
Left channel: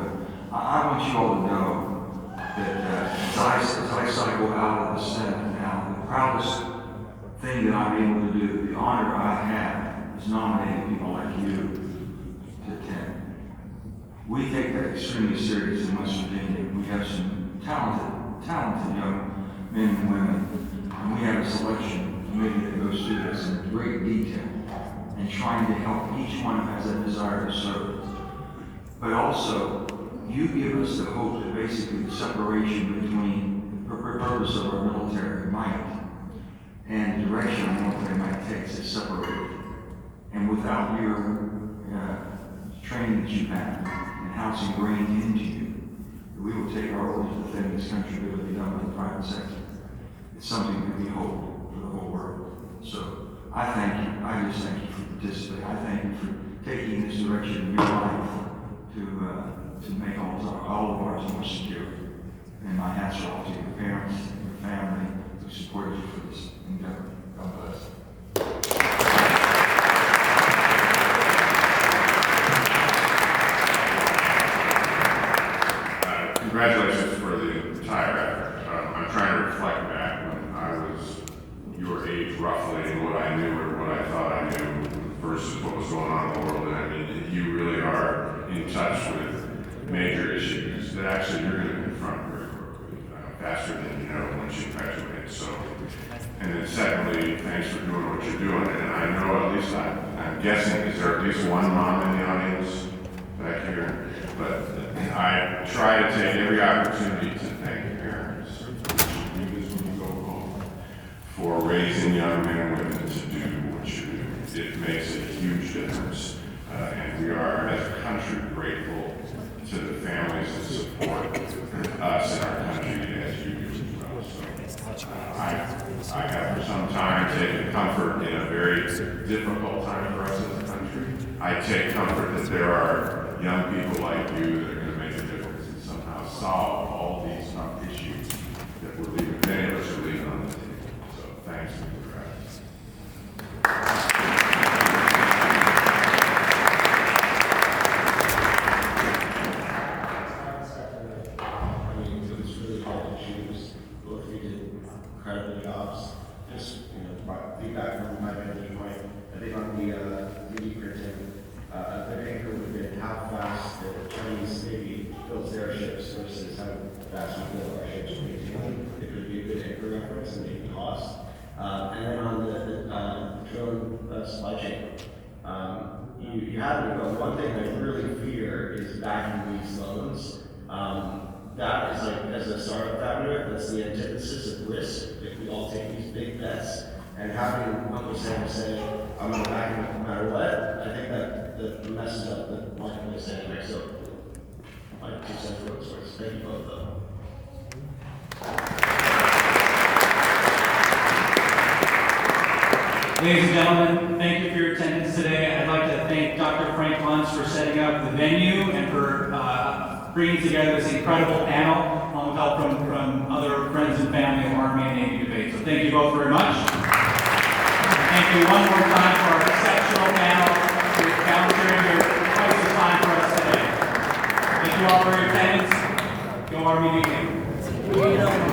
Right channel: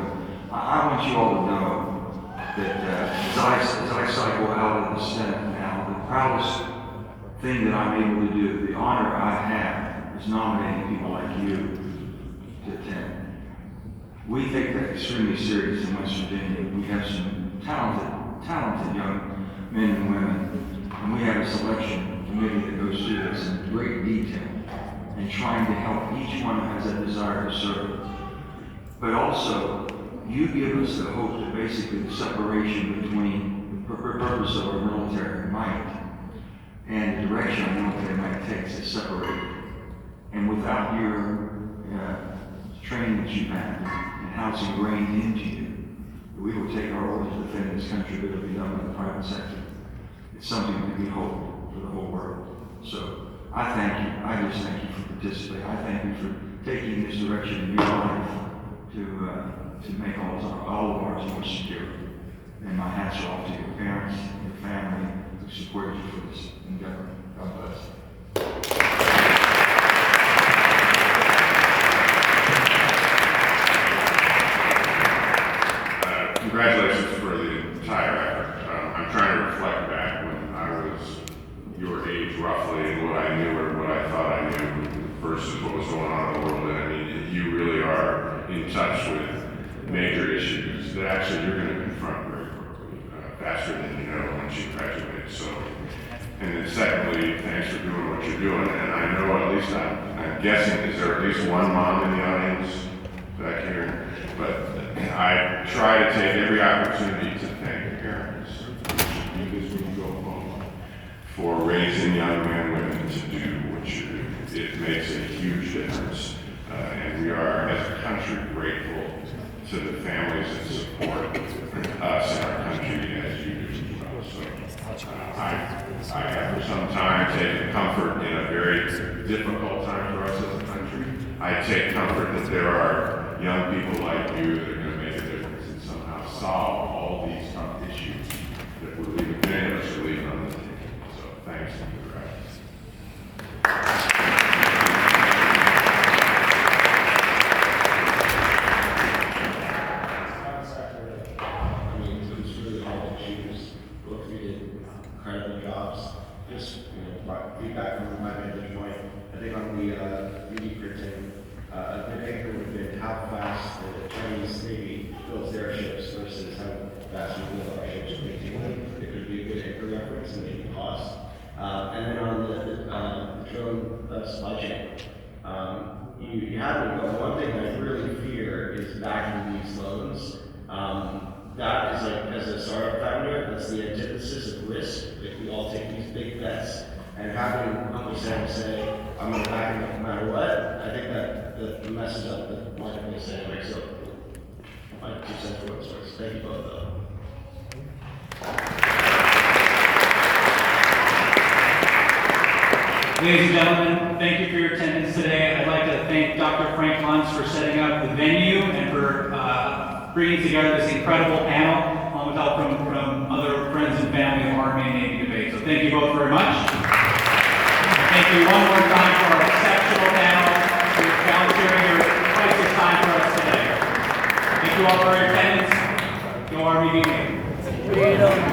but I want you all to know that as I cycle out of the Senate now, the proudest thing that I'm able to do, the honor I have, is nominating people like you to attend. We take that extremely serious in West Virginia. We have some talented young men and women, and we have a selection committee that goes through this in great detail and trying to help each one who has a desire to serve. But also, you give us the hope that basically the separation between the purpose of our military might and the direction our military might takes is separated. And without your training that you have and how it's ingrained into you, we will take our orders to defend this country, but it'll be done by the private sector. It's something that we hope for the whole world. So I thank you. I just thank you for participating. I thank you for taking this direction in your life to make all of ours more secure. And my hats are off to your parents and your family who supported you for this endeavor. God bless. Congratulations for the entire effort. I'm trying to reflect back when I was your age roughly and what I knew or what I thought I knew versus what was going on in the world. And I mean, you really are in touch with major issues that actually you're going to confront very quickly, faster than you know once you graduate. So, and then secondly, thanks for doing what you're doing. And I know at least I'm guessing, is there at least one mom in the audience back here? But I try to take every opportunity to thank parents, you do this when you go home, for raising young men and women to do what you do. It makes a huge difference. And we are, as a country, grateful to the families that support us and our country as you do as well. So I have for some time taken comfort in a very difficult time for us as a country. I take comfort that there are young people like you that are going to make a difference and somehow solve all these tough issues that we're leaving, many of us are leaving on the table. So thanks and congrats. I mean, it was really hard to choose. Both of you did incredible jobs. Just, my feedback from my vantage point, I think on the 3D printing, a good anchor would have been how fast the Chinese Navy builds their ships versus how fast we build our ships. It could be a good anchor reference and maybe cost. And then on the drone supply chain, you have to go. One thing I really fear is backing these loans. That is like, as a startup founder, that's the antithesis of risk. If we all take these big bets and having Uncle Sam say, I'm going to back him no matter what, I think that messes up the marketplace anyway. So, my 2 cents worth of words. Thank you both, though. Ladies and gentlemen, thank you for your attendance today. I'd like to thank Dr. Frank Luntz for setting up the venue and for bringing together this incredible panel, along with help from other friends and family of Army and Navy debate. So thank you both very much. Thank you one more time for our exceptional panel for volunteering your priceless time for us today. Thank you all for your attendance. Go Army, be